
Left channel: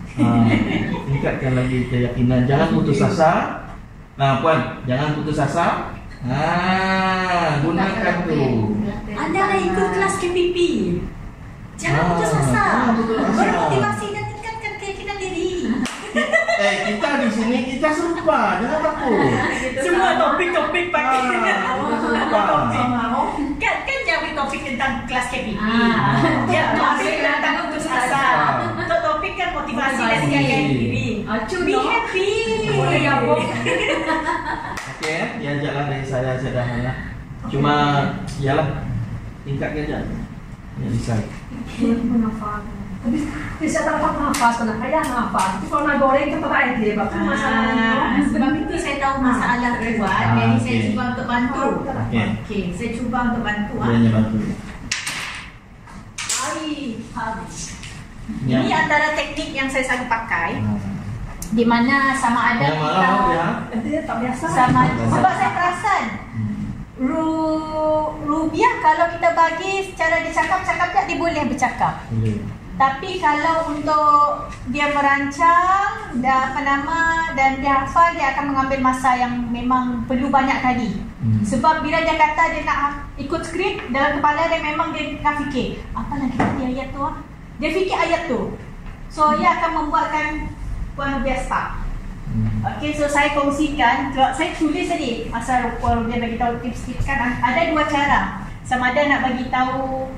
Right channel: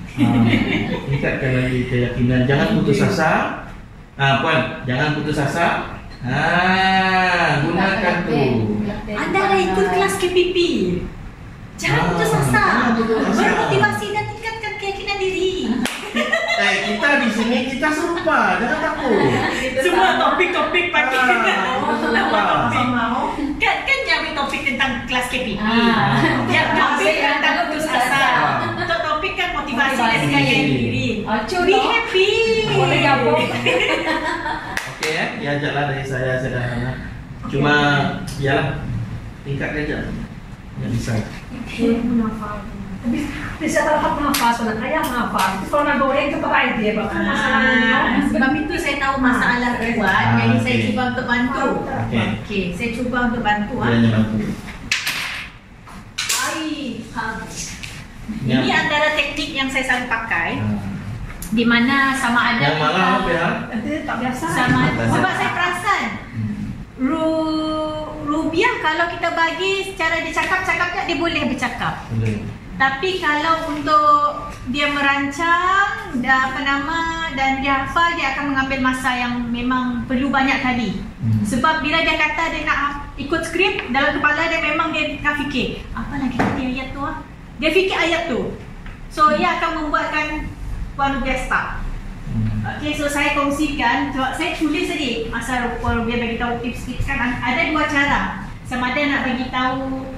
Tingkatkan lagi keyakinan. Jangan putus asa. Puan, jangan putus asa. Gunakan tu. Anda dah ikut kelas KPP. Jangan putus asa. Bermotivasi dan tingkatkan keyakinan diri. Kita di sini kita serupa, jangan takut. Semua topik-topik pakai. Sama. Kan jadi topik tentang kelas KPP. Ya, topik tentang putus asa. Untuk topik kan motivasi dan tingkatkan diri. Be happy. Okey, diajaklah dari saya sederhana. Cuma ialah tingkatkan je. Yang bisa. Menghafal. Bisa dapat menghafal sebenarnya kayak menghafal. Kalau nak goreng itu pakai dia bapak. Sebab itu saya tahu masalah Puan, jadi saya cuba untuk bantu. Okey, saya cuba untuk bantu. Ini antara teknik yang saya selalu pakai. Di mana sama ada yang malam ya? Dia tak biasa. Sama, sebab saya perasan Rubiah kalau kita bagi secara dia cakap dia boleh bercakap. Tapi kalau untuk dia merancang dan dia hafal, dia akan mengambil masa yang memang perlu banyak tadi. Sebab bila dia kata dia nak ikut skrip dalam kepala dia, memang dia akan fikir apa lagi tadi ayat tu dia fikir ayat tu. So dia akan membuatkan Puan Rubiah stop. Okey, so saya kongsikan, saya tulis tadi asal Puan Rubiah bagi tahu tips-tips kan. Ada 2 cara. Sama ada nak bagi tahu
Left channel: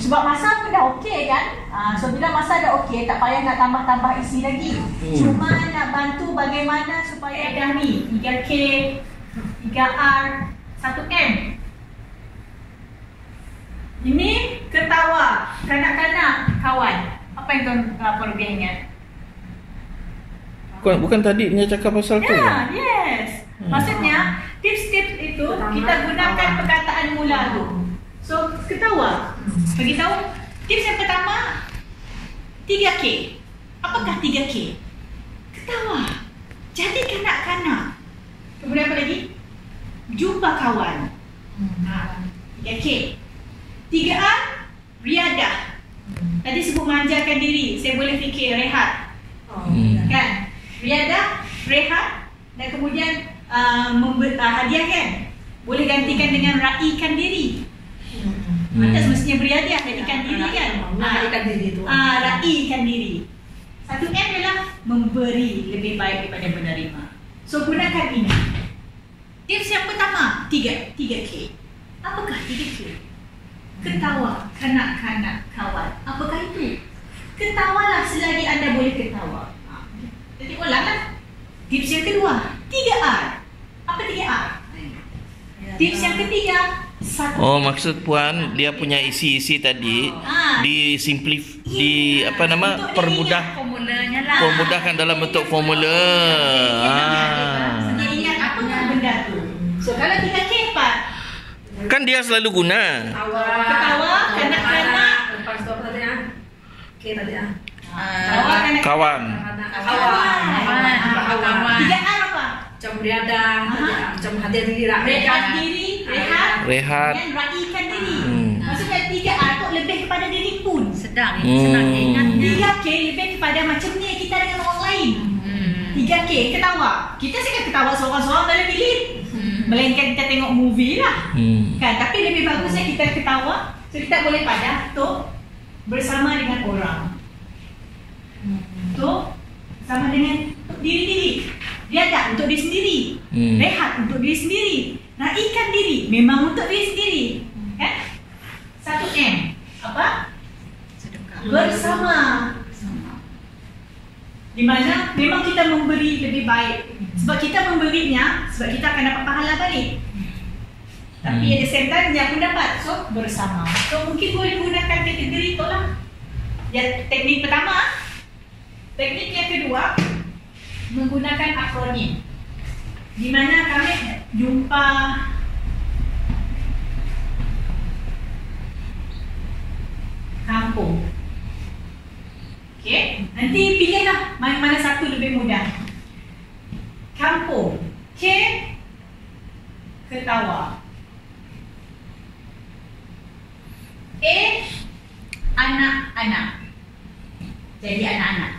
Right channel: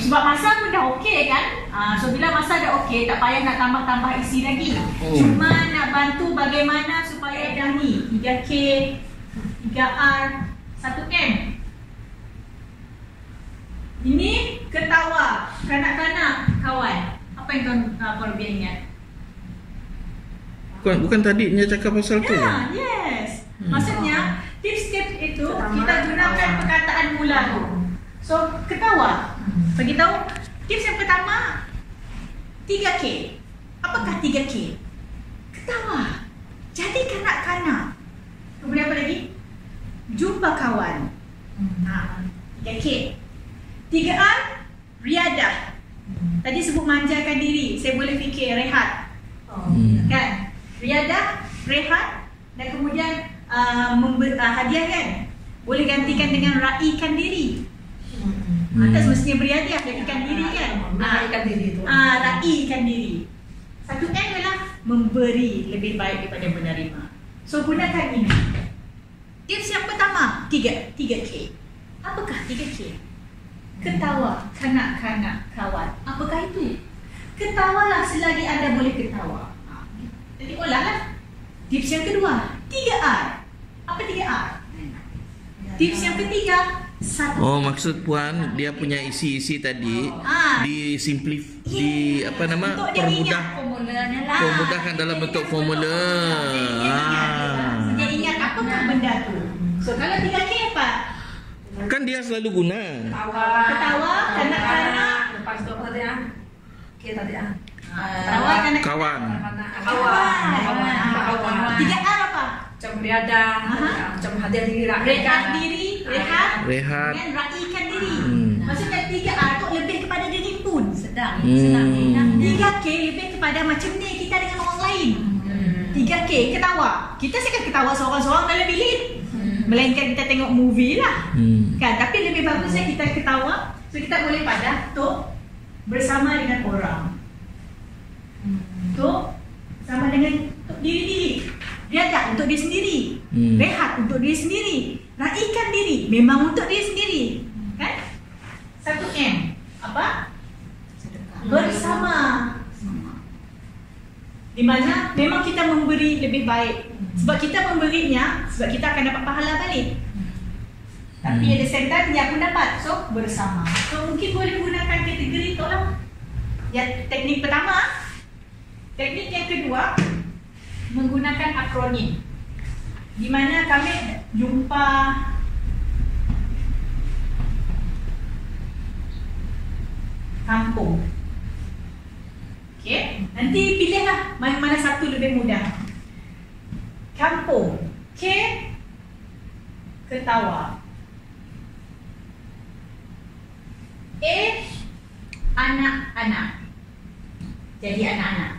sebab masa pun dah okey kan. So bila masa dah okey, tak payah nak tambah-tambah isi lagi. Cuma nak bantu bagaimana supaya dah ni 3K, 3R, 1M. Ini ketawa, kanak-kanak, kawan. Apa yang Puan Rubiah ingat? Bukan tadi punya cakap pasal tu? Ya, yes. Maksudnya tips-tips itu kita gunakan perkataan mula tu. So, ketawa. Bagi tahu tips yang pertama 3K. Apakah 3K? Ketawa. Jadi kanak-kanak. Kemudian apa lagi? Jumpa kawan. 3K. 3R, riadah. Tadi sebut manjakan diri. Saya boleh fikir rehat. Kan? Riadah, rehat, dan kemudian hadiah kan? Boleh gantikan dengan raikan diri. Tak semestinya beriadah, raikan diri kan? Raikan diri tu. Raikan diri. 1M adalah memberi lebih baik daripada menerima. So gunakan ini. Tips yang pertama, 3K. Apakah 3K? Ketawa, kanak-kanak, kawan. Apakah itu? Ketawalah selagi anda boleh ketawa. Jadi ulang lah. Tips yang kedua, 3R. Apa 3R? Tips yang ketiga, 1. Oh, maksud Puan dia punya isi-isi tadi permudah, Formulanya lah. permudahkan dalam bentuk formula. Dia ingat apakah benda tu. So kalau 3K apa? Kan dia selalu guna. Ketawa, kanak-kanak. Lepas tu apa tadi K tadi Ketawa, kanak-kanak. Kawan. Kawan. 3R apa? Macam beriadah, macam hadiah diri, Rehat diri, Rehat. dan raikan diri. Maksudnya 3R tu lebih kepada diri pun. Senang ingat. 3K lebih kepada macam ni kita dengan orang lain. 3K ketawa. Kita sekarang ketawa seorang-seorang dalam bilik. Melainkan kita tengok movie lah. Kan? Tapi lebih bagusnya kita ketawa. So kita boleh padah tu bersama dengan orang. Tu sama dengan diri-diri. Riadah untuk diri sendiri. Rehat untuk diri sendiri. Raikan diri memang untuk diri sendiri. Kan? 1M. Apa? Bersama. Di mana memang kita memberi lebih baik. Sebab kita memberinya, sebab kita akan dapat pahala balik. Tapi at the same time dia pun dapat. So bersama. So mungkin boleh gunakan kategori tu lah. Ya, teknik pertama. Teknik yang kedua, menggunakan akronim. Di mana kami jumpa Nanti pilihlah mana satu lebih mudah. Kampung. K. Ketawa. A. Anak-anak. Jadi anak-anak.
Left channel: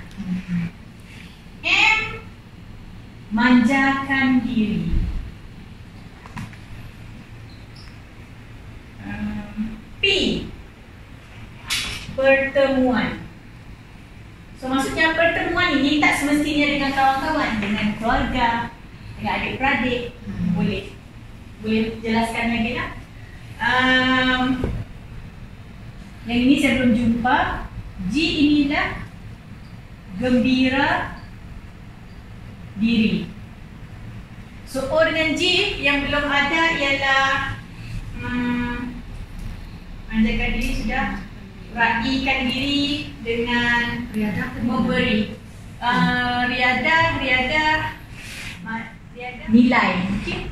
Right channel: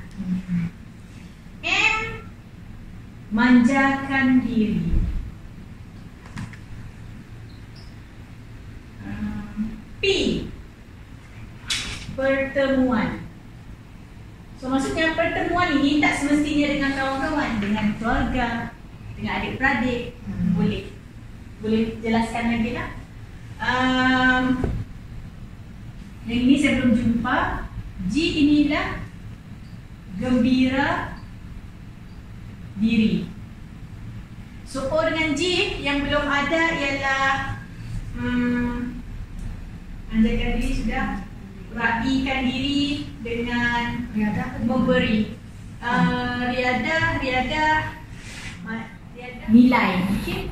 M. Manjakan diri. P. Pertemuan. So maksudnya pertemuan ini tak semestinya dengan kawan-kawan, dengan keluarga, dengan adik-beradik. Boleh jelaskan lagi tak? Yang ini saya belum jumpa. G inilah gembira diri. So O dengan G yang belum ada ialah manjakan diri sudah. Raikan diri dengan memberi. Riadah nilai. Okey.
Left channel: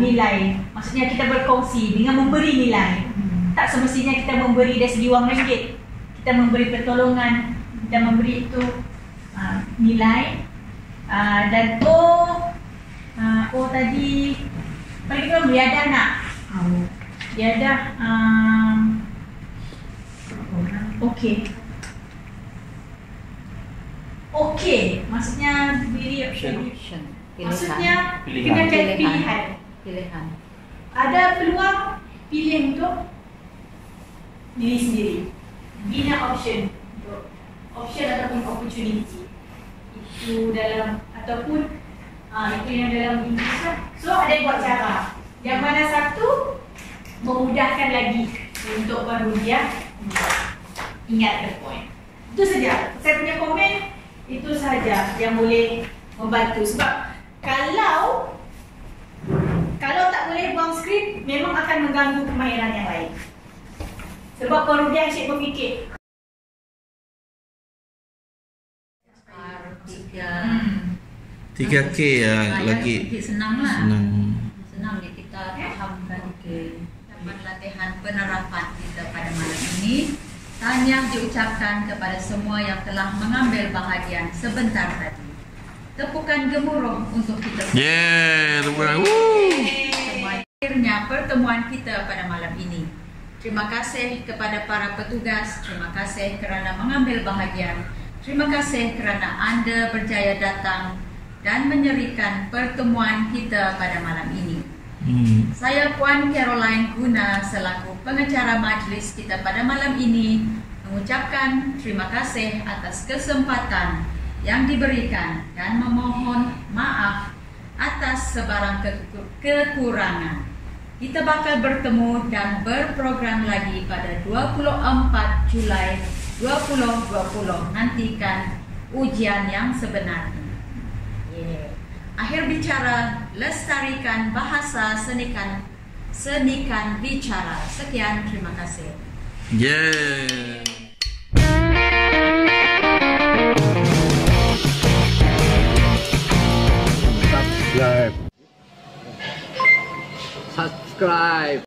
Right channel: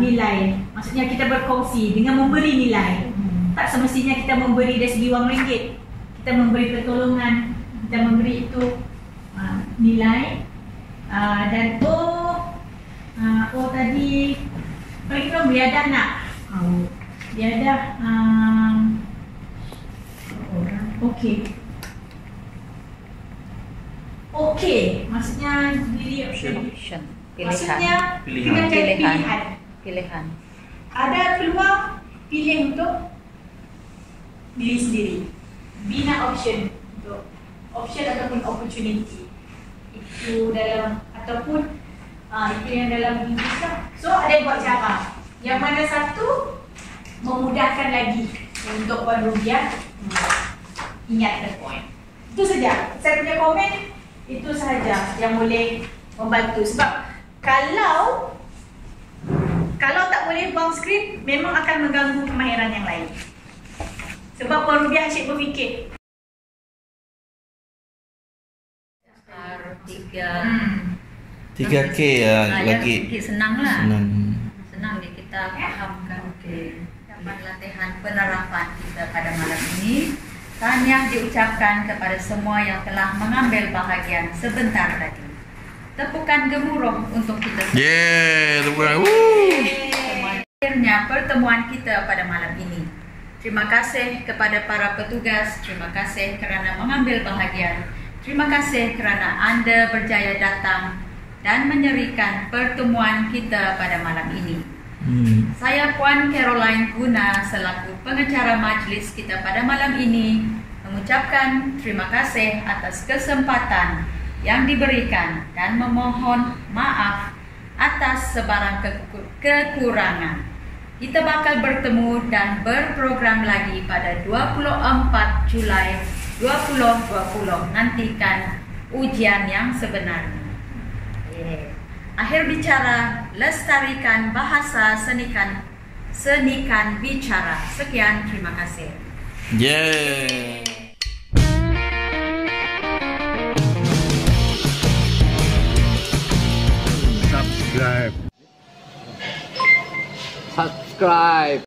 Nilai. Maksudnya kita berkongsi dengan memberi nilai. Tak semestinya kita memberi dari segi wang ringgit. Kita memberi pertolongan, kita memberi itu nilai. Dan O tadi bagi kita riadah nak. Riadah Okey, maksudnya diri option. Maksudnya kita pilihan. Ada peluang pilih untuk diri sendiri. Bina option untuk option ataupun opportunity. Itu dalam ataupun itu yang dalam Inggeris lah. So ada buat cara. Yang mana satu memudahkan lagi untuk Rubiah ingat the point. Itu saja. Saya punya komen itu sahaja yang boleh membantu. Sebab kalau tak boleh bounce screen, memang akan mengganggu kemahiran yang lain. Sebab Rubiah asyik berfikir 3K lagi. Senang lah. Senang kita fahamkan. Dapat latihan penerapan kita pada malam ini. Tahniah diucapkan kepada semua yang telah mengambil bahagian sebentar tadi. Tepukan gemuruh untuk kita semua. Tepukan. Akhirnya pertemuan kita pada malam ini. Terima kasih kepada para petugas. Terima kasih kerana mengambil bahagian. Terima kasih kerana anda berjaya datang dan menyerikan pertemuan kita pada malam ini. Saya Puan Caroline Guna selaku pengacara majlis kita pada malam ini mengucapkan terima kasih atas kesempatan yang diberikan dan memohon maaf atas sebarang kekurangan. Kita bakal bertemu dan berprogram lagi pada 24 Julai 2020. Nantikan ujian yang sebenarnya. Akhir bicara, lestarikan bahasa senikan bicara. Sekian, terima kasih. Subscribe.